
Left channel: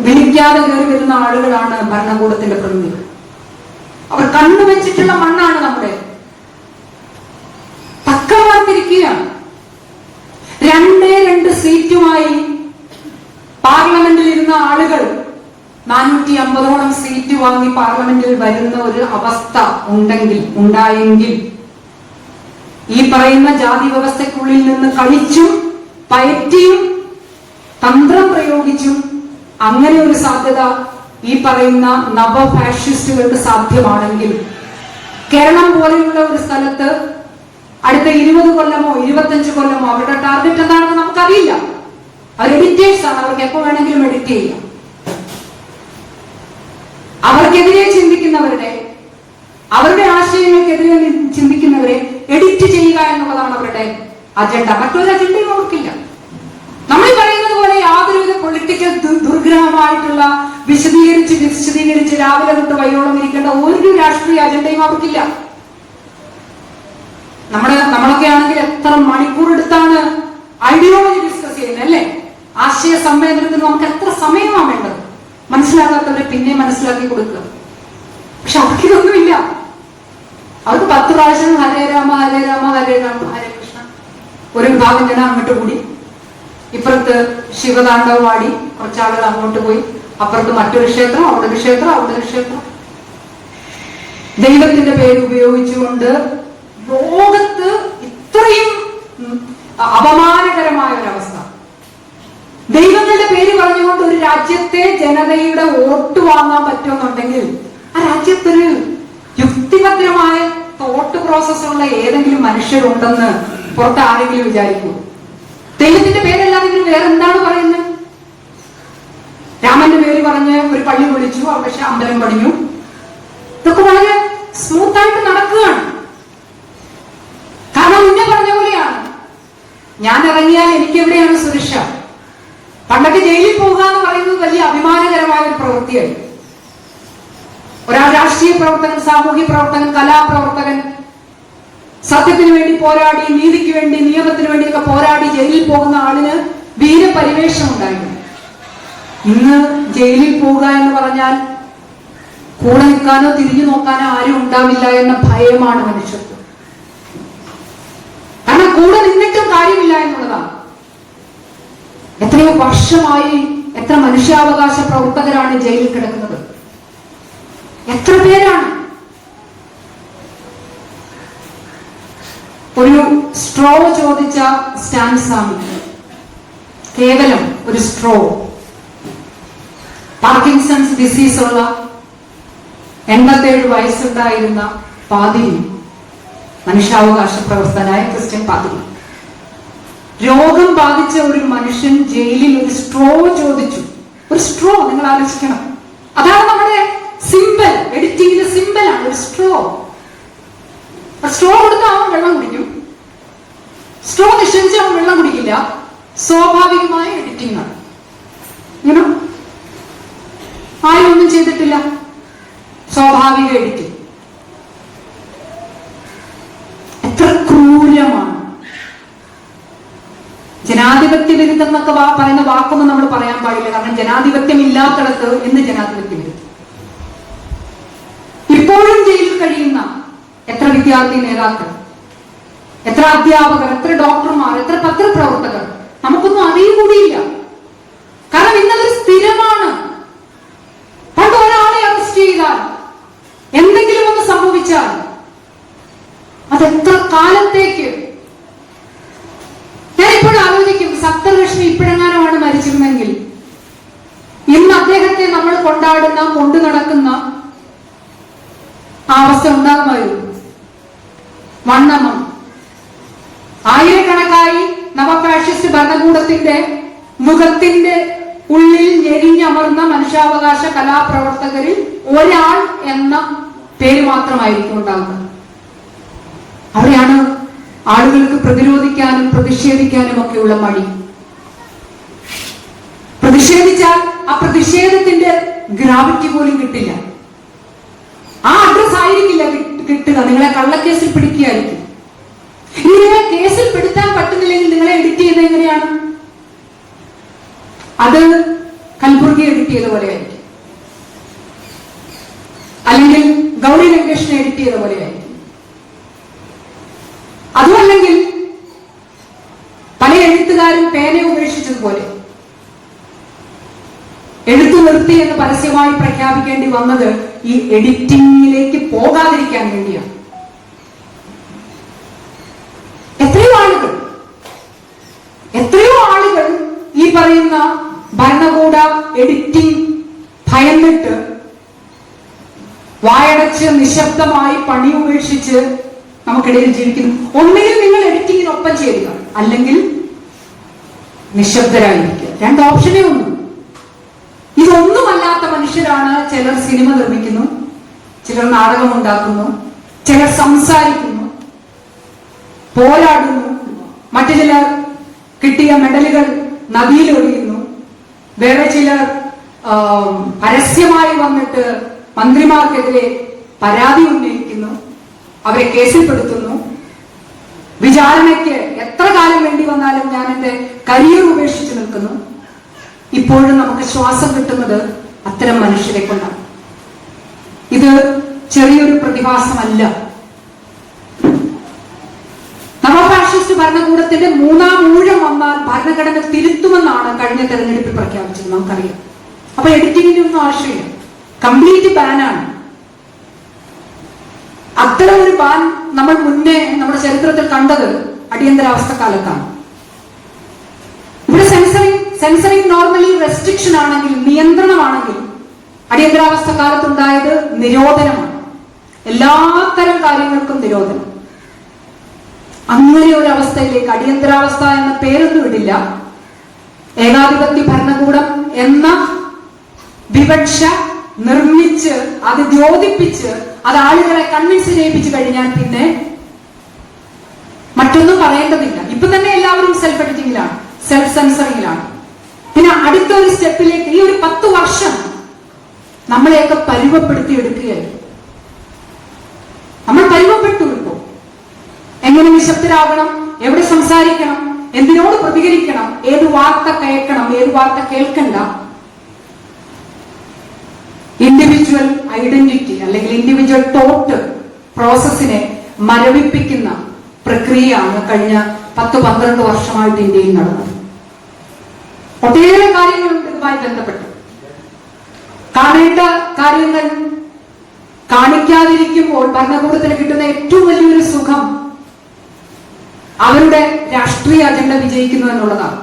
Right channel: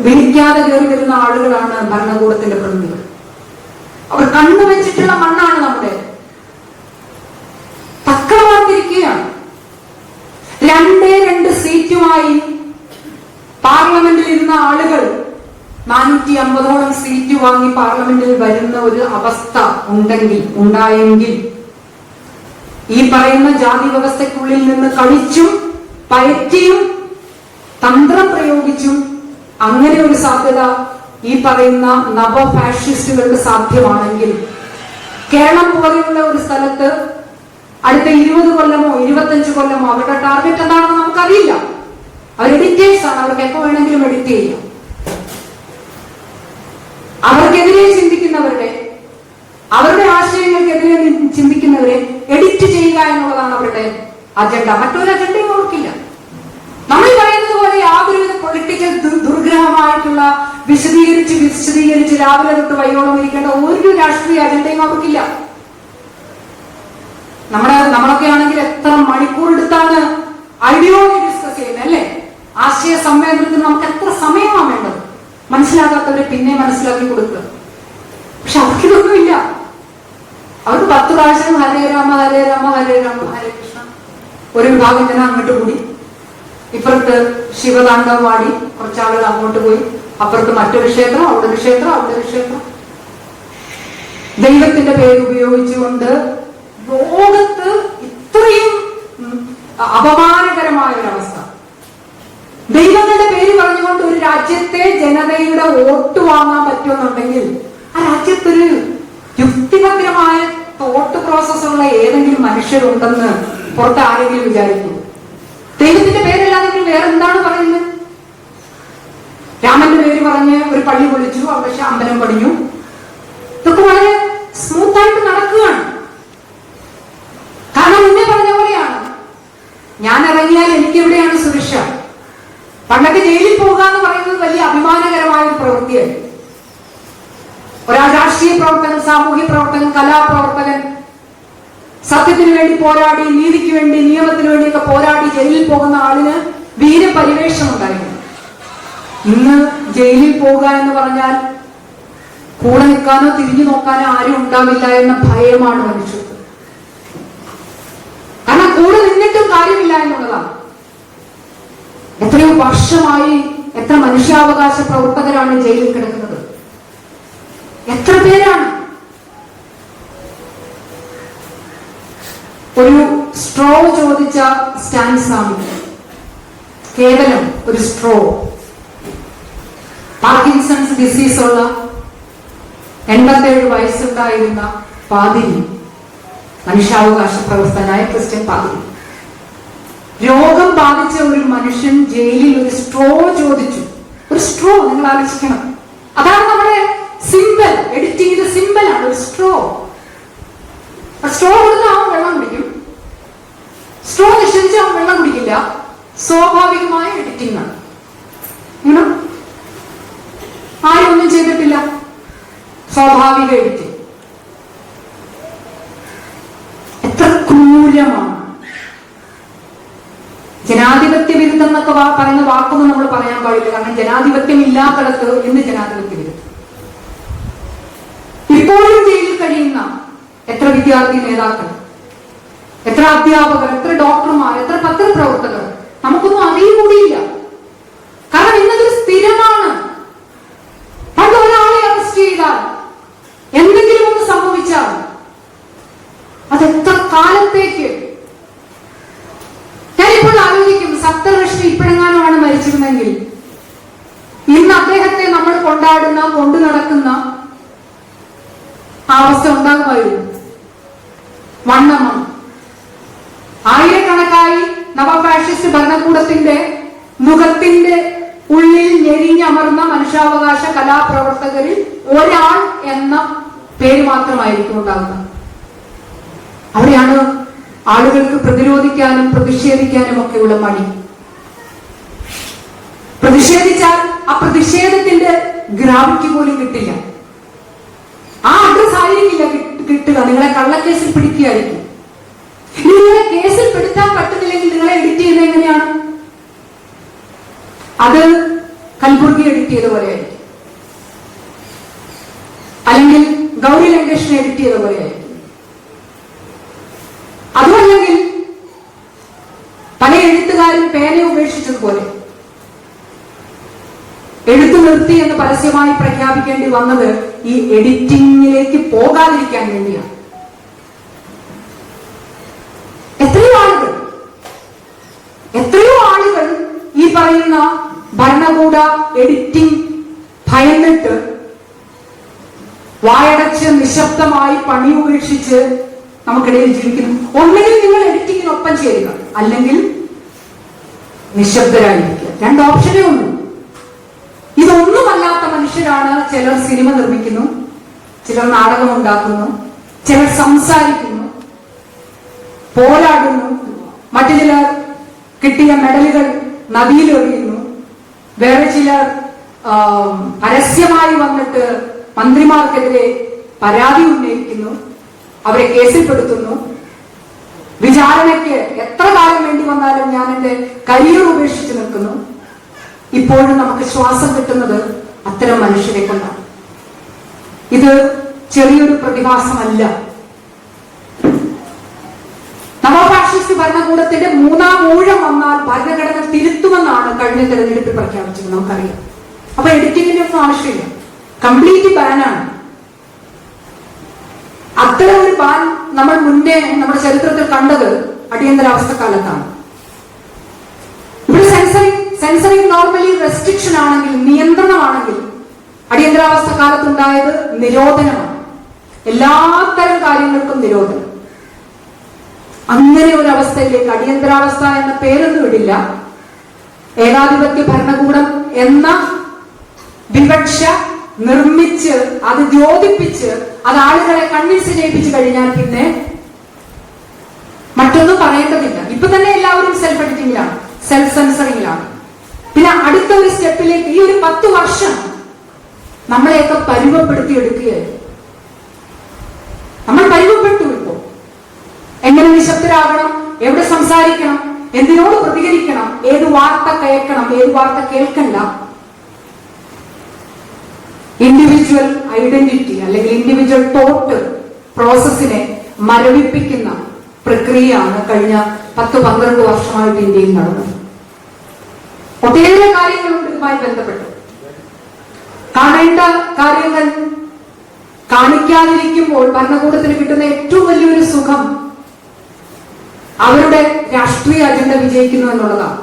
വിളിക്കാതെ കയറി വരുന്ന ആളുകളാണ് ഭരണകൂടത്തിന്റെ പ്രതിനിധികൾ. അവർ കണ്ണുവെച്ചിട്ടുള്ള മണ്ണാണ് നമ്മുടെ. തക്കമാർത്തിരിക്കുകയാണ്. 2 സീറ്റുമായി പാർലമെന്റിൽ ഇരിക്കുന്ന ആളുകൾ 450ഓളം സീറ്റ് വാങ്ങി പാർലമെന്റിൽ വരുന്ന ഒരു അവസ്ഥ ഉണ്ടായെങ്കിൽ ഈ പറയുന്ന ജാതി വ്യവസ്ഥയ്ക്കുള്ളിൽ നിന്ന് കളിച്ചും പയറ്റിയും തന്ത്രം പ്രയോഗിച്ചും അങ്ങനെ ഒരു സാധ്യത ഈ പറയുന്ന നവ ഫാഷിസ്റ്റുകൾക്ക് സാധ്യമാണെങ്കിൽ കേരളം പോലെയുള്ള ഒരു സ്ഥലത്ത് അടുത്ത 20 കൊല്ലമോ 25 കൊല്ലമോ അവരുടെ ടാർഗറ്റ് എന്താണെന്ന് നമുക്കറിയില്ല. അവർ എഡിറ്റേഴ്സ് ആണ്, അവർക്ക് എപ്പോ വേണമെങ്കിലും എഡിറ്റ് ചെയ്യാം. അവർക്കെതിരെ ചിന്തിക്കുന്നവരുടെ ആശയങ്ങൾക്കെതിരെ ചിന്തിക്കുന്നവരെ എഡിറ്റ് ചെയ്യുക എന്നുള്ളതാണ് അവരുടെ അജണ്ട. മറ്റൊരു അജണ്ടയും അവർക്കില്ല. നമ്മൾ പറയുന്നത് പോലെ യാതൊരുവിധ പൊളിറ്റിക്കൽ ദുർഗ്രഹമായിട്ടുള്ള വിശദീകരിച്ച് രാവിലെ തൊട്ട് വൈകോളം ഇരിക്കേണ്ട ഒരു രാഷ്ട്രീയ അജണ്ടയും അവർക്കില്ല. നമ്മളൊക്കെ ആണെങ്കിൽ എത്ര മണിക്കൂർ എടുത്താണ് ഐഡിയോളജി ഡിസ്കസ് ചെയ്യുന്നത് അല്ലേ? ആശയ സംവേദനത്തിന് നമുക്ക് എത്ര സമയമാണ് വേണ്ടത്? മനസ്സിലാക്കാത്തവരെ പിന്നെ മനസ്സിലാക്കി കൊടുക്കുക. പക്ഷെ അവർക്കിതൊന്നുമില്ല. അവർക്ക് 10 പ്രാവശ്യം ഹരേ രാമ ഹരേ രാമ ഹരേ രാമ ഹരേ കൃഷ്ണ. ഒരു വിഭാഗം ജനം അങ്ങോട്ട് കൂടി, ഇപ്പുറത്ത് ശിവതാണ്ഡവമാടി, കുറച്ചാളുകൾ അങ്ങോട്ട് പോയി, അപ്പുറത്ത് മറ്റൊരു ക്ഷേത്രം, അവിടെ ഒരു ക്ഷേത്രം, അവിടെ ഒരു ക്ഷേത്രം. ദൈവത്തിന്റെ പേര് ഉപയോഗിച്ചുകൊണ്ട് ലോകത്ത് ഇത്രയും അപമാനകരമായ ഒരവസ്ഥ. ദൈവങ്ങളുടെ പേര് പറഞ്ഞുകൊണ്ട് ഒരു രാജ്യത്തെ ജനതയുടെ വോട്ട് വാങ്ങാൻ പറ്റുമെന്നുണ്ടെങ്കിൽ ആ രാജ്യത്തൊരു യുക്തിഭദ്രമായ തോട്ട് പ്രോസസ്സുള്ള ഏതെങ്കിലും മനുഷ്യരുണ്ടെന്ന് പുറത്ത് ആരെങ്കിലും വിചാരിക്കും? ദൈവത്തിന്റെ പേരല്ലാതെ ഇവര് വേറെ എന്താണ് പറയുന്നത്? രാമന്റെ പേര് പറഞ്ഞ് ഒരു പള്ളി പൊളിച്ചു, അവിടെ അമ്പലം പണിഞ്ഞു. ഇതൊക്കെ വളരെ സ്മൂത്തായിട്ട് നടക്കുകയാണ്. കാരണം മുന്നേ പറഞ്ഞ പോലെയാണ്, ഞാൻ ഇറങ്ങിയാൽ എനിക്ക് എവിടെയാണ് സുരക്ഷ? പണ്ടൊക്കെ ജയിലിൽ പോകുക എന്ന് പറയുന്നത് വലിയ അഭിമാനകരമായ ഒരു പ്രവൃത്തിയായി. ഒരാൾ രാഷ്ട്രീയ പ്രവർത്തകൻ, സാമൂഹ്യ പ്രവർത്തകൻ, കലാപ്രവർത്തകൻ, സത്യത്തിന് വേണ്ടി പോരാടി, നീതിക്ക് വേണ്ടി, നിയമത്തിന് വേണ്ടിയൊക്കെ പോരാടി ജയിലിൽ പോകുന്ന ആളിന് വീരപരിവേഷം ഉണ്ടായിരുന്നു. ഇന്ന് ജയിലിൽ പോവുക എന്ന് പറഞ്ഞാൽ കൂടെ നിൽക്കാനോ തിരിഞ്ഞു നോക്കാനോ ആരും ഉണ്ടാവില്ല എന്ന ഭയമാണ് മനുഷ്യർക്ക്. കാരണം കൂടെ നിന്നിട്ടും കാര്യമില്ല എന്നുള്ളതാണ്. എത്രയോ വർഷമായി എത്ര മനുഷ്യാവകാശ പ്രവർത്തകരാണ് ജയിലിൽ കിടക്കുന്നത്? എത്ര പേരാണ്? ഒരു സ്ട്രോ ചോദിച്ച സ്റ്റാൻ സ്വാമി, കേവലം ഒരു സ്ട്രോ, പാർക്കിൻസൺസ് ഡിസീസ് ഉള്ള 87 വയസ്സുണ്ടായിരുന്ന പാതിരി, മനുഷ്യാവകാശ പ്രവർത്തനായ ക്രിസ്ത്യൻ പാതിരി, രോഗം ബാധിച്ച ഒരു മനുഷ്യൻ ജയിലിൽ ഒരു സ്ട്രോ ചോദിച്ചു. ഒരു സ്ട്രോ, നിങ്ങൾ ആലോചിക്കണം. അതാണ് നമ്മുടെ സിമ്പൽ, എഡിറ്റ് ചെയ്ത സിമ്പലാണ് ഒരു സ്ട്രോ. സ്ട്രോ കൊടുത്താൽ അവൻ വെള്ളം കുടിക്കും, സ്ട്രോ നിഷേധിച്ച് അവൻ വെള്ളം കുടിക്കില്ല. സ്വാഭാവികമായ എഡിറ്റിംഗ് ആണ്. ഇങ്ങനെ ആരും ഒന്നും ചെയ്തിട്ടില്ല, സ്വാഭാവിക എഡിറ്റിംഗ്. എത്ര ക്രൂരമാണ്! ജനാധിപത്യ വിരുദ്ധം എന്നൊക്കെ പറയുന്ന വാക്കൊന്നും നമ്മൾ പറയാൻ പാടില്ല. കാരണം ജനാധിപത്യം ഇല്ലാത്തടത്ത് എന്ന് ജനാധിപത്യ വിരുദ്ധം. ഇപ്പോഴും ജയിലിൽ കഴിയുന്ന എത്ര വിദ്യാർത്ഥി നേതാക്കൾ, എത്ര അധ്യാപകർ, എത്ര ഡോക്ടർമാർ, എത്ര പത്രപ്രവർത്തകർ നമുക്കൊന്നും അറിയുകൂടിയില്ല. കാരണം ഇന്നതൊരു സ്ഥിരമാണ്. പണ്ട് ഒരാളെ അറസ്റ്റ് ചെയ്താൽ, എന്തെങ്കിലും ഒന്ന് സംഭവിച്ചാൽ അതെത്ര കാലത്തേക്ക്? ഞാനിപ്പോൾ ആലോചിക്കും, സപ്തലക്ഷ്മി ഇപ്പോഴെങ്ങാനുമാണ് മരിച്ചിരുന്നെങ്കിൽ ഇന്ന് അദ്ദേഹത്തെ നമ്മൾ കൊണ്ടു നടക്കുന്ന ആ അവസ്ഥ ഉണ്ടാകുമായിരുന്നു. വണ്ണമ്മ, ആയിരക്കണക്കായി നവഫാഷിസ്റ്റ് ഭരണകൂടത്തിന്റെ മുഖത്തിന്റെ ഉള്ളിൽ ഞെരിഞ്ഞമർന്ന മനുഷ്യാവകാശ കലാപ്രവർത്തകരിൽ ഒരാൾ എന്ന പേര് മാത്രമായിരിക്കും ഉണ്ടാകുന്നത്. അവിടെയാണ് ആളുകൾക്ക് പ്രതിരോധിക്കാനും പ്രതിഷേധിക്കാനും ഒക്കെയുള്ള മടി. പ്രതിഷേധിച്ചാൽ ആ പ്രതിഷേധത്തിന്റെ ഗ്രാവിറ്റി പോലും കിട്ടില്ല. ആ അഡ്രസ് ആയിരിക്കില്ല കിട്ടുക. നിങ്ങളെ കള്ളക്കേസിൽ പിടിക്കുകയായിരിക്കും. നിങ്ങളെ കേസിൽ പെടുത്താൻ പറ്റുന്നില്ലെങ്കിൽ നിങ്ങളെ എഡിറ്റ് ചെയ്യുന്നത് എങ്ങനെയാണ്? അത് കൽബുർഗി എഡിറ്റ് ചെയ്ത പോലെ ആയിരിക്കും, അല്ലെങ്കിൽ ഗൗരി ലങ്കേഷിനെ എഡിറ്റ് ചെയ്ത പോലെ ആയിരിക്കും. അതുമല്ലെങ്കിൽ പല എഴുത്തുകാരും പേന ഉപേക്ഷിച്ചതുപോലെ. എഴുത്തു നിർത്തി എന്ന് പരസ്യമായി പ്രഖ്യാപിക്കേണ്ടി വന്നത് ഈ എഡിറ്റിംഗിലേക്ക് പോകാതിരിക്കാൻ വേണ്ടിയാണ്. എത്രയോ ആളുകൾ ഈ പറയുന്ന ഭരണകൂട എഡിറ്റിംഗ് ഭയന്നിട്ട് വായടച്ച് നിശബ്ദമായി പണി ഉപേക്ഷിച്ച് നമുക്കിടയിൽ ജീവിക്കുന്നു. ഒന്നുകിൽ നിങ്ങൾ എഡിറ്റിങ്ങിനൊപ്പം ചേരുക, അല്ലെങ്കിൽ നിശബ്ദരായിരിക്കുക. രണ്ട് ഓപ്ഷനേ ഉള്ളൂ. ഇതൊന്നുമല്ലാത്ത മനുഷ്യരാണ് ചിലർ സിനിമ നിർമ്മിക്കുന്നു, ചിലർ നാടകം ഉണ്ടാക്കുന്നു, ചിലർ സംസാരിക്കുന്നു, പോരാടുന്നു, മറ്റു ചിലർ കിട്ടിയ മെഡലുകൾ നദിയിലൊഴിയുന്നു, വേറെ ചിലർ പരസ്യമായി വന്നിട്ട് മന്ത്രിമാർക്കെതിരെ പരാതി ഉന്നയിക്കുന്നു, അവരെ കേസിൽപ്പെടുത്തുന്നു, വിചാരണയ്ക്ക് എത്ര കാലം വേണ്ടി വന്നാലും ഞാൻ എന്റെ കരിയർ ഉപേക്ഷിച്ച് നിൽക്കുന്നു. ഇപ്പോഴും നമുക്ക് ശ്വാസം കിട്ടുന്നത് അത്തരം മനുഷ്യരെ കൊണ്ടാണ്. ഇത് ചെറിയൊരു പ്രതിഭാസമല്ല. നവഫാഷിസ്റ്റ് ഭരണകൂടത്തിന്റെ മൂന്നാം ഊഴം വന്നാൽ ഭരണഘടന തിരുത്തുമെന്നാണ് കഴിഞ്ഞ തെരഞ്ഞെടുപ്പിൽ പ്രഖ്യാപിച്ചത്, നമുക്കറിയാം. അപ്പൊ എഡിറ്റിംഗിന്റെ ഒന്നും ആവശ്യമില്ല, കംപ്ലീറ്റ് ബാനാണ്. അത്തരം ഒരു ബാൻ നമ്മൾ മുന്നേ നമ്മുടെ ചരിത്രത്തിൽ കണ്ടത് അടിയന്തരാവസ്ഥ കാലത്താണ്. ഇവിടെ സെൻസറിങ് നോർമലി റെസ്ട്രിക്ഷൻ ആണെങ്കിൽ, നിയന്ത്രണമാണെങ്കിൽ, അടിയന്തരാവസ്ഥ കാലത്തുണ്ടായത് നിരോധനമാണ്. എല്ലാത്തരം കാര്യങ്ങൾക്കും നിരോധനം. അങ്ങനെ ഒരു അവസ്ഥയിലേക്ക് അടിയന്തരാവസ്ഥ എന്ന പേരൊന്നും ഇടില്ല, ഏകാധിപത്യ ഭരണകൂടം എന്ന വിവക്ഷ നിർമ്മിച്ച് അത് ദ്യോതിപ്പിച്ച് അത് ആളുകളെ കൺവിൻസ് ചെയ്യിപ്പിച്ചു കഴിഞ്ഞാൽ പിന്നെ മറ്റൊന്നും പറയേണ്ടതില്ല. ഇപ്പൊ തന്നെ എല്ലാവരും സെൽഫ് എഡിറ്റിംഗിലാണ്, സെൽഫ് സെൻസറിങ്ങിലാണ്. പിന്നെ അടുത്ത ഒരു സ്റ്റെപ്പിലേക്ക് ഈ ഒരു 10 വർഷം നമ്മളെയൊക്കെ പരുവപ്പെടുത്തി എടുക്കുകയാണ്. നമ്മൾ പരുവപ്പെട്ടു ഇപ്പോ. എങ്ങനെ നിശബ്ദരാകണം, എവിടെ സംസാരിക്കണം, എന്തിനോട് പ്രതികരിക്കണം, ഏത് വാർത്ത കേൾക്കണം, ഏത് വാർത്ത കേൾക്കണ്ട. ഇൻഡിവിജ്വൽ ഐഡന്റിറ്റി അല്ലെങ്കിൽ ഇൻഡിവിജ്വൽ തോട്ട് പ്രോസസ്സിനെ മരവിപ്പിക്കുന്ന പ്രക്രിയയാണ് കഴിഞ്ഞ 10-12 വർഷമായിട്ട് ഇന്ത്യയിൽ നടന്നത്. ഒട്ടേറെ കാര്യങ്ങളുണ്ട് ഇതുമായി ബന്ധപ്പെട്ട്. കാണേണ്ട കാര്യങ്ങൾ കാണിക്കാതിരിക്കുമ്പോൾ ഭരണകൂടത്തിന് കിട്ടുന്ന ഏറ്റവും വലിയൊരു സുഖം അവരുടെ രാഷ്ട്രീയ അജണ്ട വിജയിക്കുന്നു എന്നുള്ളതാണ്.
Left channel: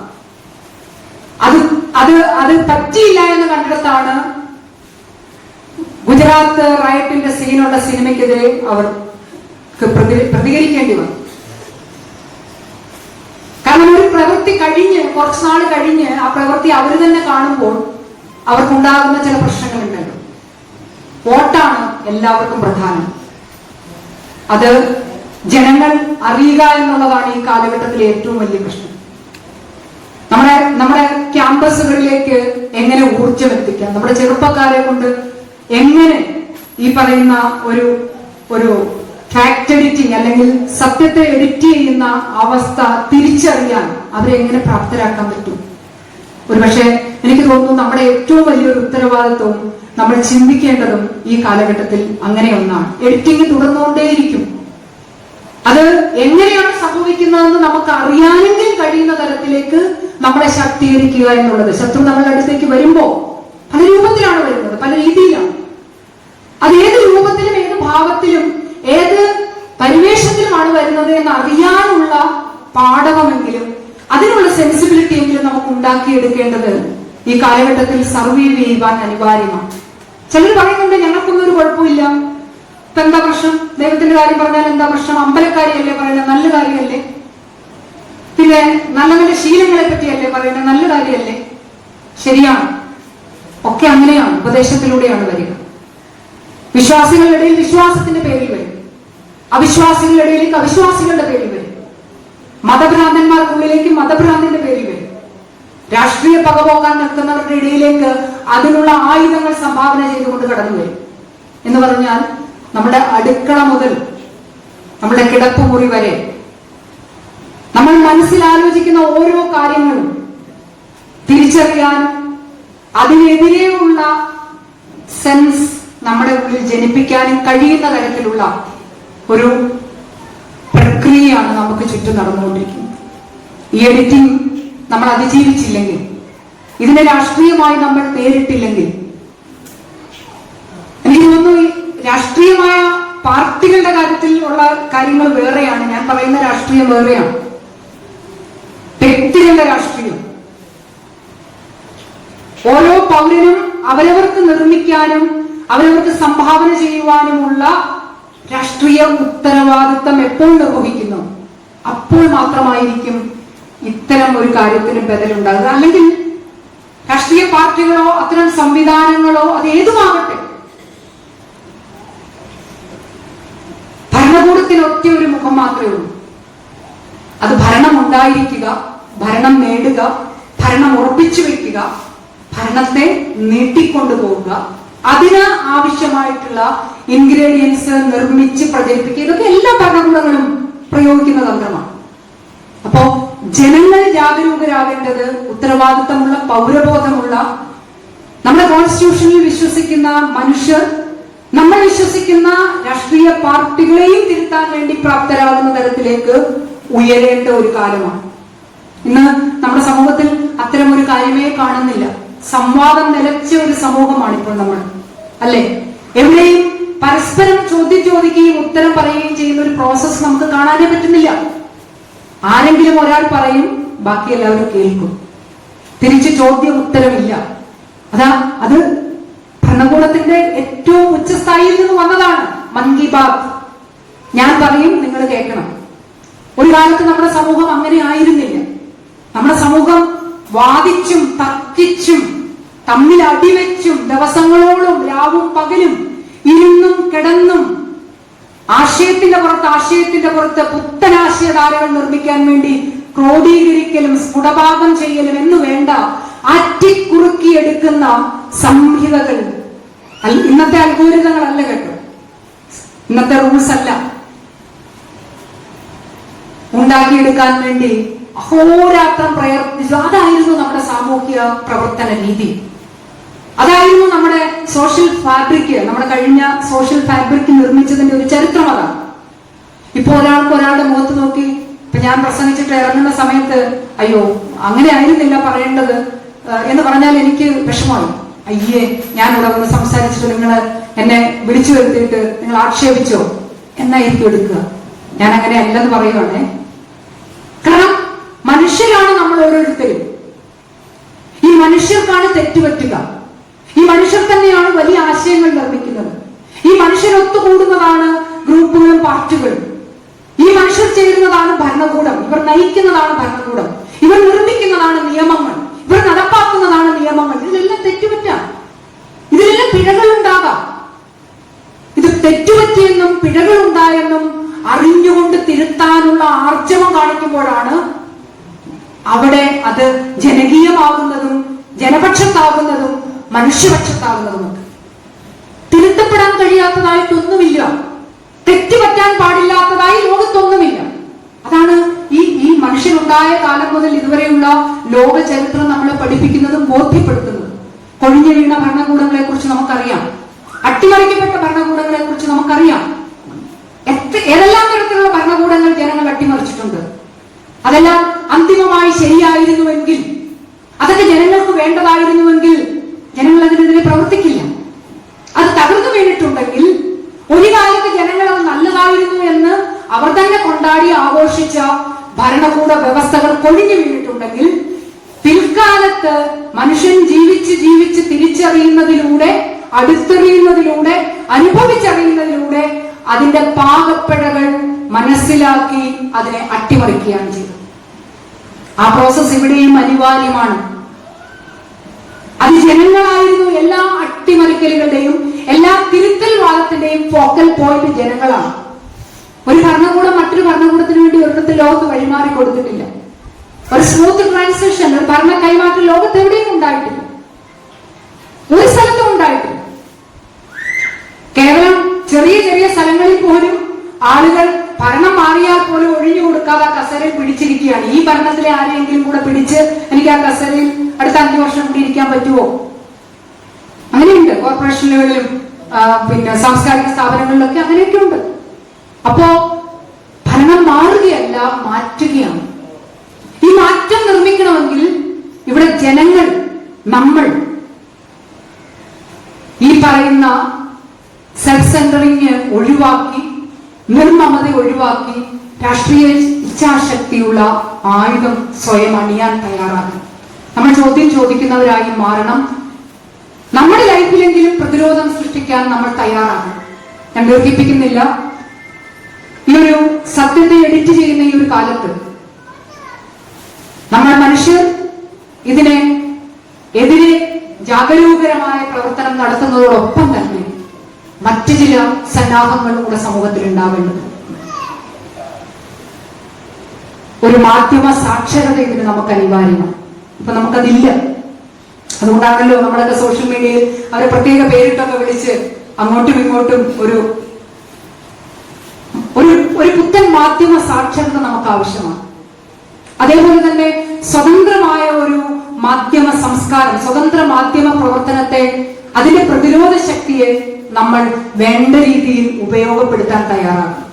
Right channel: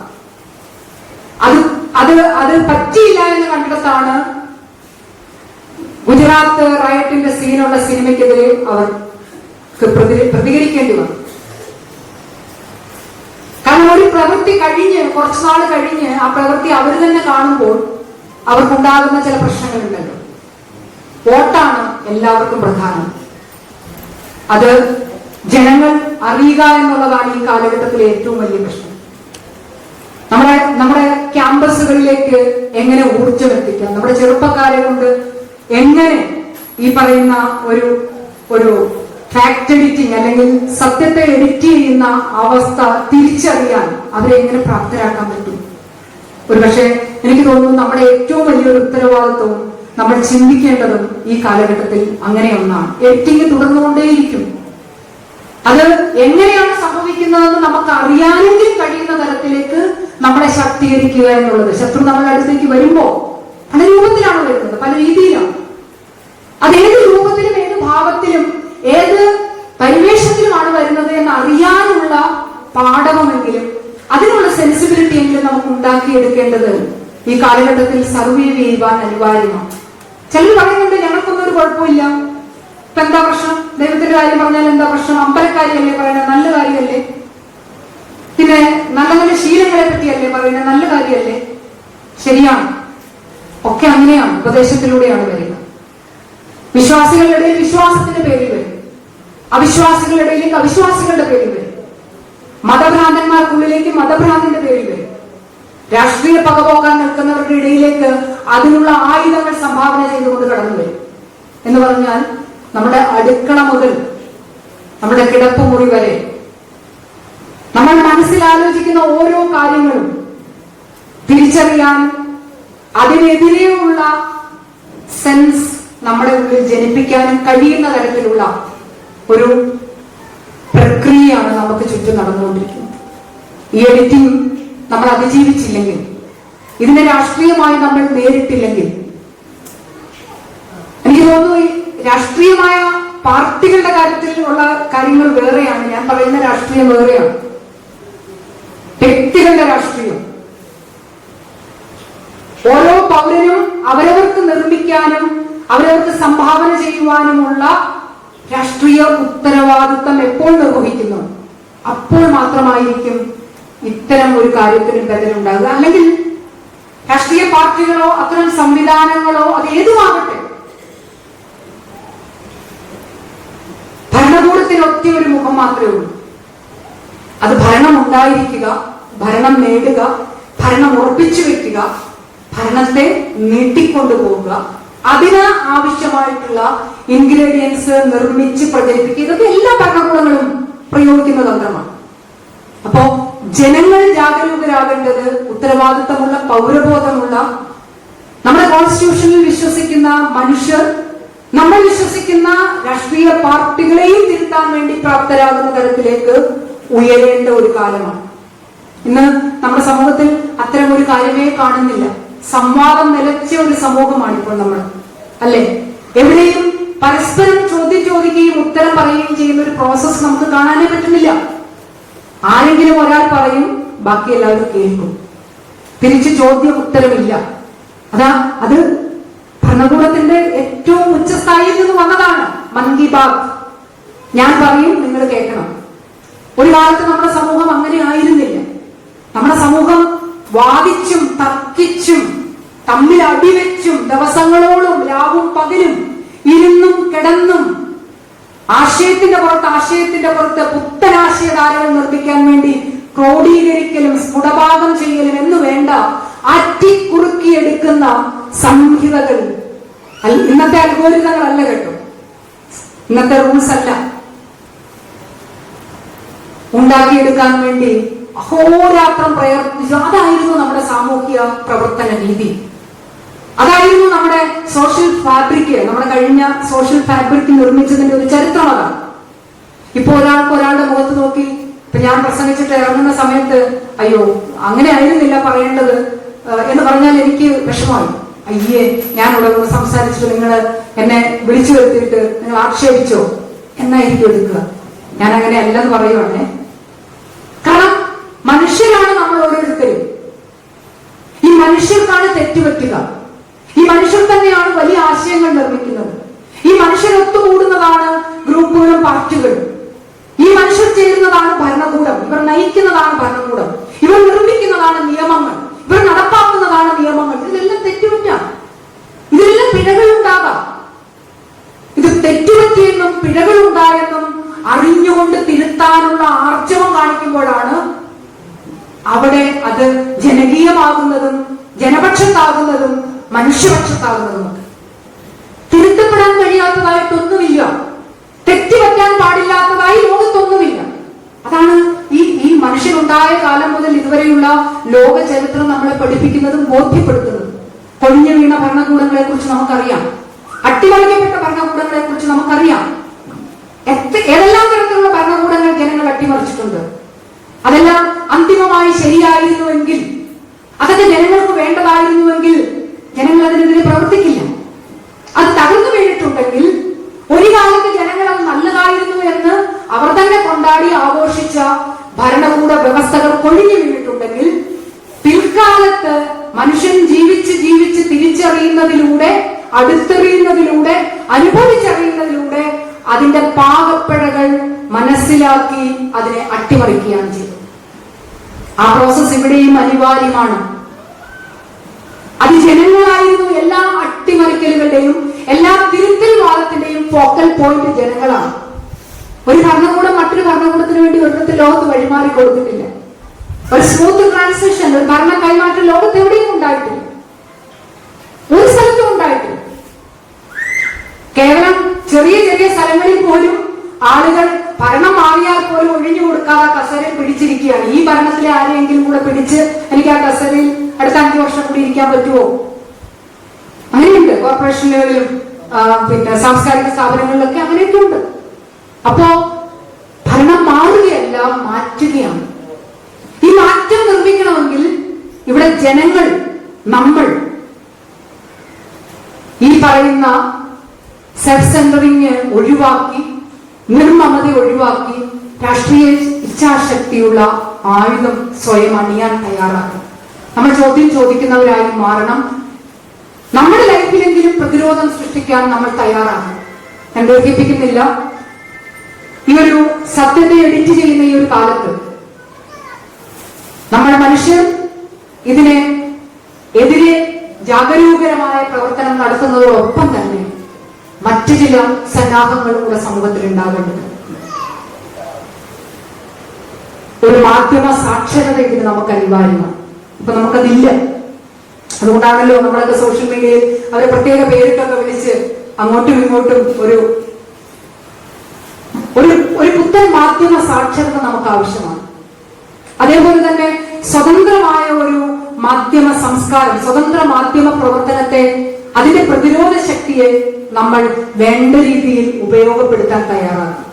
അത് പറ്റിയില്ല എന്ന് കണ്ടിടത്താണ് ഗുജറാത്ത് റയറ്റിന്റെ സീനുള്ള സിനിമയ്ക്കെതിരെ അവർക്ക് പ്രതികരിക്കേണ്ടി വന്നു. കാരണം ഒരു പ്രവൃത്തി കഴിഞ്ഞ് കുറച്ചുനാൾ കഴിഞ്ഞ് ആ പ്രവൃത്തി അവർ തന്നെ കാണുമ്പോൾ അവർക്കുണ്ടാകുന്ന ചില പ്രശ്നങ്ങളുണ്ടല്ലോ. വോട്ടാണ് എല്ലാവർക്കും പ്രധാനം. അത് ജനങ്ങൾ അറിയുക എന്നുള്ളതാണ് ഈ കാലഘട്ടത്തിലെ ഏറ്റവും വലിയ പ്രശ്നം. നമ്മുടെ ക്യാമ്പസുകളിലേക്ക് എങ്ങനെ ഊർജ്ജം എത്തിക്കാം, നമ്മുടെ ചെറുപ്പക്കാരെ കൊണ്ട് എങ്ങനെ ഈ പറയുന്ന ഒരു ഫാക്ട് എഡിറ്റിംഗ് അല്ലെങ്കിൽ സത്യത്തെ എഡിറ്റ് ചെയ്യുന്ന അവസ്ഥ തിരിച്ചറിയാൻ അവരെ എങ്ങനെ പ്രാപ്തരാക്കാൻ പറ്റും. ഒരുപക്ഷെ എനിക്ക് തോന്നുന്നു നമ്മുടെ ഏറ്റവും വലിയൊരു ഉത്തരവാദിത്വവും നമ്മൾ ചിന്തിക്കേണ്ടതും ഈ കാലഘട്ടത്തിൽ അങ്ങനെ ഒന്നാണ്. എഡിറ്റിംഗ് തുടർന്നുകൊണ്ടേയിരിക്കും. അത് എങ്ങനെയാണ് സംഭവിക്കുന്നതെന്ന് നമുക്ക് അറിയാനെങ്കിൽ കഴിയുന്ന തരത്തിലേക്ക് നമ്മളെ ശാക്തീകരിക്കുക എന്നുള്ളത്. ശത്രു നമ്മുടെ അടുത്തേക്ക് വരുമ്പോ പല രൂപത്തിലാണ് വരുന്നത്, പല രീതിയിലാണ്. അത് ഏത് രൂപത്തിലും ഏത് ഭാവത്തിലും ഏത് പരിവേഷത്തിലുമാണ് വരുന്നത് എന്ന് അറിയാനുള്ള പാഠവമെങ്കിലും അതിനുള്ള സെൻസിബിലിറ്റി എങ്കിലും നമുക്ക് ഉണ്ടാക്കിയെടുക്കേണ്ടത് ഈ കാലഘട്ടത്തിൽ സർവൈവ് ചെയ്യുവാൻ അനിവാര്യമാണ്. ചിലർ പറയുന്നുണ്ട് ഞങ്ങൾക്കൊന്നും ഒരു കുഴപ്പമില്ല, ഇപ്പൊ എന്താ പ്രശ്നം, ദൈവത്തിന്റെ കാര്യം പറഞ്ഞാൽ എന്താ പ്രശ്നം, അമ്പലക്കാരിയല്ലേ പറയുന്നത്, നല്ല കാര്യമല്ലേ, പിന്നെ നല്ല നല്ല ശീലങ്ങളെ പറ്റിയല്ലേ പറയുന്നത്, നല്ല കാര്യമല്ലേ. ശരിയാണ്, ഒക്കെ അങ്ങനെയാണ്, ഉപദേശത്തിലൂടെയാണ് വരിക. വിശ്വാസികളുടെ ഇടയിൽ വിശ്വാസത്തിന്റെ പേരിൽ വരും, അവിശ്വാസികളുടെ ഇടയിലേക്ക് അവിശ്വാസികളുടെ പേരിൽ വരും, മതഭ്രാന്തന്മാർക്കുള്ളിലേക്ക് മതഭ്രാന്തിന്റെ പേരിൽ വരും, രാഷ്ട്രീയ പകപോക്കാൻ നിൽക്കുന്നവരുടെ ഇടയിലേക്ക് അതിനുള്ള ആയുധങ്ങൾ സംഭാവന ചെയ്തുകൊണ്ട് കടന്നു വരും. എന്ന് പറഞ്ഞാൽ നമ്മുടെ അടുക്കള മുതൽ നമ്മുടെ കിടപ്പുമുറി വരെ നമ്മൾ മനസ്സിലാലോചിക്കുന്ന ഓരോ കാര്യങ്ങളും തിരിച്ചറിയാൻ അതിനെതിരെയുള്ള സെൻസ് നമ്മുടെ ഉള്ളിൽ ജനിപ്പിക്കാനും കഴിയുന്ന തരത്തിലുള്ള ഒരു പ്രക്രിയയാണ് നമുക്ക് ചുറ്റും നടന്നുകൊണ്ടിരിക്കുന്നത്. ഈ എഡിറ്റിംഗ് നമ്മൾ അതിജീവിച്ചില്ലെങ്കിൽ ഇതിനെ രാഷ്ട്രീയമായി നമ്മൾ നേരിട്ടില്ലെങ്കിൽ, എനിക്ക് തോന്നുന്നു ഈ രാഷ്ട്രീയമായ പാർട്ടികളുടെ കാര്യത്തിൽ ഉള്ള കാര്യങ്ങൾ വേറെയാണ്, ഞാൻ പറയുന്ന രാഷ്ട്രീയം വേറെയാണ്. വ്യക്തികളുടെ രാഷ്ട്രീയം, ഓരോ പൗരനും അവരവർക്ക് നിർമ്മിക്കാനും അവരവർക്ക് സംഭാവന ചെയ്യുവാനുമുള്ള രാഷ്ട്രീയ ഉത്തരവാദിത്തം എപ്പോൾ നിർവഹിക്കുന്നു അപ്പോൾ മാത്രമായിരിക്കും ഇത്തരം ഒരു കാര്യത്തിന് ബദലുണ്ടാകുക. അല്ലെങ്കിൽ രാഷ്ട്രീയ പാർട്ടികളോ അത്തരം സംവിധാനങ്ങളോ അത് ഏതുമാകട്ടെ, ഭരണകൂടത്തിന് ഒറ്റ ഒരു മുഖം മാത്രമേ ഉള്ളൂ. അത് ഭരണം ഉണ്ടായിരിക്കുക, ഭരണം നേടുക, ഭരണം ഉറപ്പിച്ചു വെക്കുക, ഭരണത്തെ നീട്ടിക്കൊണ്ടുപോകുക, അതിന് ആവശ്യമായിട്ടുള്ള ഇൻഗ്രീഡിയൻസ് നിർമ്മിച്ച് പ്രചരിപ്പിക്കുക. ഇതൊക്കെ എല്ലാ ഭരണകൂടങ്ങളും പ്രയോഗിക്കുന്ന തന്ത്രമാണ്. അപ്പോ ജനങ്ങൾ ജാഗരൂകരാകേണ്ടത് ഉത്തരവാദിത്തമുള്ള, പൗരബോധമുള്ള, നമ്മുടെ കോൺസ്റ്റിറ്റ്യൂഷനിൽ വിശ്വസിക്കുന്ന മനുഷ്യർ നമ്മൾ വിശ്വസിക്കുന്ന രാഷ്ട്രീയ പാർട്ടികളെയും തിരുത്താൻ വേണ്ടി പ്രാപ്തരാകുന്ന തരത്തിലേക്ക് ഉയരേണ്ട ഒരു കാലമാണ്. ഇന്ന് നമ്മുടെ സമൂഹത്തിൽ അത്തരം ഒരു കാര്യമേ കാണുന്നില്ല. സംവാദം നിലച്ച ഒരു സമൂഹമാണ് ഇപ്പോൾ നമ്മൾ, അല്ലെ? എവിടെയും പരസ്പരം ചോദ്യം ചോദിക്കുകയും ഉത്തരം പറയുകയും ചെയ്യുന്ന ഒരു പ്രോസസ് നമുക്ക് കാണാനേ പറ്റുന്നില്ല. ആരെങ്കിലും ഒരാൾ പറയും, ബാക്കി എല്ലാവരും കേൾക്കും, തിരിച്ച് ചോദ്യം ഉത്തരമില്ല. അത് ഭരണകൂടത്തിന്റെ ഏറ്റവും ഉച്ചസ്ഥായിയിൽ നിന്ന് വന്നതാണ്. മൻ കി ബാത്, ഞാൻ പറയും, നിങ്ങൾ കേൾക്കണം. ഒരു കാലത്ത് നമ്മുടെ സമൂഹം അങ്ങനെ ആയിരുന്നില്ല. നമ്മുടെ സമൂഹം വാദിച്ചും തർക്കിച്ചും തമ്മിൽ അടിവെച്ചും ദിവസങ്ങളോളം രാവും പകലും ഇരുന്നും കിടന്നും ആശയത്തിന്റെ പുറത്ത് പുത്തനാശയധാരകൾ നിർമ്മിക്കാൻ വേണ്ടി ക്രോഡീകരിക്കലും സ്ഫുടഭാഗം ചെയ്യലും എന്ന് വേണ്ട അറ്റിക്കുറുക്കിയെടുക്കുന്ന സംഹിതകൾ, ഇന്നത്തെ അൽഗോരിതങ്ങളല്ല കേട്ടോ, ഇന്നത്തെ റൂൾസ് അല്ല, ഉണ്ടാക്കിയെടുക്കാൻ വേണ്ടി അഹോരാത്രം പ്രയത്നിച്ചു. അതായിരുന്നു നമ്മുടെ സാമൂഹിക പ്രവർത്തന രീതി, അതായിരുന്നു നമ്മുടെ സോഷ്യൽ ഫാബ്രിക്. നമ്മുടെ കഴിഞ്ഞ സോഷ്യൽ ഫാബ്രിക് നിർമ്മിച്ചതിന്റെ ഒരു ചരിത്രം അതാണ്. ഇപ്പൊ ഒരാളുടെ മുഖത്ത് നോക്കി, ഇപ്പൊ ഞാൻ പ്രസംഗിച്ചിട്ട് ഇറങ്ങുന്ന സമയത്ത് അയ്യോ അങ്ങനെ ആയിരുന്നില്ല പറയേണ്ടത് എന്ന് പറഞ്ഞാൽ എനിക്ക് വിഷമമായി. അയ്യേ, ഞാൻ ഇവിടെ ഒന്ന് സംസാരിച്ചിട്ട് നിങ്ങൾ എന്നെ വിളിച്ചു വരുത്തിയിട്ട് നിങ്ങൾ ആക്ഷേപിച്ചോ എന്നായിരിക്കും എടുക്കുക. ഞാൻ അങ്ങനെ അല്ലെന്ന് പറയുവാണേ. കാരണം മനുഷ്യരാണ് നമ്മൾ ഓരോരുത്തരും. ഈ മനുഷ്യർക്കാണ് തെറ്റുപറ്റുക. ഈ മനുഷ്യർ തന്നെയാണ് വലിയ ആശയങ്ങൾ നിർമ്മിക്കുന്നത്. ഈ മനുഷ്യർ ഒത്തുകൂടുന്നതാണ് ഗ്രൂപ്പുകളും പാർട്ടികളും. ഈ മനുഷ്യർ ചേരുന്നതാണ് ഭരണകൂടം. ഇവർ നയിക്കുന്നതാണ് ഭരണകൂടം. ഇവർ നിർമ്മിക്കുന്നതാണ് നിയമങ്ങൾ. ഇവർ നടപ്പാക്കുന്നതാണ് നിയമങ്ങൾ. ഇതിലെല്ലാം തെറ്റുപറ്റാം, ഇതിലെല്ലാം പിഴകൾ ഉണ്ടാകാം. ഇത് തെറ്റുപറ്റിയെന്നും പിഴകൾ ഉണ്ടായെന്നും അറിഞ്ഞുകൊണ്ട് തിരുത്താനുള്ള ആർജവം കാണിക്കുമ്പോഴാണ് അവിടെ അത് ജനകീയമാകുന്നതും ജനപക്ഷത്താകുന്നതും മനുഷ്യപക്ഷത്താകുന്നതും. തിരുത്തപ്പെടാൻ കഴിയാത്തതായിട്ടൊന്നുമില്ല, തെറ്റുപറ്റാൻ പാടില്ലാത്തതായി ലോകത്തൊന്നുമില്ല. അതാണ് ഈ മനുഷ്യനുണ്ടായ കാലം മുതൽ ഇതുവരെയുള്ള ലോക ചരിത്രം നമ്മളെ പഠിപ്പിക്കുന്നതും ബോധ്യപ്പെടുത്തുന്നതും. കൊഴിഞ്ഞു വീണ ഭരണകൂടങ്ങളെ കുറിച്ച് നമുക്കറിയാം, അട്ടിമറിക്കപ്പെട്ട ഭരണകൂടങ്ങളെ കുറിച്ച് നമുക്കറിയാം. ഏതെല്ലാം തരത്തിലുള്ള ഭരണകൂടങ്ങൾ ജനങ്ങൾ അട്ടിമറിച്ചിട്ടുണ്ട്. അതെല്ലാം അന്തിമമായി ശരിയായിരുന്നുവെങ്കിൽ, അതൊക്കെ ജനങ്ങൾക്ക് വേണ്ടതായിരുന്നുവെങ്കിൽ ജനങ്ങൾ അതിനെതിരെ പ്രവർത്തിക്കില്ല. അത് തകർന്നു വീണിട്ടുണ്ടെങ്കിൽ, ഒരു കാലത്ത് ജനങ്ങൾ അത് നല്ലതായിരുന്നു എന്ന് അവർ തന്നെ കൊണ്ടാടി ആഘോഷിച്ച ഭരണകൂട വ്യവസ്ഥകൾ കൊഴിഞ്ഞു വീണിട്ടുണ്ടെങ്കിൽ, പിൽക്കാലത്ത് മനുഷ്യൻ ജീവിച്ച് തിരിച്ചറിയുന്നതിലൂടെ, അടുത്തെറിയുന്നതിലൂടെ, അനുഭവിച്ചറിയുന്നതിലൂടെ അതിന്റെ പാകപ്പിഴകൾ മനസ്സിലാക്കി അതിനെ അട്ടിമറിക്കുകയാണ് ചെയ്തത്. ആ പ്രോസസ് ഇവിടെയും അനിവാര്യമാണ്. അത് ജനങ്ങളായിരുന്നു. എല്ലാ അട്ടിമറിക്കലുകളുടെയും എല്ലാ തിരുത്തൽ വാദത്തിന്റെയും ഫോക്കൽ പോയിന്റ് ജനങ്ങളാണ്. ഒരു ഭരണകൂടം മറ്റൊരു ഭരണകൂടത്തിന് വേണ്ടി ഒരിടത്ത് ലോകത്ത് വഴിമാറി കൊടുത്തിട്ടില്ല. ഒരു സ്മൂത്ത് ട്രാൻസിഷൻ, ഒരു ഭരണ കൈമാറ്റം ലോകത്ത് എവിടെയും ഉണ്ടായിട്ടില്ല, ഒരു സ്ഥലത്തും ഉണ്ടായിട്ടില്ല. കേവലം ചെറിയ ചെറിയ സ്ഥലങ്ങളിൽ പോലും ആളുകൾ ഭരണം മാറിയാൽ പോലും ഒഴിഞ്ഞു കൊടുക്കാതെ കസേരയിൽ പിടിച്ചിരിക്കുകയാണ്. ഈ ഭരണത്തിലെ ആരെയെങ്കിലും കൂടെ പിടിച്ച് എനിക്ക് ആ കസേരയിൽ അടുത്ത 5 വർഷം കൂടി ഇരിക്കാൻ പറ്റുമോ? അങ്ങനെയുണ്ട്. കോർപ്പറേഷനുകളിലും പിന്നെ സാംസ്കാരിക സ്ഥാപനങ്ങളിലൊക്കെ അങ്ങനെയൊക്കെ ഉണ്ട്. അപ്പോ ഭരണം മാറുകയല്ല, മാറ്റുകയാണ്. ഈ മാറ്റം നിർമ്മിക്കണമെങ്കിൽ ഇവിടെ ജനങ്ങൾ നമ്മൾ ഈ പറയുന്ന സെൽഫ് സെന്ററിങ് ഒഴിവാക്കി, നിർമ്മമത ഒഴിവാക്കി, രാഷ്ട്രീയ ഇച്ഛാശക്തിയുള്ള ആയുധം സ്വയം അണിയാൻ തയ്യാറാക്കണം. നമ്മൾ ചോദ്യം ചോദിക്കുന്നവരായി മാറണം. നമ്മുടെ ലൈഫിലെങ്കിലും പ്രതിരോധം സൃഷ്ടിക്കാൻ നമ്മൾ തയ്യാറാകണം. ഞാൻ ദീർഘിപ്പിക്കുന്നില്ല. ഈ ഒരു സത്യത്തെ എഡിറ്റ് ചെയ്യുന്ന ഈ ഒരു കാലത്ത് നമ്മൾ മനുഷ്യർ ഇതിനെ എതിരെ ജാഗരൂകരമായ പ്രവർത്തനം നടത്തുന്നതോടൊപ്പം തന്നെ മറ്റു ചില സന്നാഹങ്ങളും കൂടെ സമൂഹത്തിൽ ഉണ്ടാവേണ്ടത്. ഒരു മാധ്യമ സാക്ഷരത ഇതിന് നമുക്ക് അനിവാര്യമാണ്. ഇപ്പൊ നമുക്കതില്ല. അതുകൊണ്ടാണല്ലോ നമ്മളൊക്കെ സോഷ്യൽ മീഡിയയിൽ അവരെ പ്രത്യേക പേരിട്ടൊക്കെ വിളിച്ച് അങ്ങോട്ടും ഇങ്ങോട്ടും ഒരു പുത്തൻ മാധ്യമ സാക്ഷരത നമുക്ക് ആവശ്യമാണ്. അതേപോലെ തന്നെ സ്വതന്ത്രമായ ഒരു മാധ്യമ സംസ്കാരം, സ്വതന്ത്ര മാധ്യമ പ്രവർത്തനത്തെ, അതിന്റെ പ്രതിരോധ ശക്തിയെ നമ്മൾ വേണ്ട രീതിയിൽ ഉപയോഗപ്പെടുത്താൻ തയ്യാറാകും.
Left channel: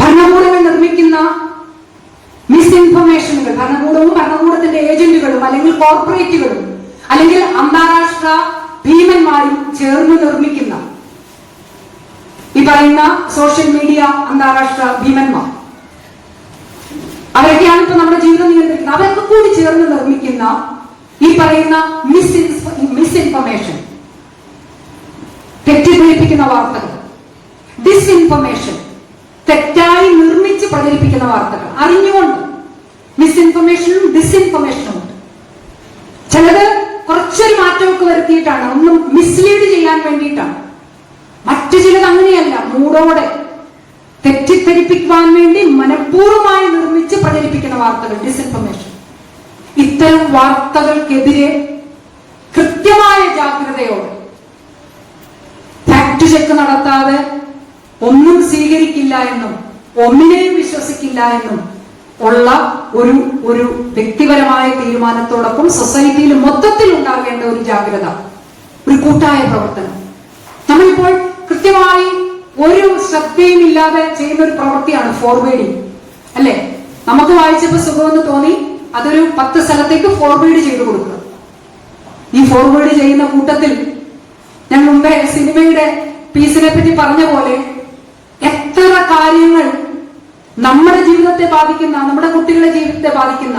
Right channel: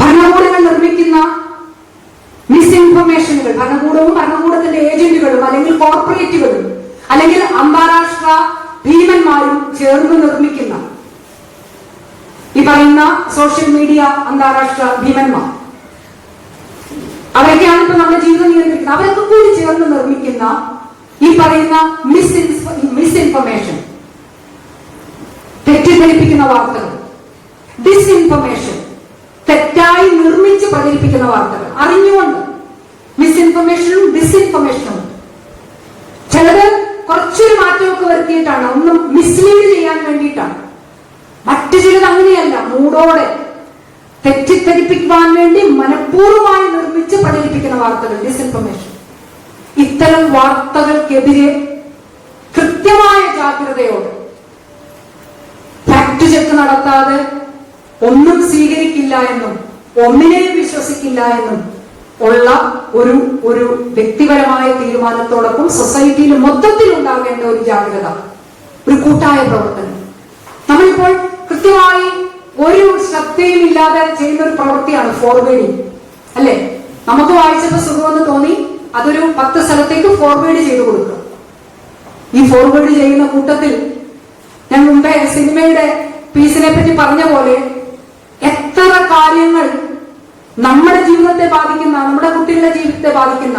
ഭരണകൂടങ്ങൾ നിർമ്മിക്കുന്ന മിസ്ഇൻഫർമേഷനുകൾ, ഭരണകൂടവും ഭരണകൂടത്തിന്റെ ഏജന്റുകളും അല്ലെങ്കിൽ കോർപ്പറേറ്റുകളും അല്ലെങ്കിൽ അന്താരാഷ്ട്ര ഭീമന്മാരും ചേർന്ന് നിർമ്മിക്കുന്ന ഈ പറയുന്ന സോഷ്യൽ മീഡിയ അന്താരാഷ്ട്ര ഭീമന്മാർ, അവരൊക്കെയാണ് ഇപ്പൊ നമ്മുടെ ജീവിതം നിയന്ത്രിക്കുന്നത്. അവരൊക്കെ കൂടി ചേർന്ന് നിർമ്മിക്കുന്ന ഈ പറയുന്ന മിസ്ഇൻഫർമേഷൻ, തെറ്റിദ്ധരിപ്പിക്കുന്ന വാർത്തകൾ, ഡിസ്ഇൻഫർമേഷൻ, തെറ്റായി നിർമ്മിച്ച് പ്രചരിപ്പിക്കുന്ന വാർത്തകൾ, അറിഞ്ഞുകൊണ്ട് മിസ്ഇൻഫർമേഷനും ഡിസ്ഇൻഫർമേഷനും ഉണ്ട്. ചിലത് കുറച്ചൊരു മാറ്റമൊക്കെ വരുത്തിയിട്ടാണ്, ഒന്നും മിസ്ലീഡ് ചെയ്യാൻ വേണ്ടിയിട്ടാണ്. മറ്റു ചിലത് അങ്ങനെയല്ല, മൂടോടെ തെറ്റിദ്ധരിപ്പിക്കാൻ വേണ്ടി മനഃപൂർവ്വമായി നിർമ്മിച്ച് പ്രചരിപ്പിക്കുന്ന വാർത്തകൾ, ഡിസ്ഇൻഫർമേഷൻ. ഇത്തരം വാർത്തകൾക്കെതിരെ കൃത്യമായ ജാഗ്രതയോടെ, ഫാക്ട് ചെക്ക് നടത്താതെ ഒന്നും സ്വീകരിക്കില്ല എന്നും ഒന്നിനെയും വിശ്വസിക്കില്ല എന്നും ഉള്ള ഒരു വ്യക്തിപരമായ തീരുമാനത്തോടൊപ്പം സൊസൈറ്റിയിൽ മൊത്തത്തിൽ ഉണ്ടാകേണ്ട ഒരു ജാഗ്രത, ഒരു കൂട്ടായ പ്രവർത്തനം. നമ്മളിപ്പോൾ കൃത്യമായി ഒരു ശ്രദ്ധയും ഇല്ലാതെ ചെയ്യുന്ന ഒരു പ്രവൃത്തിയാണ് ഫോർവേഡിങ്, അല്ലെ? നമുക്ക് വായിച്ചപ്പോൾ സുഖമെന്ന് തോന്നി, അതൊരു 10 സ്ഥലത്തേക്ക് ഫോർവേഡ് ചെയ്തു കൊടുക്കുക. ഈ ഫോർവേഡ് ചെയ്യുന്ന കൂട്ടത്തിൽ ഞാൻ മുമ്പേ സിനിമയുടെ പീസിനെ പറ്റി പറഞ്ഞ പോലെ എത്ര കാര്യങ്ങൾ നമ്മുടെ ജീവിതത്തെ ബാധിക്കുന്ന, നമ്മുടെ കുട്ടികളുടെ ജീവിതത്തെ ബാധിക്കുന്ന,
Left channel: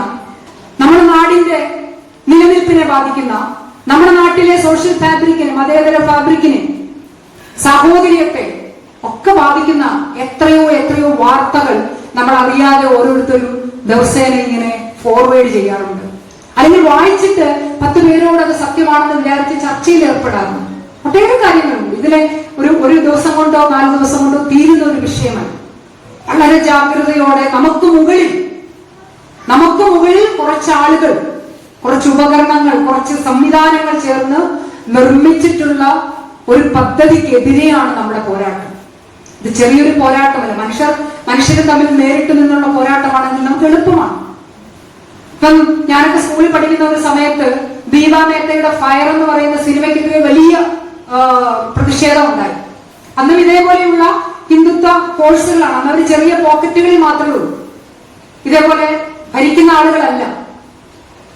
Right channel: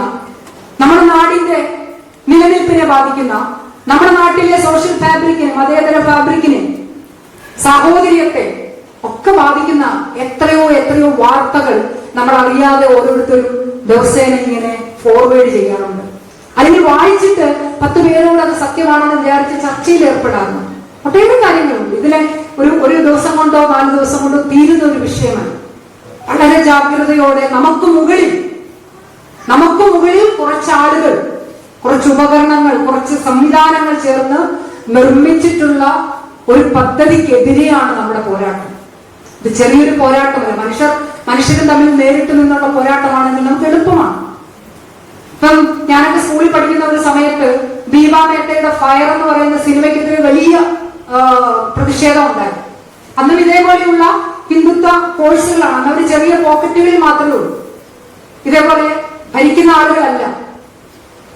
നമ്മുടെ നാടിന്റെ നിലനിൽപ്പിനെ ബാധിക്കുന്ന, നമ്മുടെ നാട്ടിലെ സോഷ്യൽ ഫാബ്രിക്കിനെ, മതേതര ഫാബ്രിക്കിനെ, സാഹോദര്യത്തെ ഒക്കെ ബാധിക്കുന്ന എത്രയോ വാർത്തകൾ നമ്മൾ അറിയാതെ ഓരോരുത്തരും ദിവസേന ഇങ്ങനെ ഫോർവേഡ് ചെയ്യാറുണ്ട്. അല്ലെങ്കിൽ വായിച്ചിട്ട് 10 പേരോട് അത് സത്യമാണെന്ന് വിചാരിച്ച് ചർച്ചയിൽ ഏർപ്പെടാറുണ്ട്. ഒട്ടേറെ കാര്യങ്ങളുണ്ട്. ഇതിലെ ഒരു ദിവസം കൊണ്ടോ 4 ദിവസം കൊണ്ടോ തീരുന്ന ഒരു വിഷയമാണ്. വളരെ ജാഗ്രതയോടെ നമുക്ക് മുകളിൽ കുറച്ചാളുകൾ, കുറച്ച് ഉപകരണങ്ങൾ, കുറച്ച് സംവിധാനങ്ങൾ ചേർന്ന് നിർമ്മിച്ചിട്ടുള്ള ഒരു പദ്ധതിക്കെതിരെയാണ് നമ്മുടെ പോരാട്ടം. ഇത് ചെറിയൊരു പോരാട്ടമല്ല. മനുഷ്യരും തമ്മിൽ നേരിട്ട് നിന്നുള്ള പോരാട്ടമാണെങ്കിൽ നമുക്ക് എളുപ്പമാണ്. ഇപ്പം ഞാനൊക്കെ സ്കൂളിൽ പഠിക്കുന്ന ഒരു സമയത്ത് ദീപ മേത്തയുടെ ഫയർ എന്ന് പറയുന്ന സിനിമയ്ക്കെതിരെ വലിയ പ്രതിഷേധം ഉണ്ടായി. അന്നും ഇതേപോലെയുള്ള ഹിന്ദുത്വ കോഴ്സുകളാണ്. അവർ ചെറിയ പോക്കറ്റുകളിൽ മാത്രമേ ഉള്ളൂ. ഇതേപോലെ ഭരിക്കുന്ന ആളുകളല്ല.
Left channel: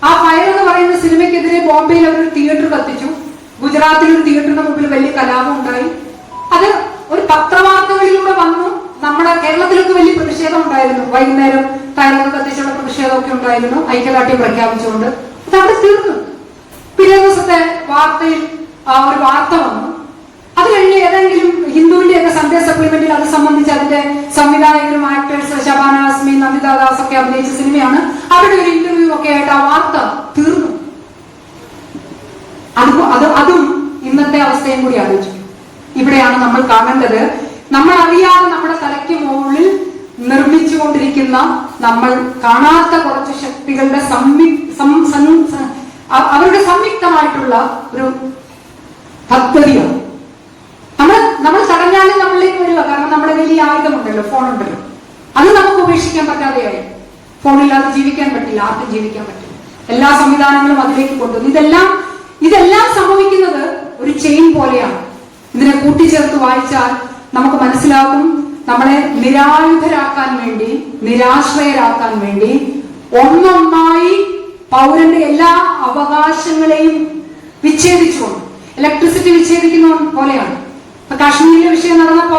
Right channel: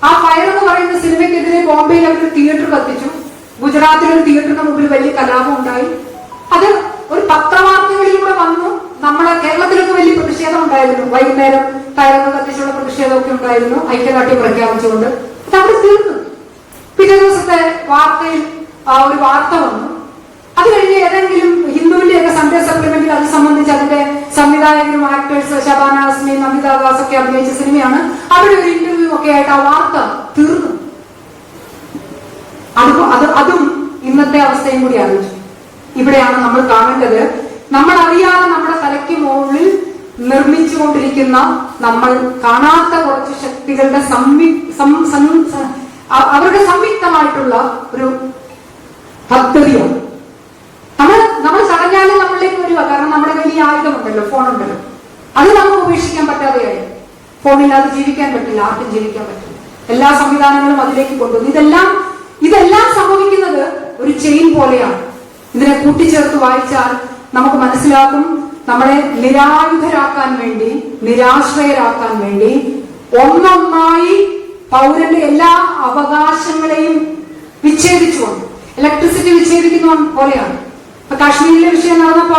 ആ ഫയർ എന്ന് പറയുന്ന സിനിമയ്ക്കെതിരെ ബോംബെയിൽ അവർ തിയേറ്റർ കത്തിച്ചു. ഗുജറാത്തിലൊരു തിയേറ്ററിന് മുമ്പിൽ വലിയ കലാപം ഉണ്ടായി. അത് ഒരു പത്രവാർത്തകളിലൂടെ വന്നു. നമ്മുടെ കേരളത്തിലൊക്കെ വലിയ പ്രതിഷേധം ഉണ്ടായിരുന്നു. വൈകുന്നേരം ടയറൊക്കെ കത്തിച്ചുള്ള പ്രതിഷേധമൊക്കെ ഉണ്ടായിരുന്നു, ഐക്യദാർഢ്യം പ്രഖ്യാപിച്ചുകൊണ്ട്. അത് അവിടെ തീർന്നു. പിറ്റേ ദിവസത്തെ വാർത്തയിൽ ഒരു വാർത്ത വന്നു. അത് കഴിഞ്ഞ് ഏതെങ്കിലും ഹിന്ദുവിന്റെയൊക്കെ സൺഡേ സപ്ലിമെന്റിൽ അത് സംബന്ധിച്ച് അതിന്റെ സംവിധായകരും ആക്ടേഴ്സ് ശബാന ആസ്മി, നമിത ദാസ് ഒക്കെ അഭിനയിച്ച സിനിമയാണ്. അവിടെ ഒരു ഇന്റർവ്യൂ ഒക്കെ ആയിട്ട് ആ വാർത്ത തീർന്നു. അതും ഇന്നത്തെ അവസ്ഥയും കൂടി ആലോചിക്കും. ഇവിടെയാണ് നമ്മൾ കാണേണ്ടത്. നമ്മൾ അറിയാതെ നമ്മുടെ തലയ്ക്ക് മുകളിൽ നിർമ്മിച്ചുകൊണ്ടിരിക്കുന്ന, നമ്മൾ കാണാത്ത കുറച്ച് ശക്തികളുടെ അവരുടെ സംയുക്തമായിട്ടുള്ള ഒരു പദ്ധതിയാണ്. നമ്മൾ തടഞ്ഞാലും നമ്മളിലേക്ക് വരിക. കാരണം നമ്മുടെ വലിയ ആയുധമുണ്ടല്ലോ, ഫോണുണ്ടല്ലോ. അത് നമുക്ക് ഉപേക്ഷിക്കാൻ പറ്റാതെയായി. ഫോണില്ലാതെ ജീവിക്കാൻ പറ്റില്ല, ആർക്കും ജീവിക്കാൻ പറ്റില്ല. എല്ലാ സംവിധാനങ്ങളും അതിലേക്ക് കൊണ്ടുവന്നു. ഇതെല്ലാം സംഭവിക്കുന്നത് ഒരു ചെയിൻ പോലെയാണ്. ഇതിനെ കൂട്ടിച്ചേർത്ത് വായിച്ചാൽ നമുക്ക് മനസ്സിലാകും. നമ്മളെ നിരായുധരാക്കാൻ വേണ്ടി, നിരാശ്രയരാക്കാൻ വേണ്ടി ഒന്നൊന്നായി പൗരന്റെ എല്ലാ അവകാശങ്ങളെയും വിച്ഛേദിച്ചുകൊണ്ട് ഇലക്ട്രിസിറ്റി വിച്ഛേദിക്കുന്ന പോലെയാണ്. ഇപ്പൊ കാശ്മീരിലെ വിഷയം നടന്നപ്പോ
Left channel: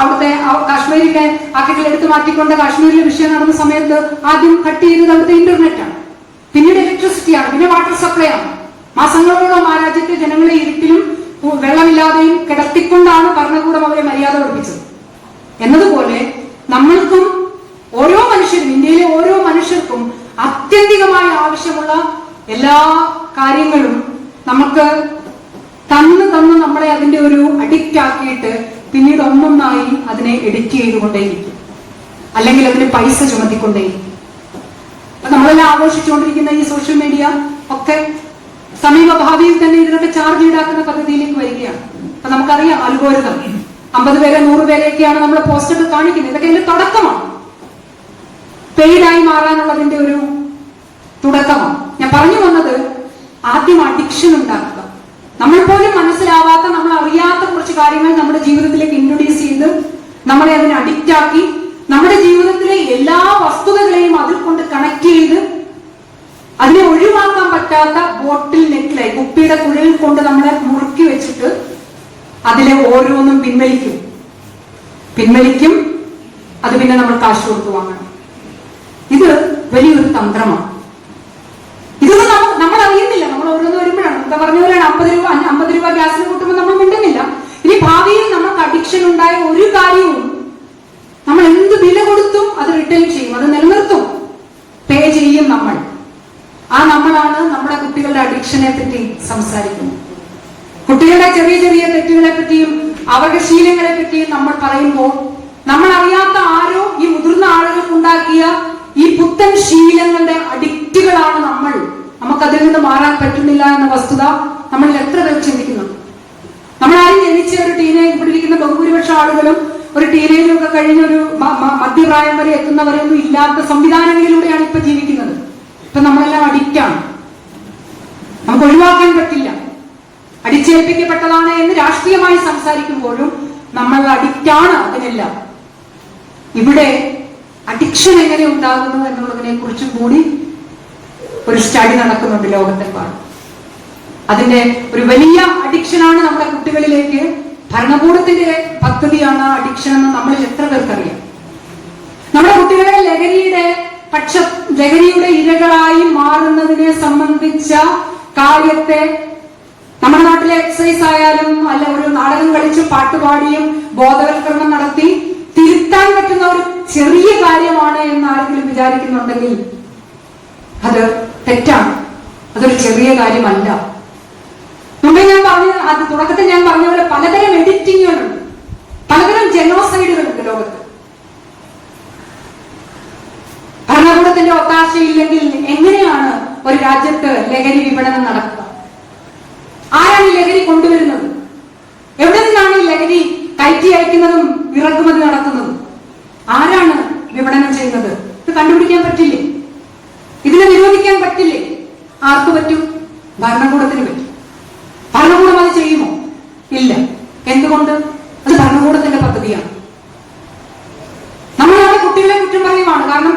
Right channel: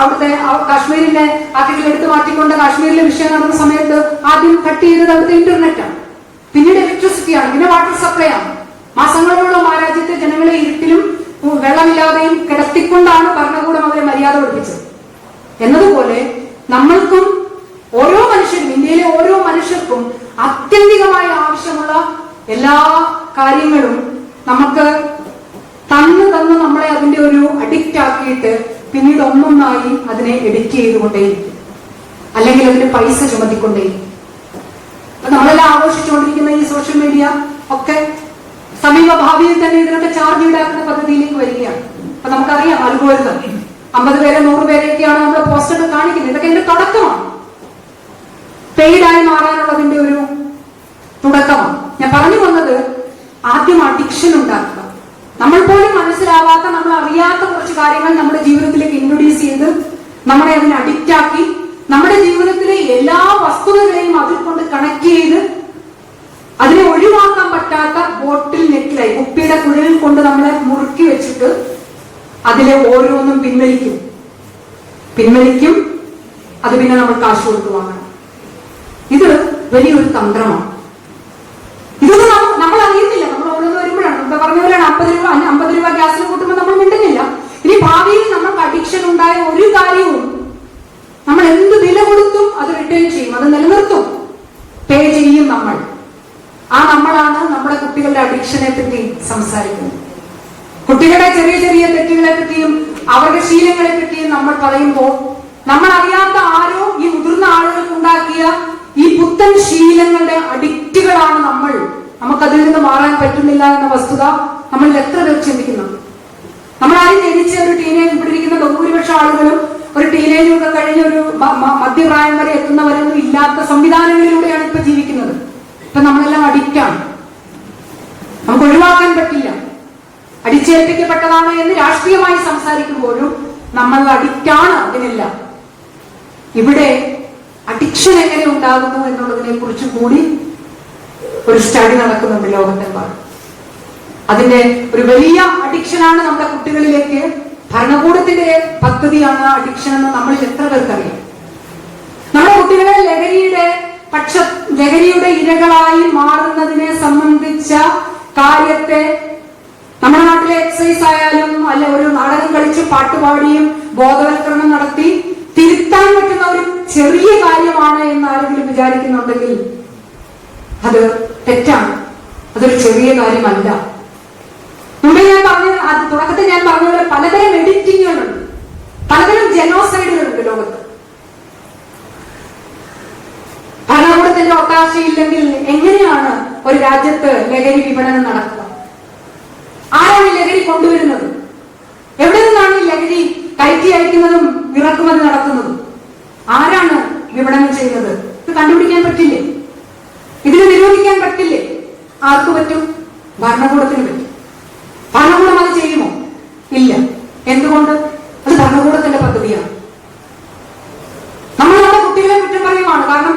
അവിടുത്തെ കാശ്മീരിലെ ആർട്ടിക്കിൾ എടുത്ത് മാറ്റിക്കൊണ്ട് കാശ്മീരിലെ വിഷയം നടന്ന സമയത്ത് ആദ്യം കട്ട് ചെയ്തത് അവിടുത്തെ ഇന്റർനെറ്റാണ്, പിന്നീട് ഇലക്ട്രിസിറ്റിയാണ്, പിന്നെ വാട്ടർ സപ്ലൈ ആണ്. മാസങ്ങളോളം ആ രാജ്യത്തെ ജനങ്ങളെ ഇരുട്ടിലും വെള്ളമില്ലാതെയും കിടത്തിക്കൊണ്ടാണ് ഭരണകൂടം അവരെ മര്യാദ പഠിപ്പിച്ചത്. എന്നതുപോലെ നമ്മൾക്കും ഓരോ മനുഷ്യരും, ഇന്ത്യയിലെ ഓരോ മനുഷ്യർക്കും ആത്യന്തികമായി ആവശ്യമുള്ള എല്ലാ കാര്യങ്ങളും നമുക്ക് തന്ന് നമ്മളെ അതിന്റെ ഒരു അഡിക്റ്റ് ആക്കിയിട്ട് പിന്നീട് ഒന്നൊന്നായി അതിനെ എഡിറ്റ് ചെയ്തുകൊണ്ടേയിരിക്കും, അല്ലെങ്കിൽ അതിന് പൈസ ചുമത്തിക്കൊണ്ടേയിരിക്കും. നമ്മളെല്ലാം ആഘോഷിച്ചുകൊണ്ടിരിക്കുന്ന ഈ സോഷ്യൽ മീഡിയ ഒക്കെ സമീപ ഭാവിയിൽ തന്നെ ഇതിനൊക്കെ ചാർജ് ഈടാക്കുന്ന പദ്ധതിയിലേക്ക് വരികയാണ്. അപ്പൊ നമുക്കറിയാം അൽഗോരിതം 50 പേരെ 100 പേരെയൊക്കെയാണ് നമ്മൾ പോസ്റ്റൊക്കെ കാണിക്കുന്നത്. ഇതൊക്കെ ഇതിന്റെ തുടക്കമാണ്, പെയ്ഡായി മാറാനുള്ളതിന്റെ ഒരു തുടക്കമാണ്. ഞാൻ പറഞ്ഞു വന്നത് ആദ്യം അഡിക്ഷൻ ഉണ്ടാക്കുക. നമ്മൾ പോലും മനസ്സിലാവാത്ത, നമ്മൾ അറിയാത്ത കുറച്ച് കാര്യങ്ങൾ നമ്മുടെ ജീവിതത്തിലേക്ക് ഇൻട്രൊഡ്യൂസ് ചെയ്ത് നമ്മളെ അതിന് അഡിക്റ്റ് ആക്കി നമ്മുടെ ജീവിതത്തിലെ എല്ലാ വസ്തുതകളെയും അതിൽ കൊണ്ട് കണക്ട് ചെയ്ത് അതിനെ ഒഴിവാക്കാൻ പറ്റാത്ത ബോട്ടിൽ നെക്കിലായി കുപ്പിയുടെ കുഴലിൽ കൊണ്ട് നമ്മളെ മുറുക്കി വെച്ചിട്ട് അതിലെ ഓരോന്നും പിൻവലിക്കും. അത് പിന്നെ നമ്മൾ കാശ് കൊടുത്തു വാങ്ങണം. ഇത് വലിയൊരു തന്ത്രമാണ്. ഇതൊന്നും നമ്മൾ അറിയുന്നില്ല. നമ്മൾ ഓരോന്ന് വരുമ്പോഴാണ് എന്താ പറഞ്ഞ പോലെയാണ് 50 രൂപ ഗ്യാസിന് കൂട്ടുമ്പോൾ നമ്മൾ മിണ്ടുന്നില്ല. ഇനി ഭാവിയിൽ നമുക്ക് അഡിക്ഷൻ ഉണ്ടായ ഒരു കാര്യവും നമ്മൾ എന്ത് വില കൊടുത്തും അത് റിട്ടേൺ ചെയ്യും, അത് നിലനിർത്തും, പേ ചെയ്യും നമ്മൾ. ആ നമ്മളാണ് നമ്മുടെ കുട്ടികളുടെ അഡിക്ഷനെ പറ്റി സംസാരിക്കുന്നത്. കുട്ടികളുടെ ചെറിയ ചെറിയ തെറ്റുകളെ പറ്റിയും അവരുടെ ശീലങ്ങളെ പറ്റിയും നമ്മൾ പറയുമ്പോൾ നമ്മൾ അറിയാത്ത ആരോ ഈ മുതിർന്ന ആളുകൾ ഉണ്ടാക്കിയ ഈ പുത്തൻ ശീലങ്ങളുടെ അഡിക്റ്റുകളാണ് നമ്മൾ. നമുക്കതിൽ നിന്ന് മാറാൻ പറ്റുന്നില്ല എന്ന വസ്തുത നമ്മൾ എത്ര പേർ ചിന്തിക്കുന്നു? നമ്മളാരും ജനിച്ച ഒരു ടീനേജ്, ഇവിടെ ഇരിക്കുന്ന ബഹുഭൂരിപക്ഷം ആളുകളും ഒരു ടീനേജ് ഒക്കെ കഴിഞ്ഞ ഒരു മധ്യപ്രായം വരെ എത്തുന്നവരൊന്നും ഇല്ലാത്ത സംവിധാനങ്ങളിലൂടെയാണ് ഇപ്പൊ ജീവിക്കുന്നത്. ഇപ്പൊ നമ്മളെല്ലാം അഡിക്റ്റാണ്, നമുക്ക് ഒഴിവാക്കാൻ പറ്റില്ല. അടിച്ചേൽപ്പിക്കപ്പെട്ടതാണ് എന്ന് രാഷ്ട്രീയമായി സംസാരിക്കുമ്പോഴും നമ്മൾ അഡിക്റ്റാണ് അതിനെല്ലാം. ഇവിടെ അഡിക്ഷൻ എങ്ങനെ ഉണ്ടാകുന്നു എന്നുള്ളതിനെ കുറിച്ച് കൂടി ഒരു സ്റ്റഡി നടക്കുന്നുണ്ട് ലോകത്തെമ്പാടും. അതിന്റെ ഒരു വലിയ അഡിക്ഷനാണ് നമ്മുടെ കുട്ടികളിലേക്ക്, ഭരണകൂടത്തിന്റെ പദ്ധതിയാണ് അഡിക്ഷൻ എന്ന് നമ്മളിൽ എത്ര പേർക്കറിയാം. നമ്മുടെ കുട്ടികളെ ലഹരിയുടെ ഇരകളായി മാറുന്നതിനെ സംബന്ധിച്ച കാര്യത്തെ നമ്മുടെ നാട്ടിലെ എക്സസൈസ് ആയാലും അല്ല ഒരു നാടകം കളിച്ച് പാട്ടുപാടിയും ബോധവൽക്കരണം നടത്തി തിരുത്താൻ പറ്റുന്ന ഒരു ചെറിയ കാര്യമാണ് എന്ന് ആരെങ്കിലും വിചാരിക്കുന്നുണ്ടെങ്കിൽ അത് തെറ്റാണ്. അതൊരു ചെറിയ കാര്യമല്ല. മുമ്പേ ഞാൻ പറഞ്ഞത്, അത് തുടക്കത്തിൽ ഞാൻ പറഞ്ഞ പോലെ പലതരം എഡിറ്റിങ്ങുകളുണ്ട്, പലതരം ജനോസൈഡുകളുണ്ട് ലോകത്ത്. ഭരണകൂടത്തിന്റെ ഒത്താശയില്ലെങ്കിൽ എങ്ങനെയാണ് ഒരു രാജ്യത്ത് ലഹരി വിപണനം നടക്കുക? ആരാണ് ഈ ലഹരി കൊണ്ടുവരുന്നത്? എവിടെ നിന്നാണ് ഈ ലഹരി കയറ്റി അയക്കുന്നതും ഇറക്കുമതി നടത്തുന്നതും? ആരാണ് വിപണനം ചെയ്യുന്നത്? ഇത് കണ്ടുപിടിക്കാൻ പറ്റില്ലേ? ഇതിനെ നിരോധിക്കാൻ പറ്റില്ലേ? ആർക്ക് പറ്റും? ഭരണകൂടത്തിന് പറ്റും. ഭരണകൂടം അത് ചെയ്യുമോ? ഇല്ല. എന്തുകൊണ്ട്? അത് ഭരണകൂടത്തിന്റെ പദ്ധതിയാണ്. നമ്മൾ നമ്മുടെ കുട്ടികളെ കുറ്റം പറയുവാണ്. കാരണം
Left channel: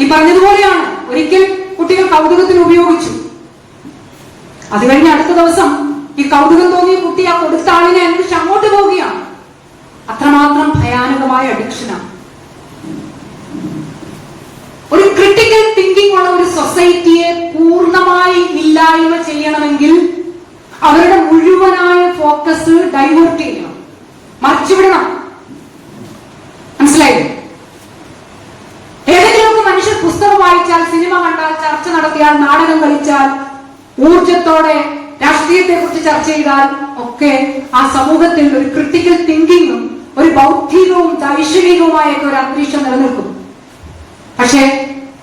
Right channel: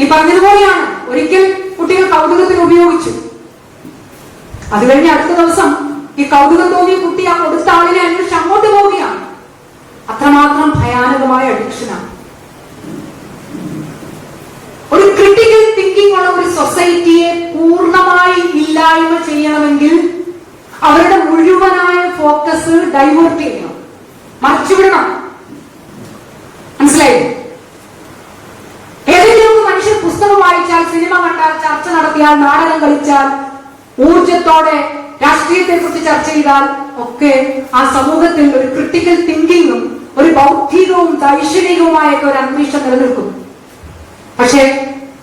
ഈ പറഞ്ഞതുപോലെയാണ്, ഒരിക്കൽ കുട്ടികൾ കൗതുകത്തിന് ഉപയോഗിച്ചു, അത് കഴിഞ്ഞ് അടുത്ത ദിവസം ഈ കൗതുകം തോന്നി കുട്ടി ആ കൊടുത്ത ആളിനെ അന്വേഷിച്ച് അങ്ങോട്ട് പോവുകയാണ്. അത്രമാത്രം ഭയാനകമായ അഡിക്ഷനാണ്. ഒരു ക്രിട്ടിക്കൽ തിങ്കിങ് ഉള്ള ഒരു സൊസൈറ്റിയെ പൂർണ്ണമായി ഇല്ലായ്മ ചെയ്യണമെങ്കിൽ അവരുടെ മുഴുവനായ ഫോക്കസ് ഡൈവേർട്ട് ചെയ്യണം, മറിച്ചുവിടണം. മനസ്സിലായില്ലേ? ഏതെങ്കിലും മനുഷ്യർ പുസ്തകം വായിച്ചാൽ, സിനിമ കണ്ടാൽ, ചർച്ച നടത്തിയാൽ, നാടകം കളിച്ചാൽ, ഊർജത്തോടെ രാഷ്ട്രീയത്തെ കുറിച്ച് ചർച്ച ചെയ്താൽ ഒക്കെ ആ സമൂഹത്തിൽ ഒരു ക്രിട്ടിക്കൽ തിങ്കിങ്ങും ഒരു ബൗദ്ധികവും ദൈക്ഷണികവുമായ ഒരു അന്തരീക്ഷം നിലനിൽക്കും. പക്ഷേ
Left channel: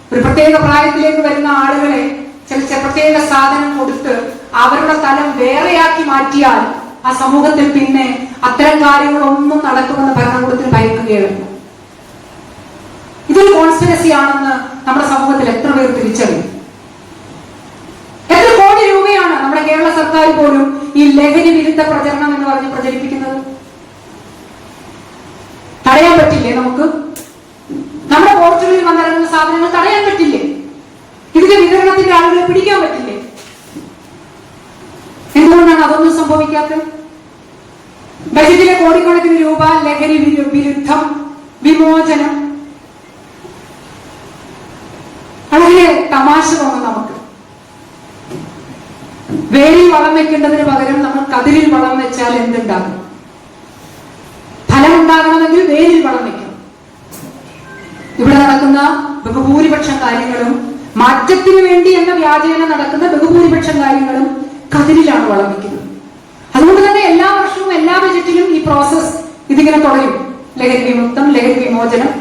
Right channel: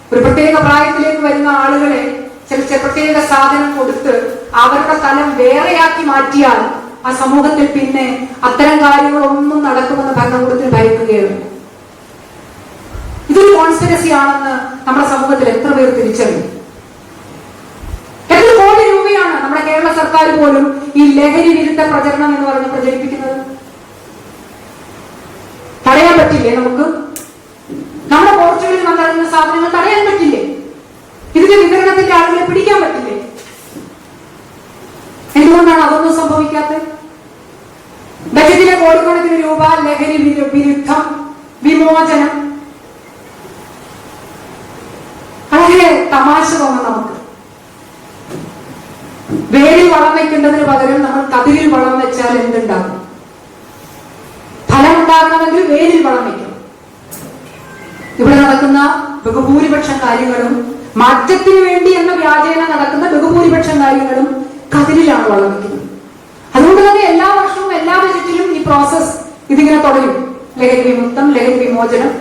ഒരു പ്രത്യേക പ്രായത്തിലേക്ക് വരുന്ന ആളുകളെ ചില പ്രത്യേക സാധനം കൊടുത്ത് അവരുടെ തലം വേറെയാക്കി മാറ്റിയാൽ ആ സമൂഹത്തിൽ പിന്നെ അത്തരം കാര്യങ്ങളൊന്നും നടക്കുമെന്ന് ഭരണകൂടത്തിൽ ഭയക്കുകയാണ്. ഇതൊരു കോൺസ്പിറസി ആണെന്ന് നമ്മുടെ സമൂഹത്തിൽ എത്ര പേർ തിരിച്ചറിയും? എത്ര കോടി രൂപയാണ് നമ്മുടെ കേരള സർക്കാർ പോലും ഈ ലഹരി വിരുദ്ധ പ്രചരണം എന്ന് പറഞ്ഞ് പ്രചരിപ്പിക്കുന്നത്? തടയാൻ പറ്റില്ലേ നമുക്ക്? നമ്മുടെ പോർച്ചുഗലിൽ വന്നിറങ്ങുന്ന സാധനങ്ങൾ തടയാൻ പറ്റില്ലേ? ലഹരി വിരുദ്ധം, വിമോചനം. വളരെ തമാശ തോന്നും നമുക്ക്. വേരിൽ വളം വെക്കേണ്ടതിന് പകരം നമ്മൾ കതിരിൽ വളം വെച്ചാൽ എന്തുണ്ടാകും? ഫലം ഉണ്ടാകണമെങ്കിൽ വേരിൽ വളം വെക്കണം. ഇവിടെ നടക്കുന്ന ബഹുഭൂരിപക്ഷം കാര്യങ്ങളും, മാറ്റത്തിന് വേണ്ടി എന്ന വ്യാജേന നടക്കുന്ന ബഹുഭൂരിപക്ഷം കാര്യങ്ങളും കതിരിലാണ് വളം വെക്കുന്നത്. അതുകൊണ്ട് തന്നെ എല്ലാ വർഷവും എല്ലാ ബജറ്റിലും ഈ പ്രോസസ് ഇതിങ്ങനെ തുടരും. ലഹരി വിമുക്തം, ലഹരി വിമോചനം.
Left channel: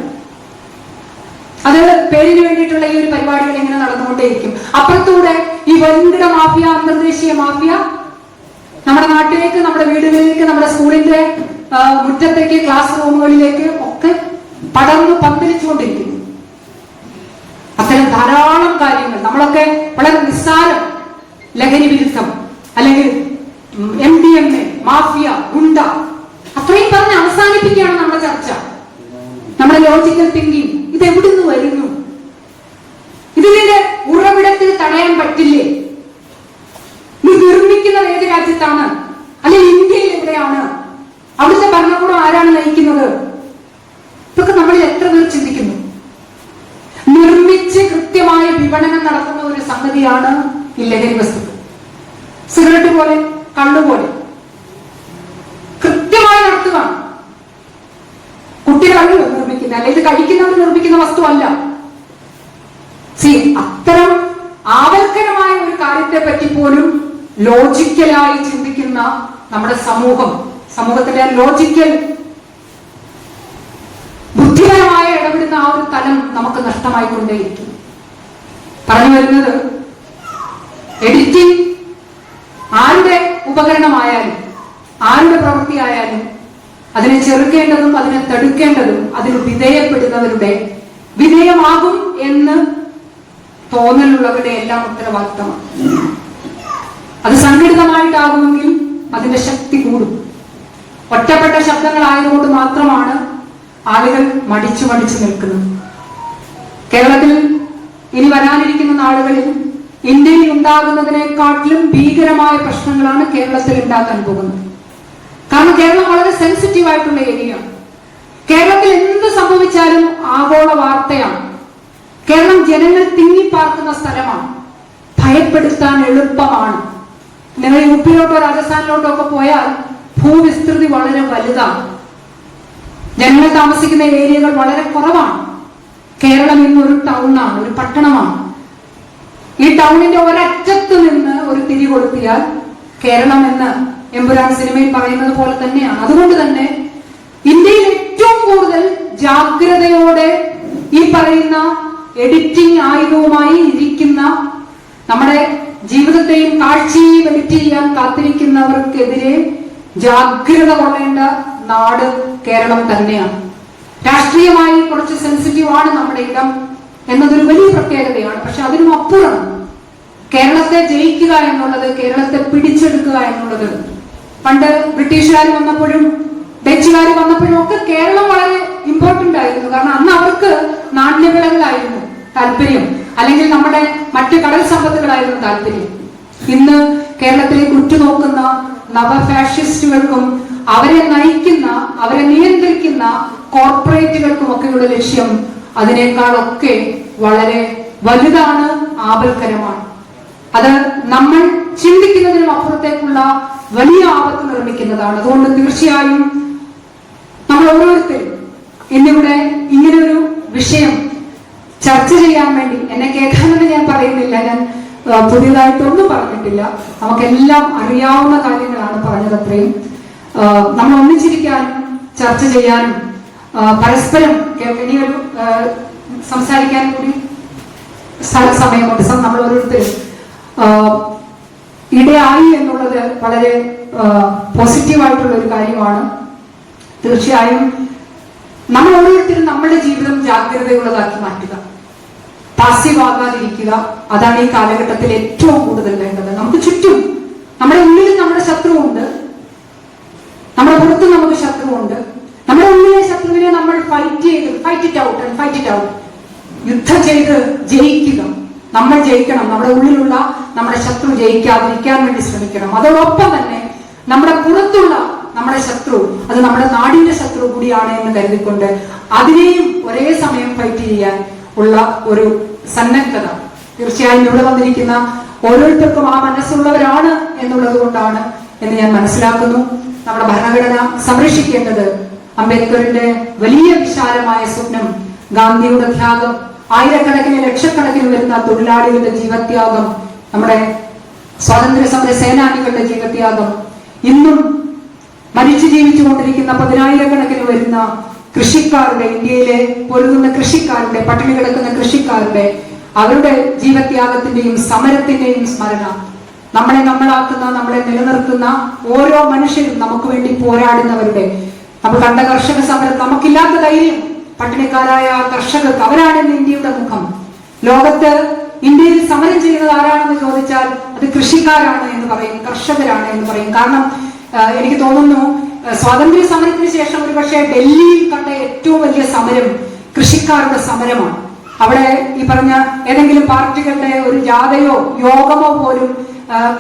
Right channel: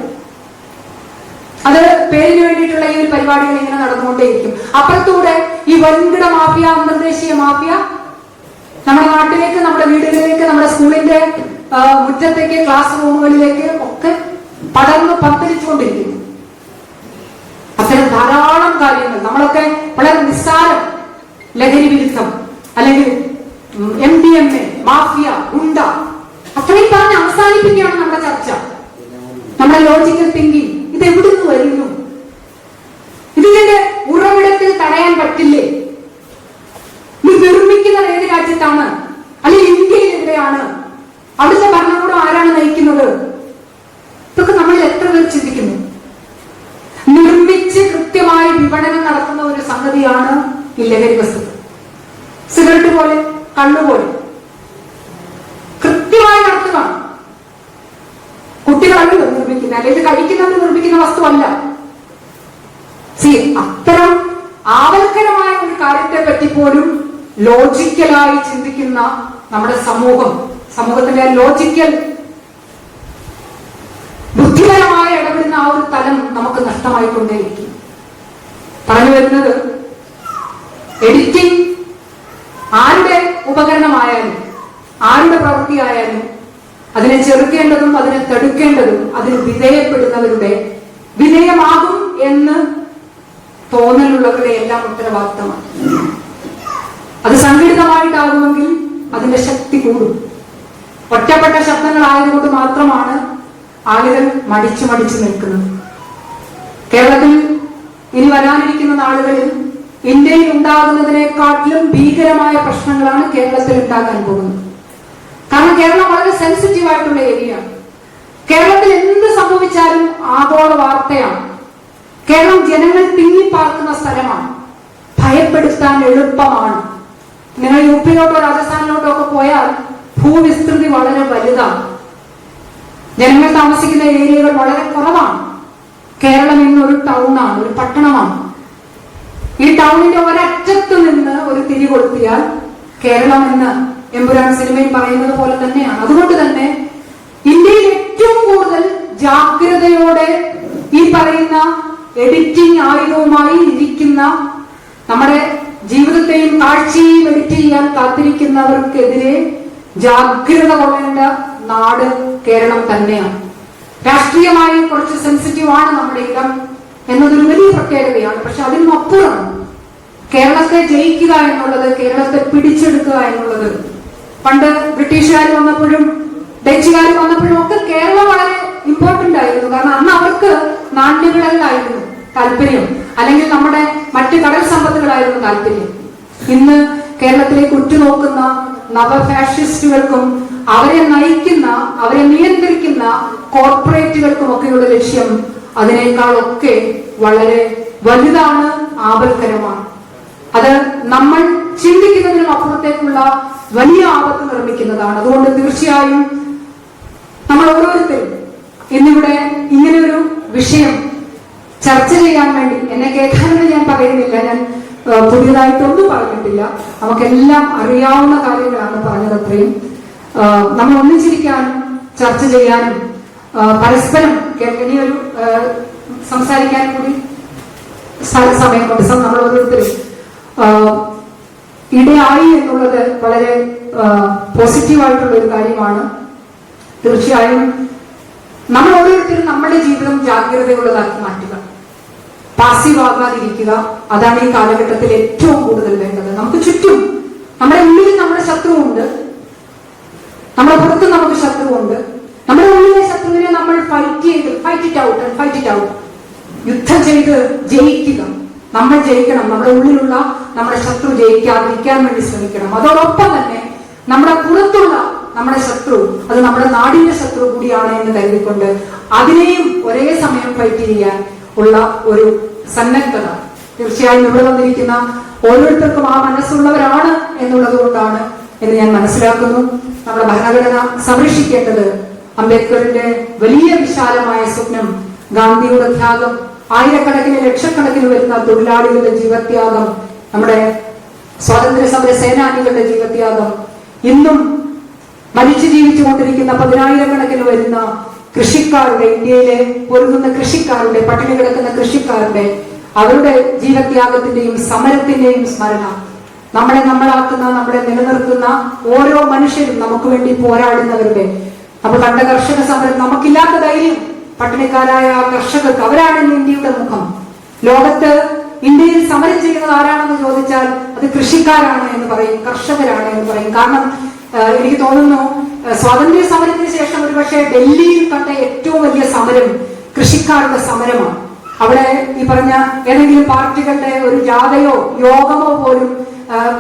അത് പേരിന് വേണ്ടിയിട്ടുള്ള ഈ ഒരു പരിപാടികൾ ഇങ്ങനെ നടന്നുകൊണ്ടേയിരിക്കും. അപ്പുറത്തൂടെ ഈ വൻകിട മാഫിയ, അന്തർദേശീയ മാഫിയ നമ്മുടെ നാട്ടിലേക്ക്, നമ്മുടെ വീടുകളിലേക്ക്, നമ്മുടെ സ്കൂളിന്റെ മുറ്റത്തേക്ക്, ക്ലാസ് റൂമുകളിലേക്ക് ഒക്കെ പടർന്ന് പന്തലിച്ചുകൊണ്ടിരിക്കുന്നു. അത്തരം ധാരാളം കാര്യങ്ങൾ നമ്മളൊക്കെ വളരെ നിസ്സാരം ലഹരി വിരുദ്ധം അല്ലെങ്കിൽ MDMA, മാഫിയ, ഗുണ്ട അത്രയും പറഞ്ഞ് അവസാനിപ്പിക്കുകയാണ് നമ്മുടെ ചർച്ച. നമ്മുടെ ലോജിക്കൽ തിങ്കിങ് ഇത് എവിടുന്ന് വരുന്നു? ഇതിന്റെ ഉറവിടത്തിൽ തടയാൻ പറ്റില്ലേ? ഇത് നിർമ്മിക്കുന്നത് ഏത് രാജ്യത്താണ്? അല്ലെങ്കിൽ ഇന്ത്യയിൽ എവിടെയാണ്? അവിടുത്തെ ഭരണകൂടം ആരാണ് നയിക്കുന്നത്? ഇതൊക്കെ നമ്മളിൽ എത്ര പേർ ചിന്തിക്കുന്നു? നിർമ്മിച്ച് കൃത്യമായി വിപണനം നടത്തുന്ന ഒരു സംഗതിയാണ് ഈ ലഹരി വസ്തു. സിഗരറ്റ് പോലെ, കള്ളുപോലെ കൃത്യമായി നടത്തുക. കുട്ടികളല്ല നിർമ്മിക്കുന്ന, അല്ലെങ്കിൽ ഇത് കഴിക്കുന്നത് നിർമ്മിക്കുന്ന വസ്തുവല്ല. അത്തരം ആവർത്തനമായ ഒരു കാര്യത്തെ പറ്റി പോലും ലോജിക്കലായി ചിന്തിക്കുന്ന നമ്മുടെ സമൂഹത്തിന്റെ ലോജിക്കൽ ബുദ്ധിപരമായി ഇടപെടുന്ന ആ ഒരു തലം നമുക്ക് നഷ്ടമായിക്കൊണ്ടേയിരിക്കും. പറഞ്ഞു വരുന്നത്, എഡിറ്റിംഗ് ആരുടെ ഉപകരണമായാലും ആരുടെ പ്രവൃത്തിയായാലും അതിനെ ചെറുക്കേണ്ടതും അതിനെ തടുക്കേണ്ടതും അതിന് വിധേയപ്പെടുന്നവരുടെ, വിധേയമാകും എന്ന് തോന്നലുള്ളവരുടെ എല്ലാം ഉത്തരവാദിത്തമാണ്. അത് സംഘടിതമായിട്ടാകുമെങ്കിൽ അതിന്റെ ശക്തി കൂടും. ഒറ്റപ്പെട്ട ശബ്ദങ്ങളായതുകൊണ്ട് മാത്രമാണ് ആളുകൾ മടിച്ചു നിൽക്കുന്നത്. കേരളത്തിൽ ഇനി വരാനിരിക്കുന്ന നാളുകളിൽ ഇന്ത്യയിൽ ഉണ്ടാകുന്നതിനെക്കാട്ടിലും ഭീകരമായ പ്രശ്നങ്ങളാണ് കേരളത്തിൽ ഉണ്ടാക്കാൻ പോകുന്നത്. കാരണം കേരളം വളരെ സെൻസിറ്റീവ് ആയിട്ടുള്ള ഏരിയയാണ്. കേരളത്തിൽ എന്ത് സംഭവിച്ചാലും ആഗോള വാർത്തയാണ്. കേരളം ജനങ്ങൾ തിങ്ങിപ്പാർക്കുന്ന സ്ഥലമാണ്. ഭയപ്പെടുത്താൻ എളുപ്പമാണ്. നിങ്ങൾ യുപിയിലോട്ടോ രാജസ്ഥാനിലോട്ടോ ഒക്കെ പോയാൽ ഭൂവിസ്തൃതി വളരെ വലുതാണ്. ജനങ്ങൾ താമസിക്കുന്ന ഏരിയകൾ വളരെ കുറവാണ്. കേരളം ഇന്ന് ഒരു ടൗണാണ്, ഒരു പട്ടണമാണ്. ഈ ടൗണിന്റെ ഒരറ്റത്ത് നിന്ന് ഒരു തിരി കൊളുത്തിയാൽ കേരളം എന്ന് എമ്പുരാൻ സിനിമയിൽ പറയുന്നത് പോലെ തന്നെയാണ്. അതുകൊണ്ട് തന്നെ ഇന്ത്യയിൽ ഏറ്റവും കൂടുതൽ ജാഗ്രതയോടെ ഈ പറയുന്ന എഡിറ്റിംഗ് ആയുധവുമായി ഇരിക്കുന്ന, നമ്മുടെ ജീവിതത്തെയും കാഴ്ചയും എഡിറ്റ് ചെയ്യാൻ കാത്തിരിക്കുന്നവർക്കെതിരെ ജാഗ്രത കൊള്ളേണ്ട നാട് കേരളം തന്നെയാണ്. രാഷ്ട്രീയമായി കുറച്ച് സെൻസിറ്റീവ് ആണ് നമ്മുടെ ഇടം എന്നതൊരു വലിയ പ്രത്യേകതയാണ്. പക്ഷെ അതിനും അപ്പുറം കേരളത്തെ ജയിക്കുക എന്നുള്ളത്, കേരളത്തെ പിടിച്ചെടുക്കുക എന്നുള്ളത്, പണ്ട് ബ്രിട്ടീഷുകാർ വന്നപ്പോഴും ഡച്ചുകാർ വന്നപ്പോഴും ഒക്കെ കേരളം വളരെ ഇമ്പോർട്ടന്റ് ആയിരുന്നു. കാരണം അന്ന് അവർക്ക് നാണ്യവിളകളായിരുന്നു താല്പര്യം, അല്ലെങ്കിൽ നമ്മുടെ മറ്റു കടൽ സമ്പത്തുകളായിരുന്നു താല്പര്യം. ഇന്ന് കേരളത്തിലേക്ക് ഉറ്റുനോക്കുന്ന നവഫാഷിസ്റ്റുകൾക്കും അവരെ നയിക്കുന്ന, അവരെ നിയന്ത്രിക്കുന്ന കോർപ്പറേറ്റുകൾക്കും ഒക്കെയുള്ള ലക്ഷ്യം അതിനേക്കാളൊക്കെ വളരെ വലുതാണ്, ആപൽക്കരമാണ്. അത് നമ്മൾ ചിന്തിക്കുന്നതിനും അപ്പുറത്തേക്കുള്ള വലിയ ആപത്ത് നിർമ്മിക്കുന്നതാണ്. അതുകൊണ്ട് തീർച്ചയായും നമ്മൾ ഓരോരുത്തരും ഇന്നിവിടെ ഇങ്ങനെയൊരു വിഷയം ചർച്ച ചെയ്യാൻ വേണ്ടി, എന്നെ കേൾക്കാനെന്ന് ഞാൻ പറയുന്നില്ല, ഞാൻ പുതിയതായിട്ടൊന്നും പറഞ്ഞിട്ടില്ല, നമുക്കെല്ലാം അറിയാവുന്ന കാര്യങ്ങളാണ് പറഞ്ഞതത്രയും. നമ്മൾ ഒന്നിച്ചിരിക്കാനും ചർച്ച ചെയ്യാനും പരസ്പരം ഇനിയൊരു സംസാരിക്കാൻ കൂടി സമയമുണ്ട്. നമ്മൾ ഓരോരുത്തരും ഇടയായി എന്നുള്ളത് വളരെ പോസിറ്റീവായിട്ടുള്ള ഒരു കാര്യമാണ്. തീർച്ചയായും നമ്മൾ ഓരോരുത്തരും നമ്മുടെ ജീവിതം ജാഗ്രതയുള്ളതാക്കി മാറ്റുക, പാസീവ് ആകാതിരിക്കുക. അതാണ് ഈ കാലഘട്ടത്തിൽ ഏറ്റവും കൂടുതൽ വേണ്ടത്. നമുക്ക് ചുറ്റും, നമ്മുടെ ഉള്ളിൽ നമ്മുടെ ശത്രുവുണ്ട്, നമ്മുടെ പുറത്ത് നമുക്ക് ശത്രുവുണ്ട്. നമ്മുടെ ഉള്ളിലെ ശത്രുവിനെ നമ്മൾ ഫൈറ്റ് ഇറ്റ് ഔട്ട്, യുദ്ധം ചെയ്ത് ജയിക്കുക. നമ്മൾ ജയിക്കണം. നമ്മുടെ ഉള്ളിലുള്ള നമ്മുടെ ശത്രു ജയിക്കാതിരിക്കാൻ വേണ്ടി ശ്രമിക്കണം. അതോടൊപ്പം തന്നെ നമ്മുടെ പുറത്തുള്ള നമ്മുടെ ശത്രു, അത് നമ്മുടെ നാടിന്റെ ശത്രു കൂടിയാണ് എന്ന് കരുതിക്കൊണ്ട് അതിനെയും ഒരേ സമയം ഫൈറ്റ് ചെയ്യാൻ ഉള്ള ഒരു സന്നദ്ധത തീർച്ചയായും ഇവിടെ വന്നിരിക്കുന്ന ഓരോരുത്തർക്കും ആ മനസ്സുള്ളവരാണ് എന്നുള്ളത് കൊണ്ടാണ് എന്ന് ഞാൻ മനസ്സിലാക്കുന്നു. നമ്മുടെ ഭരണഘടന സംരക്ഷിക്കേണ്ടത് അംബേദ്കറിന്റെ വലിയ വിശാലമായ സ്വപ്നം, ഗാന്ധിയുടെ ത്യാഗം, ആയിരക്കണക്കിന് ലക്ഷക്കണക്കിന് വരുന്ന തൊഴിലാളികളുടെ ജീവത്യാഗം, നമ്മുടെ സ്വാതന്ത്ര്യ സമര സേനാനികളുടെ ജീവത്യാഗം, ഇന്നും മരിച്ചു ജീവിച്ചുകൊണ്ടിരിക്കുന്ന 10,000-കണക്കിന് വരുന്ന കൃഷിക്കാരുടെ, ഇന്ത്യയിലെ പൊരുതുന്ന കൃഷിക്കാരുടെ, പട്ടിണി കിടക്കുന്ന കൃഷിക്കാരുടെ, അവരുടെ ജീവത്യാഗത്തിന്റെയും സമരത്തിന്റെയും സ്മരണ, നമ്മളെ നമ്മളാക്കുന്ന, നമ്മളെ നിലനിർത്തുന്ന ഓരോ മനുഷ്യരും, നമുക്ക് വേണ്ടി പോരാടുന്നവരുടെ, നമുക്ക് കണ്ട കർഷക സമരം, നമുക്കില്ലാത്ത ധൈര്യം പട്ടിണിക്കാരായ കർഷകർക്ക്, അവരാണ് ഇന്ത്യയുടെ മുഖം. ലോകത്ത് ഇന്ത്യയിൽ സമരം ചെയ്യുന്നത് ആരാണെന്ന് ചോദിച്ചാൽ അത് കൃഷിക്കാരാണ് എന്ന് പറയും, കർഷകരാണ് എന്ന് പറയും. കാരണം എനിക്ക് തോന്നുന്നു സ്വാതന്ത്ര്യ സമരത്തിന് ശേഷം ഒരുപക്ഷെ ഡൽഹിയിൽ കണ്ട ഏറ്റവും വലിയ സമരം കൃഷിക്കാരുടെ സമരമാണ്. അവിടെ ഈ പറഞ്ഞ ഏതെങ്കിലും പാർട്ടികളുടെ ഒരു ജാഥയോ യോഗമോ പോലും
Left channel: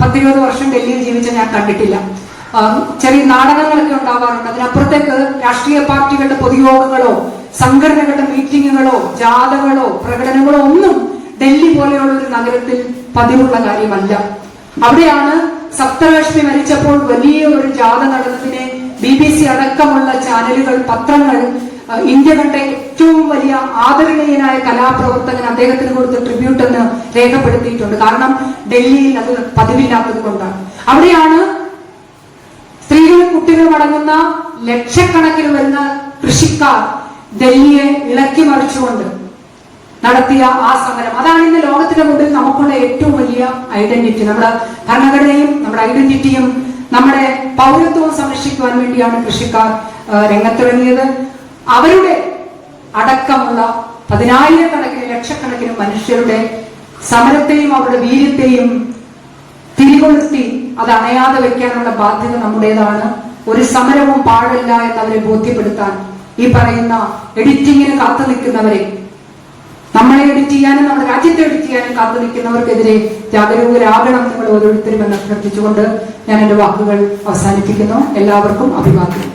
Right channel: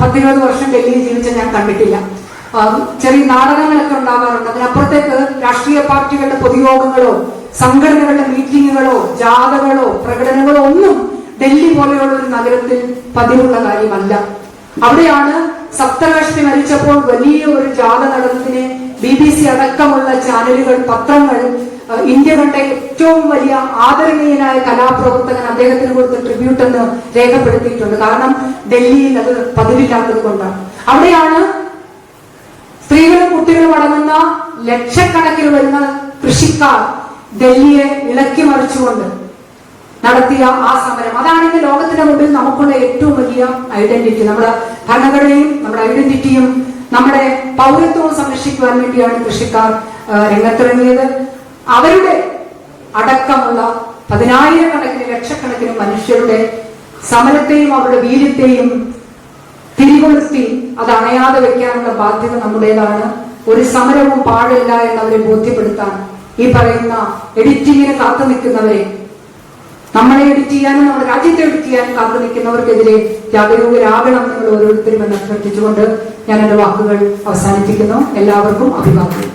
10-20 വർഷം ഡൽഹിയിൽ ജീവിച്ച ഞാൻ കണ്ടിട്ടില്ല. ചെറിയ നാടകങ്ങളൊക്കെ ഉണ്ടാകാറുണ്ട്. അതിനപ്പുറത്തേക്ക് രാഷ്ട്രീയ പാർട്ടികളുടെ പൊതുയോഗങ്ങളോ സംഘടനകളുടെ മീറ്റിങ്ങുകളോ ജാഥകളോ പ്രകടനങ്ങളോ ഒന്നും ഡൽഹി പോലെയുള്ള ഒരു നഗരത്തിൽ പതിവുള്ള കാര്യമല്ല. അവിടെയാണ് സപ്തകാഷ്ടി മരിച്ചപ്പോൾ വലിയ ഒരു ജാഥ നടന്നതിനെ BBC അടക്കമുള്ള ചാനലുകൾ, പത്രങ്ങൾ ഇന്ത്യ കണ്ട ഏറ്റവും വലിയ ആദരണീയനായ കലാപ്രവർത്തകൻ അദ്ദേഹത്തിന് കൊടുത്ത ട്രിബ്യൂട്ട് എന്ന് രേഖപ്പെടുത്തിയിട്ടുണ്ട്. കാരണം ഡൽഹിയിൽ അത് പതിവില്ലാത്തത് കൊണ്ടാണ്. അവിടെയാണ് സ്ത്രീകളും കുട്ടികളും അടങ്ങുന്ന ലക്ഷക്കണക്കിന് വരുന്ന കൃഷിക്കാർ ഡൽഹിയെ ഇളക്കി മറിച്ചുകൊണ്ട് നടത്തിയ ആ സമരം. അതാണ് ഇന്ന് ലോകത്തിന്റെ മുമ്പിൽ നമുക്കുള്ള ഏറ്റവും വലിയ ഐഡന്റിറ്റി. നമ്മുടെ ഭരണഘടനയും നമ്മുടെ ഐഡന്റിറ്റിയും നമ്മുടെ പൗരത്വവും സംരക്ഷിക്കുവാൻ വേണ്ടിയാണ് കൃഷിക്കാർ രംഗത്തിറങ്ങിയത്. അവരുടെ അടക്കമുള്ള 10,000-കണക്കിന് ലക്ഷക്കണക്കിന് മനുഷ്യരുടെ സമരത്തെയും അവരുടെ വീര്യത്തെയും തിരികൊളുത്തി അത് അണയാതെ വെക്കാനുള്ള ബാധ്യത നമ്മുടേതാണ്. ഒരു സമരവും പാടില്ല എന്നവരെ ബോധ്യപ്പെടുത്താൻ ഈ പറയുന്ന എഡിറ്റിങ്ങിന് കാത്തു നിൽക്കുന്നവരെ, നമ്മളെ എഡിറ്റ് ചെയ്യാനും നമ്മുടെ രാജ്യത്തെ എഡിറ്റ് ചെയ്യാനും കാത്തു നിൽക്കുന്നവർക്കെതിരെ ജാഗരൂകരാകണം നിങ്ങൾ ഓരോരുത്തരും എന്ന് അഭ്യർത്ഥിച്ചുകൊണ്ട് ഞാൻ എന്റെ വാക്കുകൾ അവസാനിപ്പിക്കുന്നു. എല്ലാവർക്കും അഭിവാദ്യം.